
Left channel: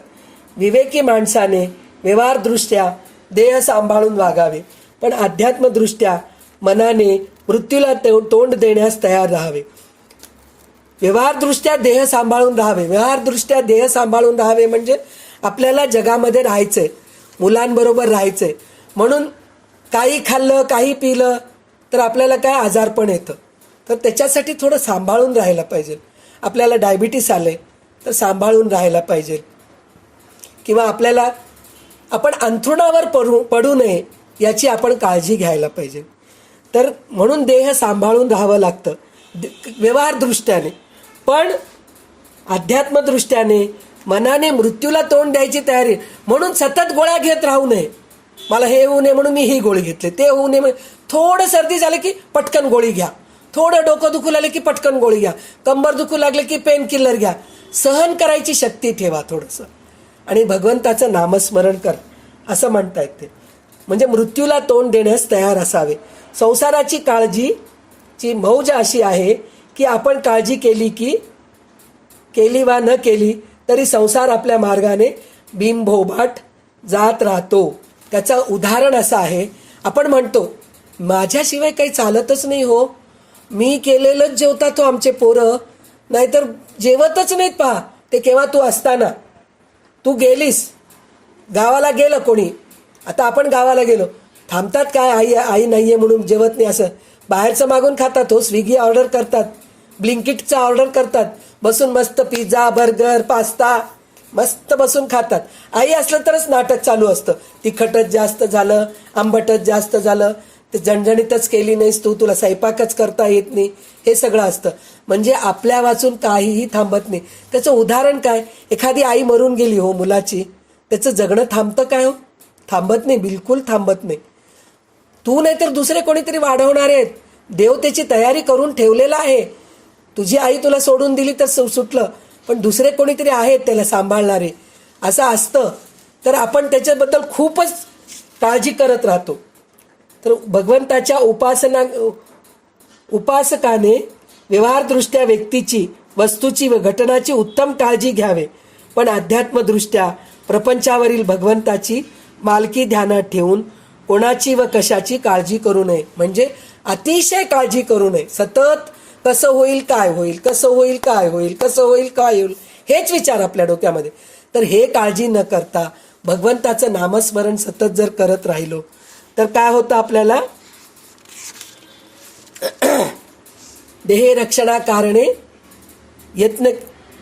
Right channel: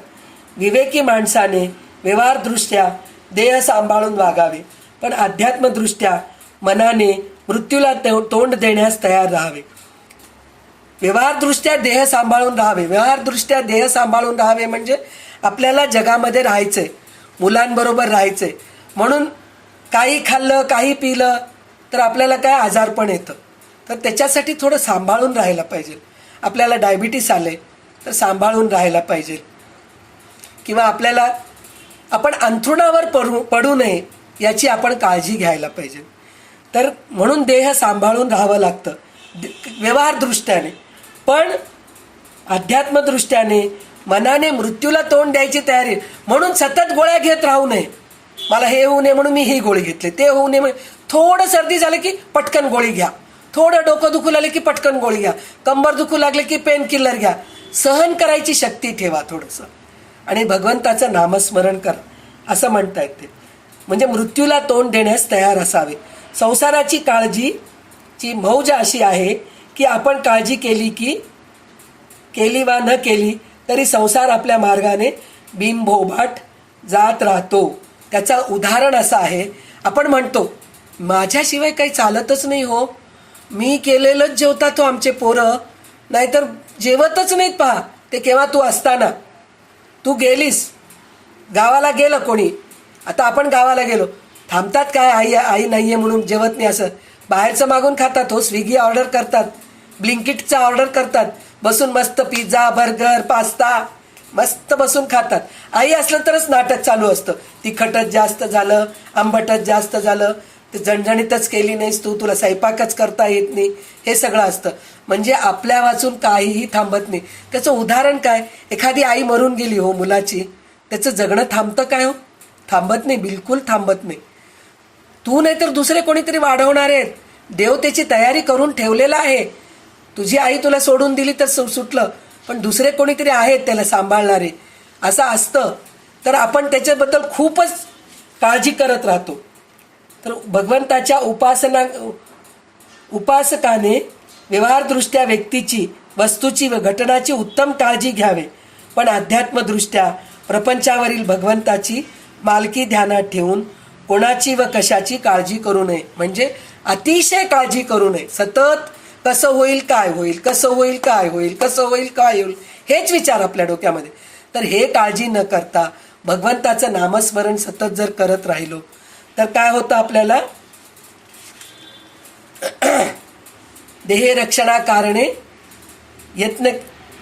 विवेकी माणसाने व्यवहारदृष्ट्या देह सांभाळून वागावे, पण अध्यात्मदृष्ट्या मनाने मृत्यूला तोंड देण्यास तयार राहावे. व्यवहारदृष्ट्या देह सांभाळून राहावे. व्यवहारदृष्ट्या देह सांभाळून राहावे म्हणजे आपल्याला जगामध्ये राहायचंय, मुलांबरोबर राहायचंय. म्हणून काही खाल्लं काही पिलं तर आपल्याला काय आजारपण येतं. तर त्याच्यासाठी थोडं सांभाळून राहायला पाहिजे. आपल्याला डायबिटीस आले तर सांभाळून राहायला पाहिजे. किंवा आपल्याला आपण अंथरुणावर पडू नये याची आपण काळजी घ्यायला पाहिजे. तर म्हणून देह सांभाळून राहावं लागतं व्यवहारदृष्ट्याने. पण अध्यात्मदृष्ट्याने मनाने मृत्यूला तोंड द्यायची तयारी. म्हणून सतत गोळ्या घेत राहू नये. मला हे होऊ नये म्हणून मी ही गोळी घेतली, ते होऊ नये म्हणून. थोडं सर्दी झालं की पटकन गोळी घ्या, थोडं डोकं दुखू लागलं की पटकन गोळी घ्या, कंबर दुखू लागले की पेन किलर घ्या. सहन करायची शक्ती ठेवा थोडंसं आणि भगवंताचं नामस्मरण करा असं म्हणता येते. म्हणजे मृत्यूला तोंड देण्यास तयार असावे. संसाराची काळजीची मौज अशी आहे की आपण काळजी केली वा न केली तरी संसार आपल्या मार्गाने बिनभोभाट जात राहतो. त्याचं उदाहरण असं आहे, आपण म्हणतो माझ्याशिवाय काही चालतच नाही हो, मी केलेलंच जेवता तो आमचे पोरं, नाहीतर जेवतच नाहीत. पहा ते केव्हा तू असताना. तू गेलीस, गावाला गेलं कोणी, आता आपण गावाला गेलो, थांबतात काय आई नाहीये म्हणून जेवत नाही असं. बाहेरचं मागून खातात हो, स्विगी ऑर्डर करतात, ब्लिंकिटचा ऑर्डर करतात, बसून मस्त पिझ्झा बर्गर पास्ता मस्त बसून खातात. आई असलं तरच नाटक चालू असतं. तिखटच जास्त झालं, आंबटच जास्त झालं, तर जणजणीतच केली नाहीस तू, तुला स्वयंपाकच करता येत नाही, हे सगळं असतं. म्हणजे आपल्या वाचून काहीही थांबत नाही. त्याचं उदाहरण काय, एखादी आई मरून गेली हो मुलाची, त्याचं जगणं थांबतं काय हो? थांबत नाही, बिलकुल थांबत नाही. तू नाही तर दुसरे कोणीतरी वाढवणार आहेत. देव त्याची तयारी करून ठेवलेला आहे. तुझी आई तुला सोडून दिली तर सुटलं, पण दुसरे कोणीतरी आहेत त्याला सांभाळणारे, असं असतं. तर आपण त्याच्याबद्दल खूपच काळजी करत राहतो. तर भगवंताच्या उपासकाने व्यवहारदृष्ट्या व्यक्तीची, वस्तूची व घटनाची उत्तम काळजी घ्यावे, पण अध्यात्मदृष्ट्या प्रपंचावरील भगवंताची मालकी ध्यानात ठेवून कोणाची व कशाची काळजी करू नये. म्हणजे अतिशय काळजी करू नये. सतत कसं होईल काय होईल, कसं होईल काय होईल, कसं होईल काय होईल, हेच विचार आपल्या डोक्यामध्ये. तर हे काळजी न करता भगवंताचं नामस्मरण सतत जर करत राहिलो तर काय होतं आपल्याला, देह रक्षणा कारणे यत्न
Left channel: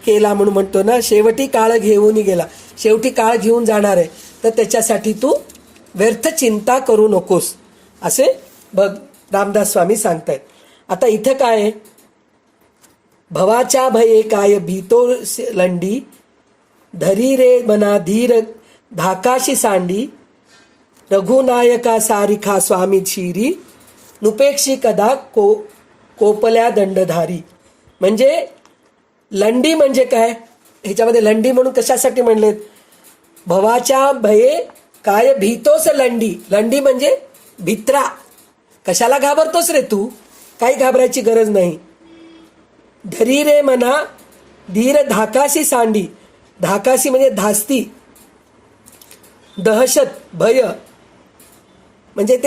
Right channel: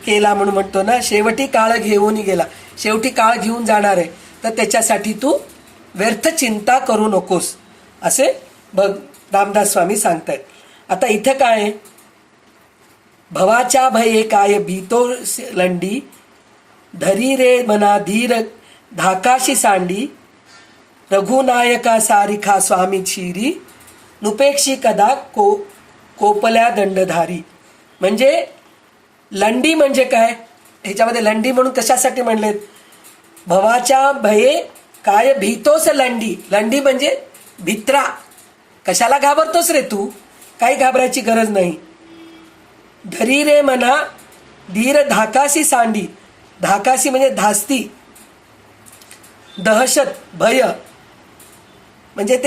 केला म्हणून म्हणतो ना, शेवटी काळ घेऊन गेला. शेवटी काळ घेऊन जाणार आहे, तर त्याच्यासाठी तू व्यर्थ चिंता करू नकोस असे रामदास स्वामी सांगतायत. आता इथं काय आहे, भवाच्या भये काय भीतो लंडी, धरी रे मना धीर धाकाशी सांडी, रघुनायका सारिखा स्वामी शिरी, नुपेक्षी कदा कोपल्या दंडधारी. म्हणजे लंडी म्हणजे काय, ह्याच्यामध्ये लंडी म्हणून कशासाठी म्हणलेत, भवाच्या भये काय भीतोस लंडी. लंडी म्हणजे भित्रा. कशाला घाबरतोस रे तू, काही घाबरायची गरज नाही. धरी रे मना धीर धाकासी सांडी. धाकासी म्हणजे धास्ती, दहशत भय, म्हणजे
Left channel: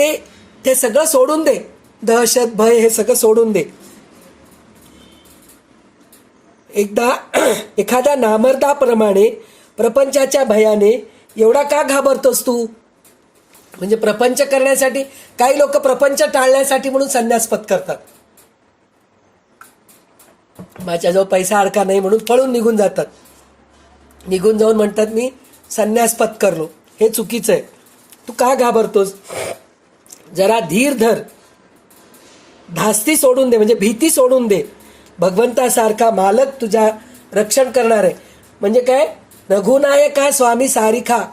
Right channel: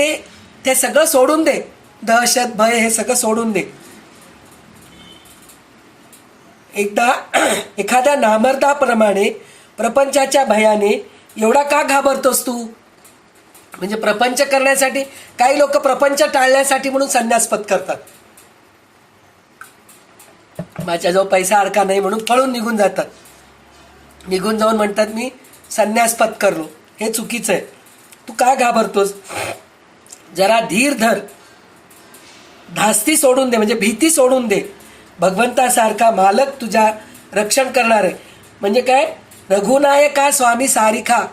ते सगळं सोडून दे. दहशत भय हे सगळं सोडून दे. एकदा एखाद्या नामर्दाप्रमाणे प्रपंचाच्या भयाने एवढा का घाबरतोस तू? म्हणजे प्रपंच करण्यासाठी, काही लोक प्रपंच टाळण्यासाठी म्हणून संन्यास पत्करतात. माझ्याजवळ पैसा अडका नाही म्हणून पळून निघून जातात. निघून जाऊन म्हणतात मी संन्यास पत्करलो. हे चुकीचं आहे. तू का घाबरतोस? जरा धीर धर, धास्ती सोडून दे, म्हणजे भीती सोडून दे. भगवंतासारखा मालक तुझ्या रक्षण करणार आहे. म्हणजे काय? रघुनायका स्वामी सारिखा,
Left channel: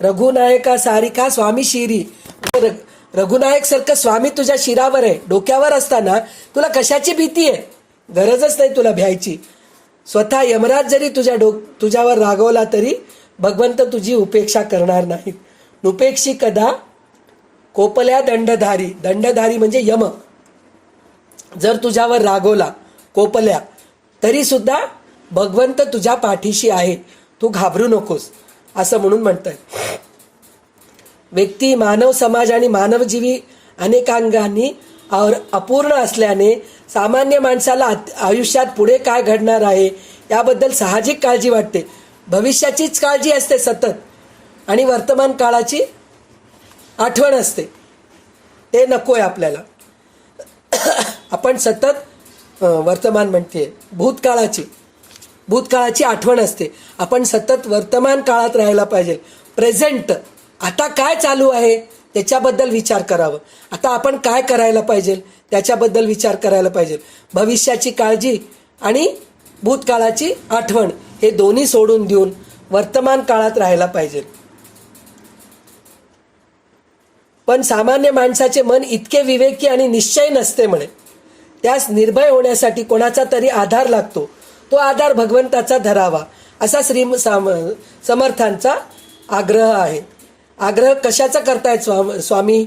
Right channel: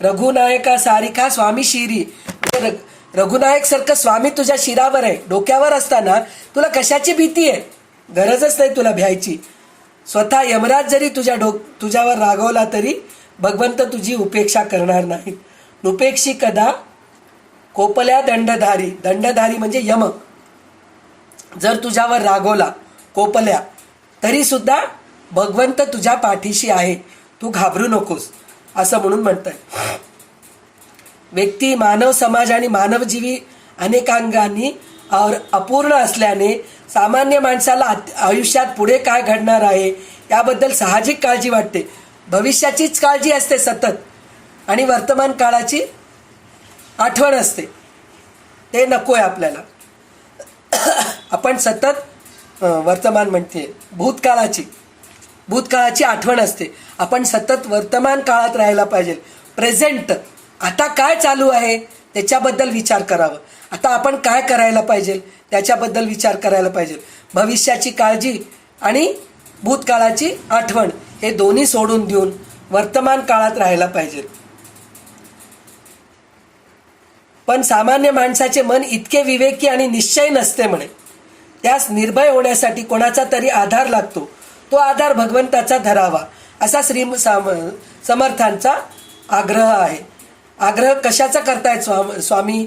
रघुनायका सारिखा स्वामी शिरी. रघुनायक सारखं स्वामी तुझ्या शिरावर आहे, डोक्यावर असताना तुला कशाची भीती आहे? गरजच नाही तुला भ्यायची. स्वतः यमराज जरी तुझ्यावर रागवला तरी भगवंत तुझी उपेक्षा करणार नाहीत. नुपेक्षी कदा कोपल्या दंडधारी. दंडधारी म्हणजे यम. जर तुझ्यावर रागवला, कोपल्या, तरी सुद्धा भगवंत तुझ्या पाठीशी आहे, तू घाबरू नकोस, असं म्हणून म्हणताय. व्यक्ती, मानव समाज आणि मानवजीवी अनेकांगांनी अपूर्ण असल्याने सामान्य माणसाला आयुष्यात पुढे काय घडणार आहे याबद्दल साहजिक काळजी वाटते. भविष्याचीच काळजी असते सतत, आणि वर्तमान काळाची आठवण असते. ते नको आहे आपल्याला. आपण सतत वर्तमान म्हणते, भूतकाळाची आठवण असते. आपण सतत वर्तमान काळात राहायला पाहिजे. प्रेझेंट, आता काय चालू आहे त्याच्याबद्दल विचार करावं. आता आपण काय करायला पाहिजे त्याच्याबद्दल विचार करायला पाहिजे. भविष्याची काळजी आणि भूतकाळाची आठवण हे दोन्ही सोडून देऊन वर्तमान काळात राहायला पाहिजे. पण सामान्य माणसाचे मन इतके विवेकी आणि निश्चय नसते म्हणे. त्यास निर्भय होण्यासाठी कोणाचा तरी आधार लागतो. तो आधार भगवंताचा धरावा, असा समर्थांचा आग्रह आहे. आग्रह कशाचा करतायत स्वामी?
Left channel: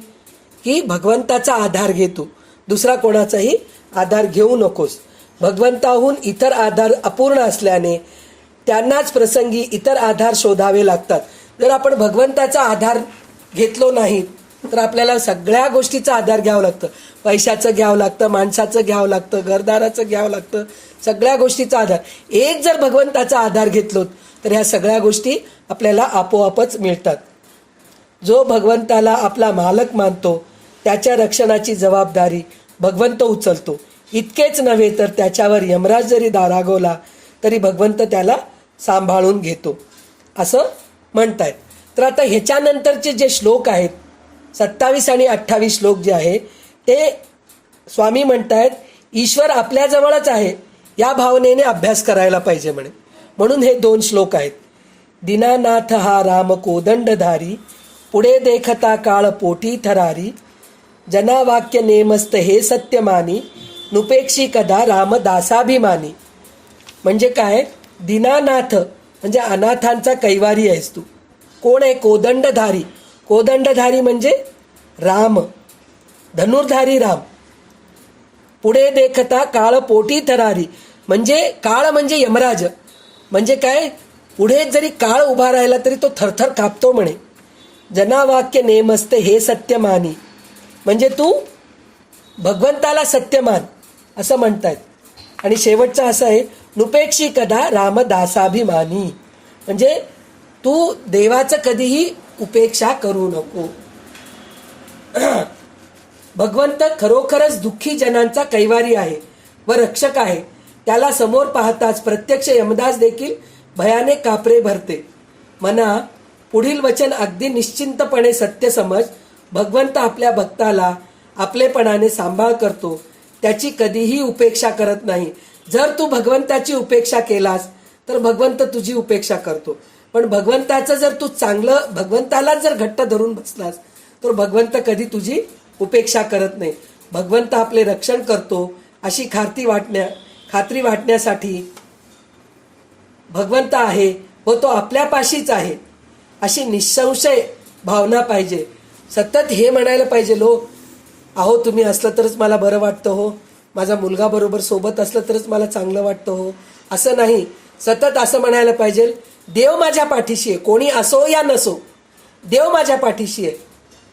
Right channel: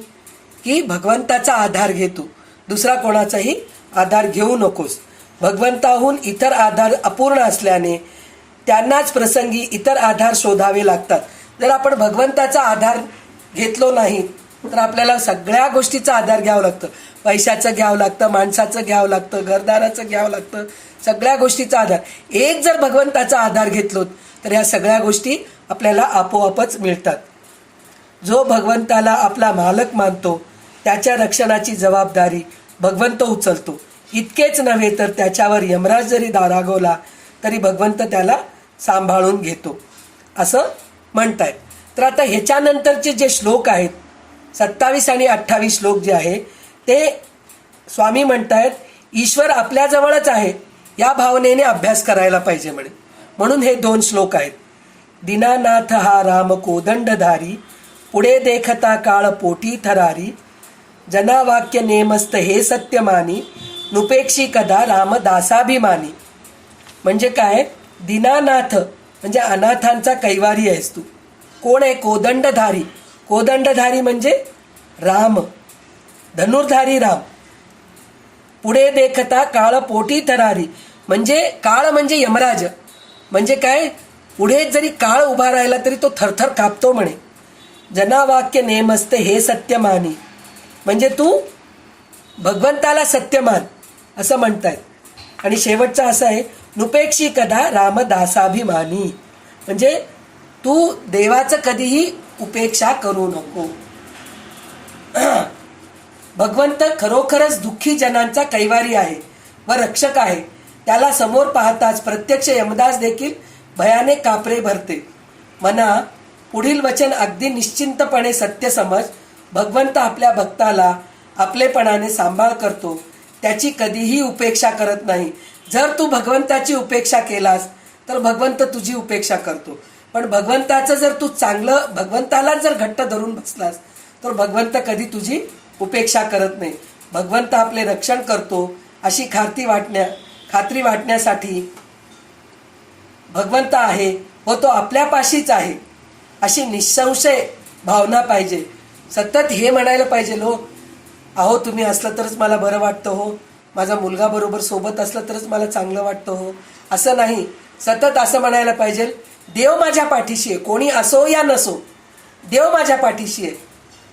की भगवंताचा आधार घेतो, दुसरा कोणाचाही आधार घेऊ नकोस. भगवंताहून इतर आधार अपूर्ण असल्याने त्यांनाच प्रसंगी इतर आधार शोधावे लागतात. जर आपण भगवंताचा आधार घेतलो नाही तर आपल्याला सगळ्या गोष्टीचा आधार घ्यावं लागतं. पैशाचं घ्यावं लागतं, माणसाचं घ्यावं लागतं, घरदाराचं घ्यावं लागतं, सगळ्या गोष्टीचा आधार. एक जर भगवंताचा आधार घेतलो तर ह्या सगळ्या गोष्टी आपल्याला आपोआपच मिळतात. जो भगवंताला आपला मालक मानतो त्याच्या रक्षणाची जबाबदारी भगवंत उचलतो. इतकेच नव्हे तर त्याच्यावर यमराज जरी रागवला तरी भगवंत त्याला सांभाळून घेतो, असं म्हणतायत. तर आता ह्याच्यानंतरचे जे श्लोक आहेत 27 आणि 28 श्लोक जे आहे ते स्वामी म्हणतायत ईश्वर आपल्याजवळच आहे या भावनेने अभ्यास करायला पाहिजे म्हणे. म्हणून हे 2 श्लोक आहेत. दीनानाथ हा राम कोदंडधारी, पुढे देखता काळ पोटी थरारी, जनावाक्य नेमस्त हे सत्यमानी, नुपेक्षी कदा रामदासाभिमानी. म्हणजे काय? दीनानाथ म्हणजे अनाथांचा कैवारी आहेस तू. कोण आहे? कोदंडधारी. कोदंडधारी म्हणजे राम, धनुर्धारी राम. पुढे देखता काळ पोटी थरारी म्हणजे काळ म्हणजे यमराज. म्हणजे काय? पुढे जरी काळ उभा राहिला तरी तो थरथर कापतो म्हणे. जनावाक्य नेमस्त हे सत्यमानी म्हणजे तू भगवंताला सत्यमान असं म्हणतायत. आणि शेवटचं असं आहे नुपेक्षी कदा रामदासाभिमानी म्हणजे तू देवाचं कधीही उपेक्षा करू नको. भगवंत खरोखरच दुःखी जनांचा कैवारी आहे व रक्षक आहे. त्याला समोर पाहताच प्रत्यक्ष यमदास देखील भयाने कापरे भरते. मना, पुढील वचन अगदी निश्चिंतपणे सत्य समज. भगवंत आपल्या भक्ताला आपलेपणाने सांभाळ करतो, त्याची कधीही उपेक्षा करत नाही. जर तू भगवंताची उपेक्षा केलास तर भगवंत तुझी उपेक्षा करतो. पण भगवंताचं जर तू चांगलं, भगवंताला जर घट्ट धरून बसलास तर भगवंत कधी तुझी उपेक्षा करत नाही. भगवंत आपले रक्षण करतो अशी खात्री वाटण्यासाठी भगवंत आहे व तो आपल्यापाशीच आहे अशी निसंशय भावना पाहिजे. सतत हे म्हणायला पाहिजे लोक, अहो तुम्ही असलं तरच मला बरं वाटतं हो, माझा मुलगा बरोबर सोबत असलं तरच मला चांगलं वाटतं हो, असं नाही. सतत असं म्हणायला पाहिजे देव माझ्या पाठीशी आहे. कोणी असो या नसो, देव माझ्या पाठीशी आहे.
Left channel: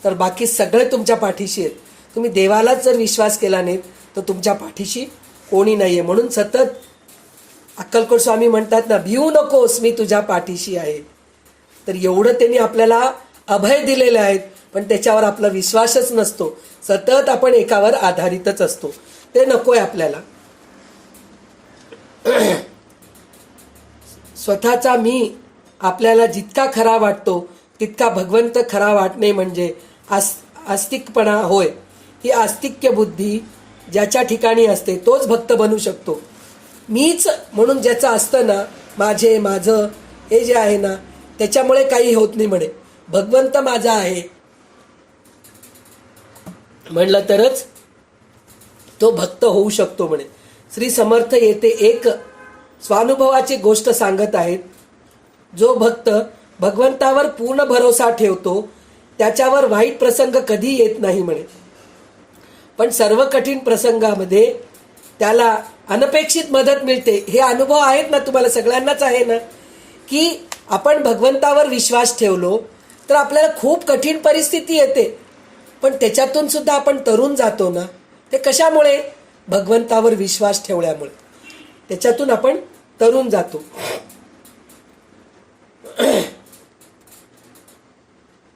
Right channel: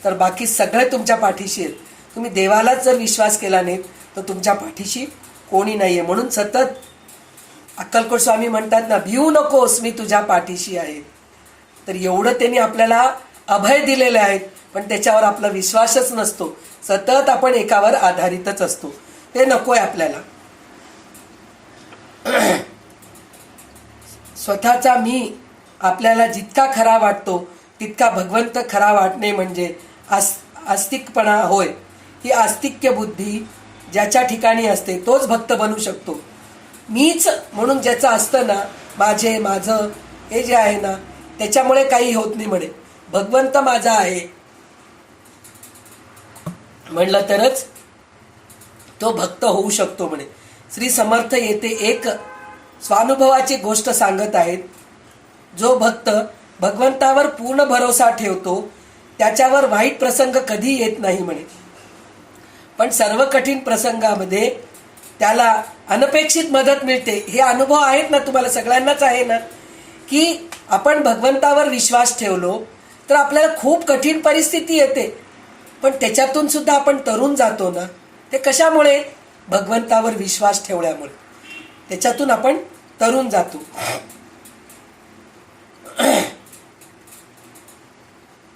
तर बाकी सगळे तुमच्या पाठीशी आहेत. तुम्ही देवालाच जर विश्वास केला नाही तर तुमच्या पाठीशी कोणी नाही आहे. म्हणून सतत अक्कलकोट स्वामी म्हणतात ना, भिवू नकोस मी तुझ्या पाठीशी आहे. तर एवढं त्यांनी आपल्याला अभय दिलेले आहेत, पण त्याच्यावर आपला विश्वासच नसतो. सतत आपण एकावर आधारितच असतो. ते नकोय आपल्याला. स्वतःचा मी आपल्याला जितका खरा वाटतो तितका भगवंत खरा वाटणे म्हणजे आस्तिकपणा होय. ही आस्तिक्य बुद्धी ज्याच्या ठिकाणी असते तोच भक्त बनू शकतो. मीच म्हणून ज्याचं असतं ना, माझे माझं हे जे आहे ना, त्याच्यामुळे काही होत नाही म्हणे. भगवंत माझा आहे म्हणलं तरच तो भक्त होऊ शकतो म्हणे. श्री समर्थ येथे एक स्वानुभवाची गोष्ट सांगत आहेत. जो भक्त भगवंतावर पूर्ण भरोसा ठेवतो त्याच्यावर वाईट प्रसंग कधी येत नाही म्हणे. पण सर्व कठीण प्रसंगामध्ये त्याला अनपेक्षित मदत मिळते. हे अनुभव आहेत ना, तुम्हाला सगळ्यांनाच आहे ना, की आपण भगवंतावर विश्वास ठेवलो तर आपल्याला खूप कठीण परिस्थिती येते, पण त्याच्यातून सुद्धा आपण तरून जातो ना. ते कशामुळे? भगवंतावर विश्वास ठेवल्यामुळे. त्याच्यातून आपण तरून जातो.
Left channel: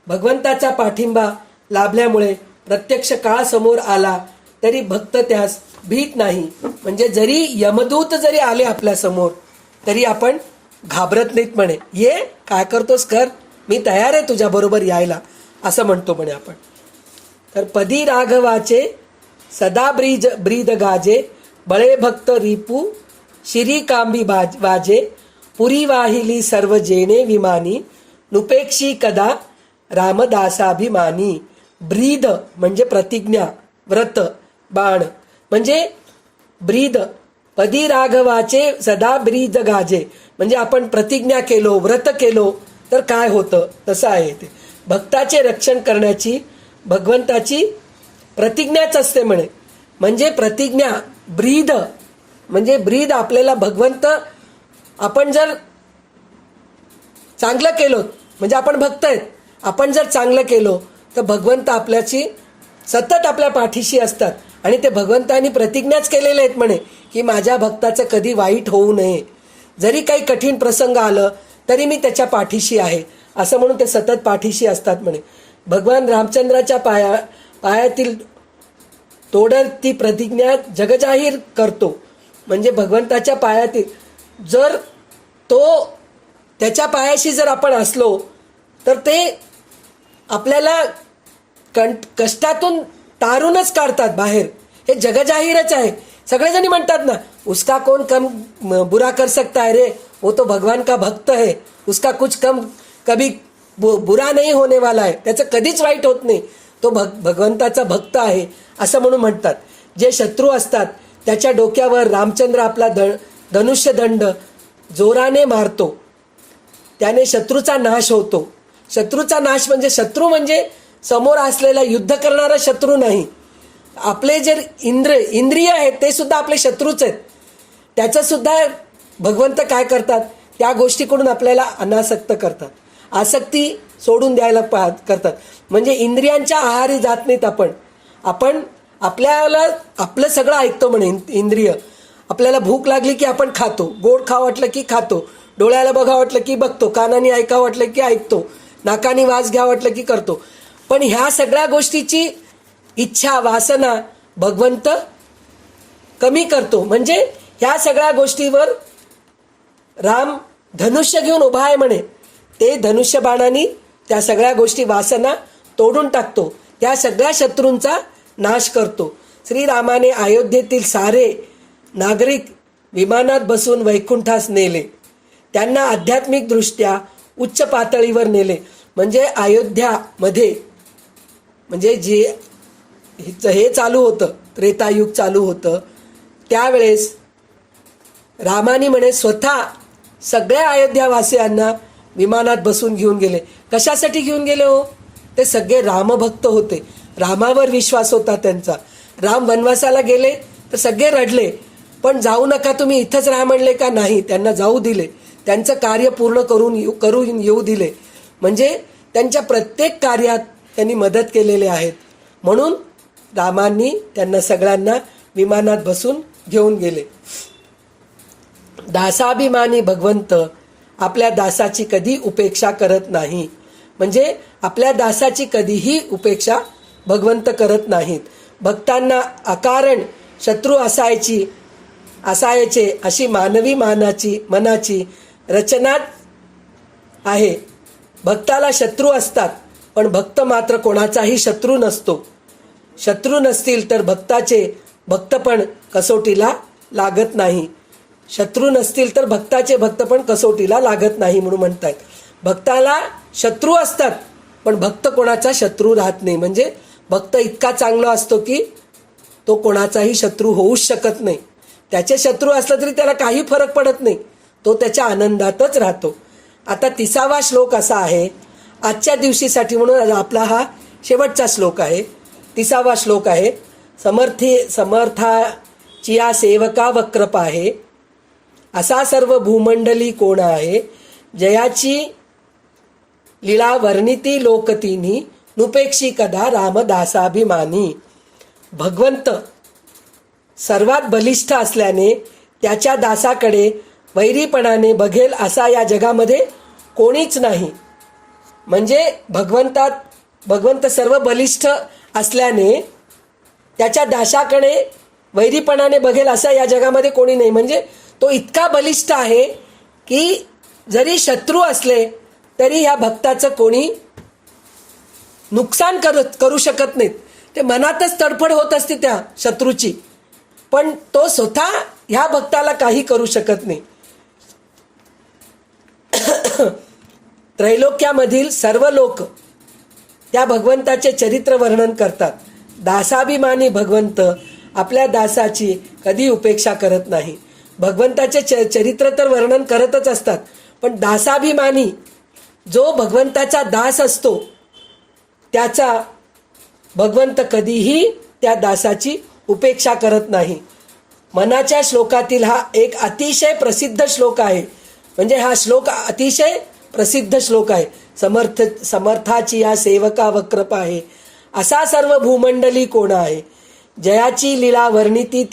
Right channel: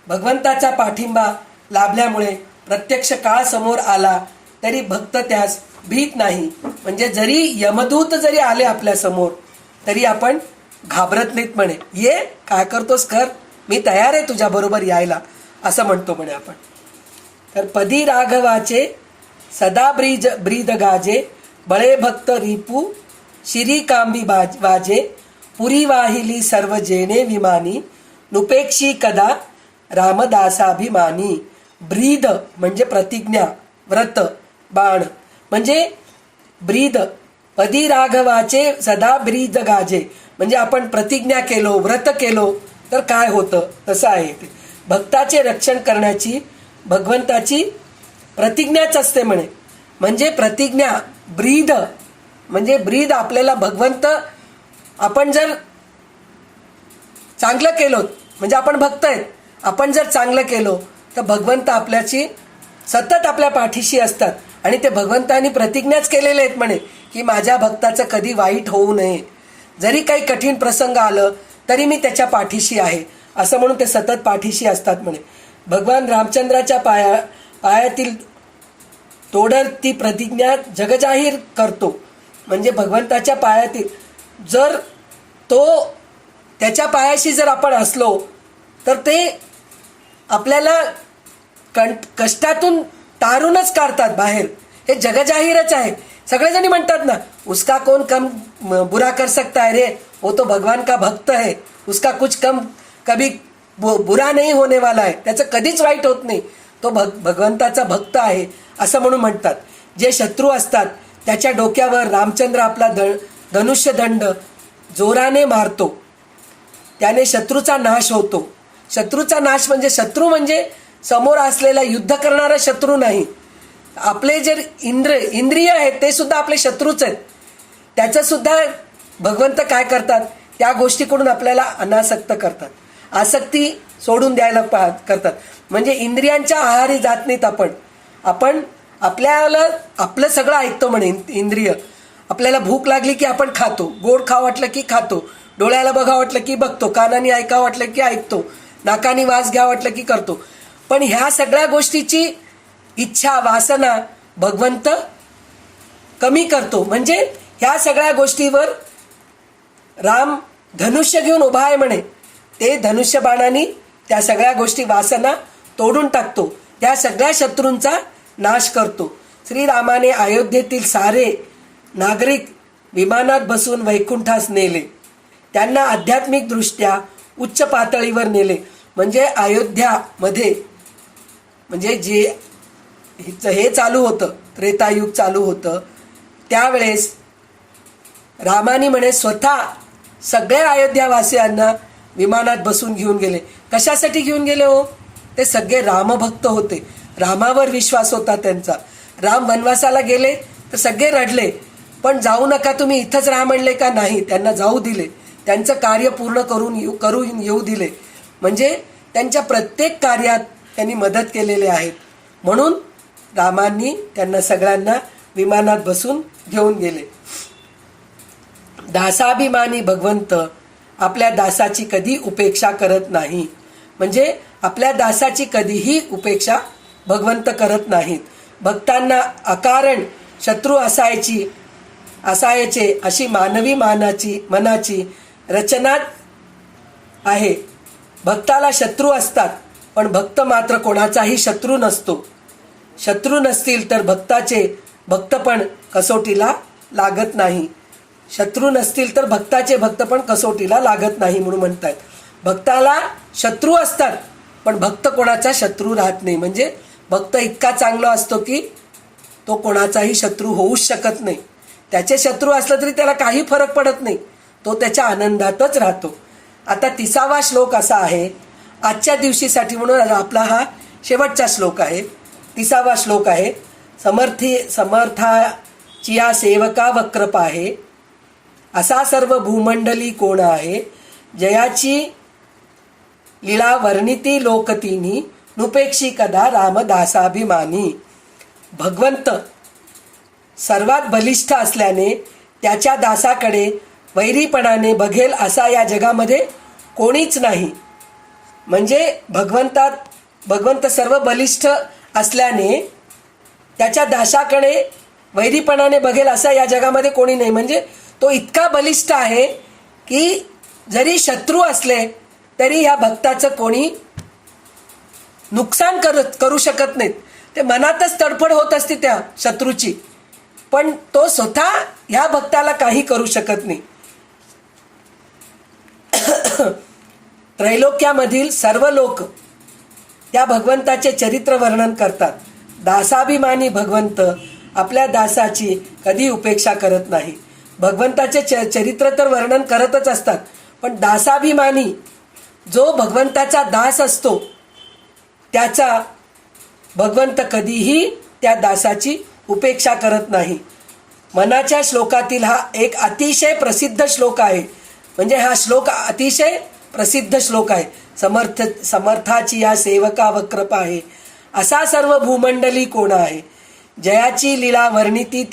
भगवंताचा पाठिंबा लाभल्यामुळे प्रत्यक्ष काळ समोर आला तरी भक्त त्यास भीत नाही. म्हणजे जरी यमदूत जरी आले आपल्या समोर तरी आपण घाबरत नाहीत म्हणे. ये, काय करतोस कर, मी तयार आहे तुझ्या बरोबर यायला, असं म्हणतो म्हणे आपण. तर पदी राघवाचे सदा ब्रीद गाजे, बळे भक्त रिपू शिरी कांबी वाजे, पुरी वाहिली सर्व जेणे विमानी, नुपेक्षी कदा रामदासाभिमानी. ब्रीद म्हणजे प्रतिज्ञा, व्रत, बाण म्हणजे ब्रीद. पदी राघवाचे सदा ब्रीद गाजे म्हणजे आपण प्रतिज्ञा केलो, व्रत केलो तर काय होतं तसं आहे ते. भक्ताचे रक्षण करण्याची भगवंताची प्रतिज्ञाच असते म्हणे. म्हणजे प्रतिज्ञा, ब्रीद म्हणजे ब्रीद. आपल्याला भगवंत, आपण जर चांगलं केलो म्हणजे आपण भक्त आहेत, आपण जर चांगलं केलो तर भगवंत आपल्याची सतत आपल्या पाठीशी असतात. आणि ते भगवंतांनी प्रतिज्ञाच केलेले आहेत म्हणे की माझ्या भक्ताचं कधी वाईट होऊ नये. जरी काही कठीण प्रसंग आलं तरी मी त्याच्या पाठीशी आहे, असं म्हणून ते सतत पाठीशी असतात म्हणे. भगवान रामचंद्राच्या पायातील तोडर ती प्रतिज्ञा जगजाहीर करतो. म्हणजे भगवंताच्या पायातील जर त्याच्या पायाशी जर आपण असलो तर ते आपल्याला कष्टातून तारूनच काढतात बाहेर. हे जगजाहीरच आहे. सगळेजणी म्हणतात ना, उसका कौन कम बुरा कर सकता है रे, वो तो भगवान का भक्त है, उसका कुछ कम कभी बुरा नहीं होने वाला है. त्याचं कधीच वाईट होत नाही, तो भगवंताचा भक्त आहे असं म्हणून म्हणतात. जे शत्रू असतात त्याच्या डोक्यावर रामचंद्र आपला धनुष्यदंड जोराने मारतो, त्याने शत्रूचा नाश होतो. शत्रूचा नाश म्हणजे शत्रू म्हणजे समोर असलेला युद्ध करणारा शत्रू नाही. आपले जे इंद्रिय आहेत ते सुद्धा आपले शत्रूच आहेत. त्याचं सुद्धा भगवंत काय करतात, त्या गोष्टीकडून आपल्याला अनासक्त करतात, आसक्ती सोडून द्यायला करतात. म्हणजे इंद्रियांच्या आहारी जात नाहीत आपण आपल्याला आपलं सगळं ऐकतो म्हणे इंद्रिय. आपल्याला भूक लागली की आपण खातो, गोड खावं वाटलं की खातो, डोळ्याला बघा वाटलं की बघतो, कानाने ऐकावं वाटलं की ऐकतो, नाकाने वास घ्यावं वाटलं की करतो. पण ह्या सगळ्या गोष्टीची इच्छा, वासना भगवंत कमी करतो. म्हणजे ह्या सगळ्या गोष्टीवर राम धनुष्य घेऊन उभा आहे म्हणे. ते धनुष्य बाणाने त्या सगळ्या गोष्टी, वासना तोडून टाकतो, त्या सगळ्या शत्रूंचा नाश करतो. श्रीरामाने अयोध्येतील सारे नागरिक विमानात बसून वैकुंठास नेले. त्यांना आध्यात्मिकदृष्ट्या उच्च पातळीवर नेले. म्हणजे अयोध्यामध्ये म्हणजे जे हे चालू होतं, त्रेतायुग चालू होतं, त्यावेळेस रामानी म्हणे स्वतः सगळ्या अयोध्यावासियांना विमानात बसून घेऊन गेले. कशासाठी घेऊन गेले हो? ते सगळे रामभक्त होते, रामावर विश्वास होता त्यांचा. राम वनवासाला गेले तर सगळे रडले, पण जाऊ नका तुम्ही, इथंच राहा म्हणले का? नाही, त्यांना जाऊ दिले, त्यांचं कार्य पूर्ण करून येऊ दिले. म्हणजे त्यांच्या प्रत्येक कार्यात त्यांनी मदत केलेले आहेत. म्हणून रामांनी त्यांना सगळ्यांना विमानात बसून घेऊन गेले. दासाभिमानी भगवंत आपल्या दासाची कधी उपेक्षा करत नाही. म्हणजे आपल्या दासाची कधीही उपेक्षा भगवंत करत नाहीत. भक्तांना अकारण शत्रू असायचे अशी मानवी मनाची रचना आहे. भक्ताला शत्रू असतात, पण भक्त मात्र कोणाचाही शत्रू नसतो. शत्रू नसतील तर भक्तपण कसोटीला लागत नाही. शत्रू नसतील तर भक्ताचे भक्तपण कसोटीला लागत नाही म्हणून म्हणतात. भक्ताला शत्रू असतात, पण भक्त कोणाचा शत्रू राहत नाही. म्हणजे भक्त इतका चांगला असतो की तो कोणाचाही शत्रू होऊच शकत नाही. त्याचे शत्रू असलं तरी त्याला काही फरक पडत नाही, तो त्याच्या आनंदातच राहतो. आता 30वा श्लोक असा आहे, आजच्या दिवशीसाठी म्हणून आपला हा शेवटचा श्लोक आहे. 30वा श्लोक आहे. समर्थाची या सेवका वक्रप आहे, असा सर्व भूमंडली कोण आहे, जयाची लीला वर्णिती लोकतीनी नुपेक्षी कदा रामदासाभिमानी. भगवंत सर्वात बलिष्ठ असल्याने त्याच्या दासाकडे वैरीपणाने बघेल असा या जगामध्ये कोणीच नाही. म्हणजे भगवंत सर्व बलिष्ठ असल्याने त्याच्या दासाकडे वैरीपणाने बघेल असा या जगामध्ये कोणी नाही. म्हणजे तो इतका बलिष्ठ आहे की जरी शत्रू असले तरी ह्या भक्ताचं कोणी नुकसान करू शकत नाहीत. ते मनातच तडफड होत असते त्या शत्रूची, पण तो स्वतः ह्या भक्ताला काही करू शकत नाही. त्रैलोक्यामधील सर्व लोक त्या भगवंताचे चरित्र वर्णन करतात. दासाभिमानी भगवंत आपल्या दासाची कधी उपेक्षा करत नाही. भगवंताचे चरित्र तर वर्णन करतच असतात, पण दासाभिमानी जो भगवंताचा दास असतो त्याचा भगवंत कधीही त्या दासाची उपेक्षा करत नाही. मनाच्या श्लोकातील हा एक अतिशय प्रसिद्ध श्लोक आहे. म्हणजे हा श्लोक अतिशय प्रसिद्ध श्लोक आहे. समर्थाची या सेवका वक्रप आहे, असा सर्व भूमंडली कोण आहे, जयाची लीला वर्णिती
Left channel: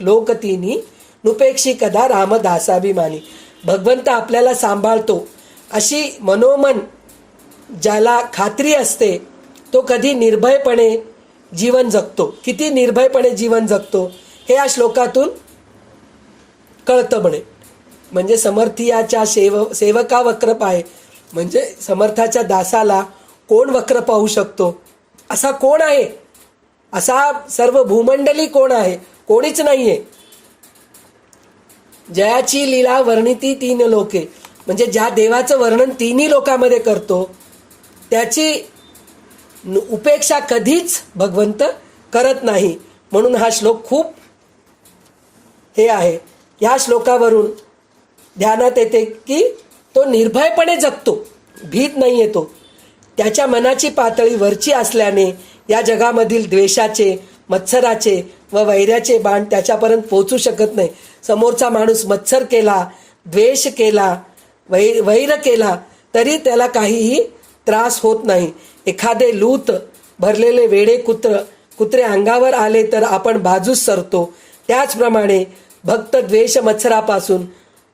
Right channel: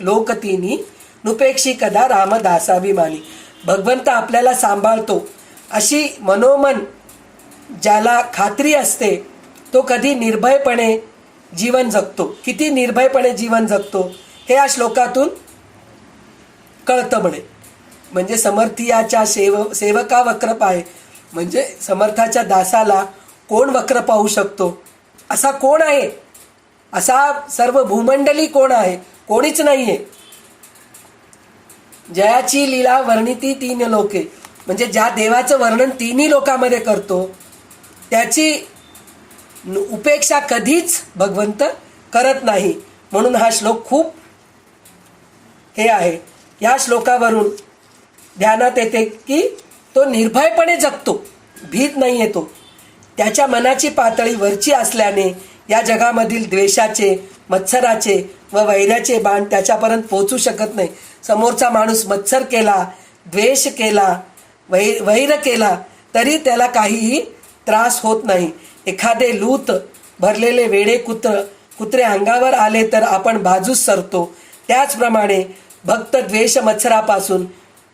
लोकतीनी नुपेक्षी कदा रामदासाभिमानी. भगवंत आपल्याला सांभाळतो अशी मनोमन ज्याला खात्री असते तो कधी निर्भयपणे जीवन जगतो. किती निर्भयपणे जीवन जगतो हे या श्लोकातून कळतं म्हणे. म्हणजे समर्थीयाच्या सेवका वक्रप आहे, म्हणजे समर्थाच्या दासाला कोण वक्र पाहू शकतो, असा कोण आहे, असा सर्व भूमंडली कोण आहे, कोणीच नाही आहे. जयाची लीला वर्णिती 3 लोके, म्हणजे ज्या देवाचं वर्णन 3 लोकामध्ये करतो त्याची उपेक्षा कधीच भगवंत करत नाही. म्हणून हा श्लोक खूप हे आहे. या श्लोकावरून ध्यानात येते की तो निर्भयपणे जगतो, भीत नाही येतो. त्याच्या मनाची पातळी वरची असल्याने या जगामधील द्वेषाचे, मत्सराचे व वैराचे बाण त्याच्यापर्यंत पोहोचू शकत नाही. समोरचा माणूस मत्सर केला, द्वेष केला, वैर केला तरी त्याला काहीही त्रास होत नाही. एखादे लूत भरलेले वेडे कुत्रे अंगावर आले तर आपण बाजूस सरतो. त्याचप्रमाणे भक्त द्वेष मत्सरापासून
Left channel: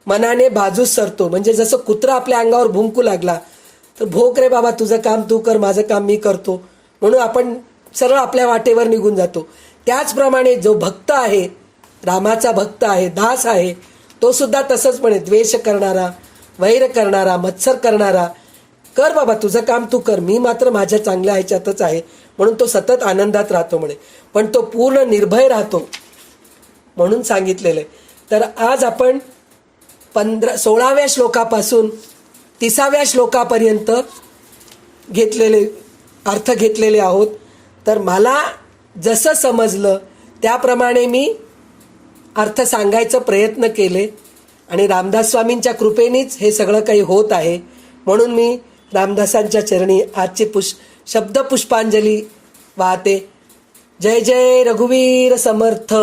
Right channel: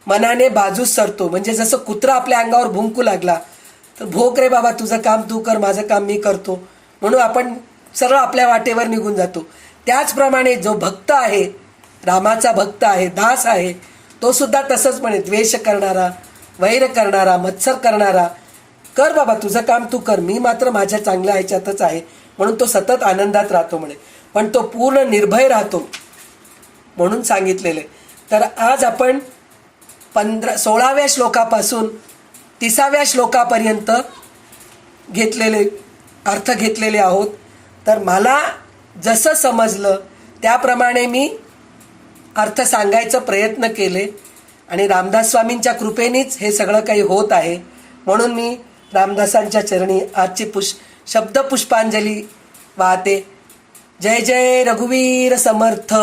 मनाने बाजूस सरतो. म्हणजे जसं कुत्रा आपल्या अंगावर भुंकू लागला तर भोक रे बाबा, तुझं काम तू कर, माझं काम मी करतो, म्हणून आपण सरळ आपल्या वाटेवर निघून जातो. त्याचप्रमाणे जो भक्त आहे, रामाचा भक्त आहे, दास आहे, तो सुद्धा तसंच म्हणे, द्वेष करणारा, वैर करणारा, मत्सर करणारा, कर बाबा तुझं काम तू कर, मी मात्र माझ्या चांगल्या ह्याच्यातच आहे, म्हणून तो सतत आनंदात राहतो म्हणे. पण तो पूर्ण निर्भय राहतो म्हणून सांगितलेलं आहे. तर आज आपण 16व्या श्लोकापासून 30व्या श्लोकापर्यंत अर्थ घेतलेले आहोत. तर मला जसं समजलं त्याप्रमाणे मी अर्थ सांगायचा प्रयत्न केले आणि रामदास स्वामींच्या कृपेनेच हे सगळं काही होत आहे. म्हणून मी रामदासांच्या चरणी आजची शब्द पुष्पांजली वाहते. जय जय रघुवीर समर्थ.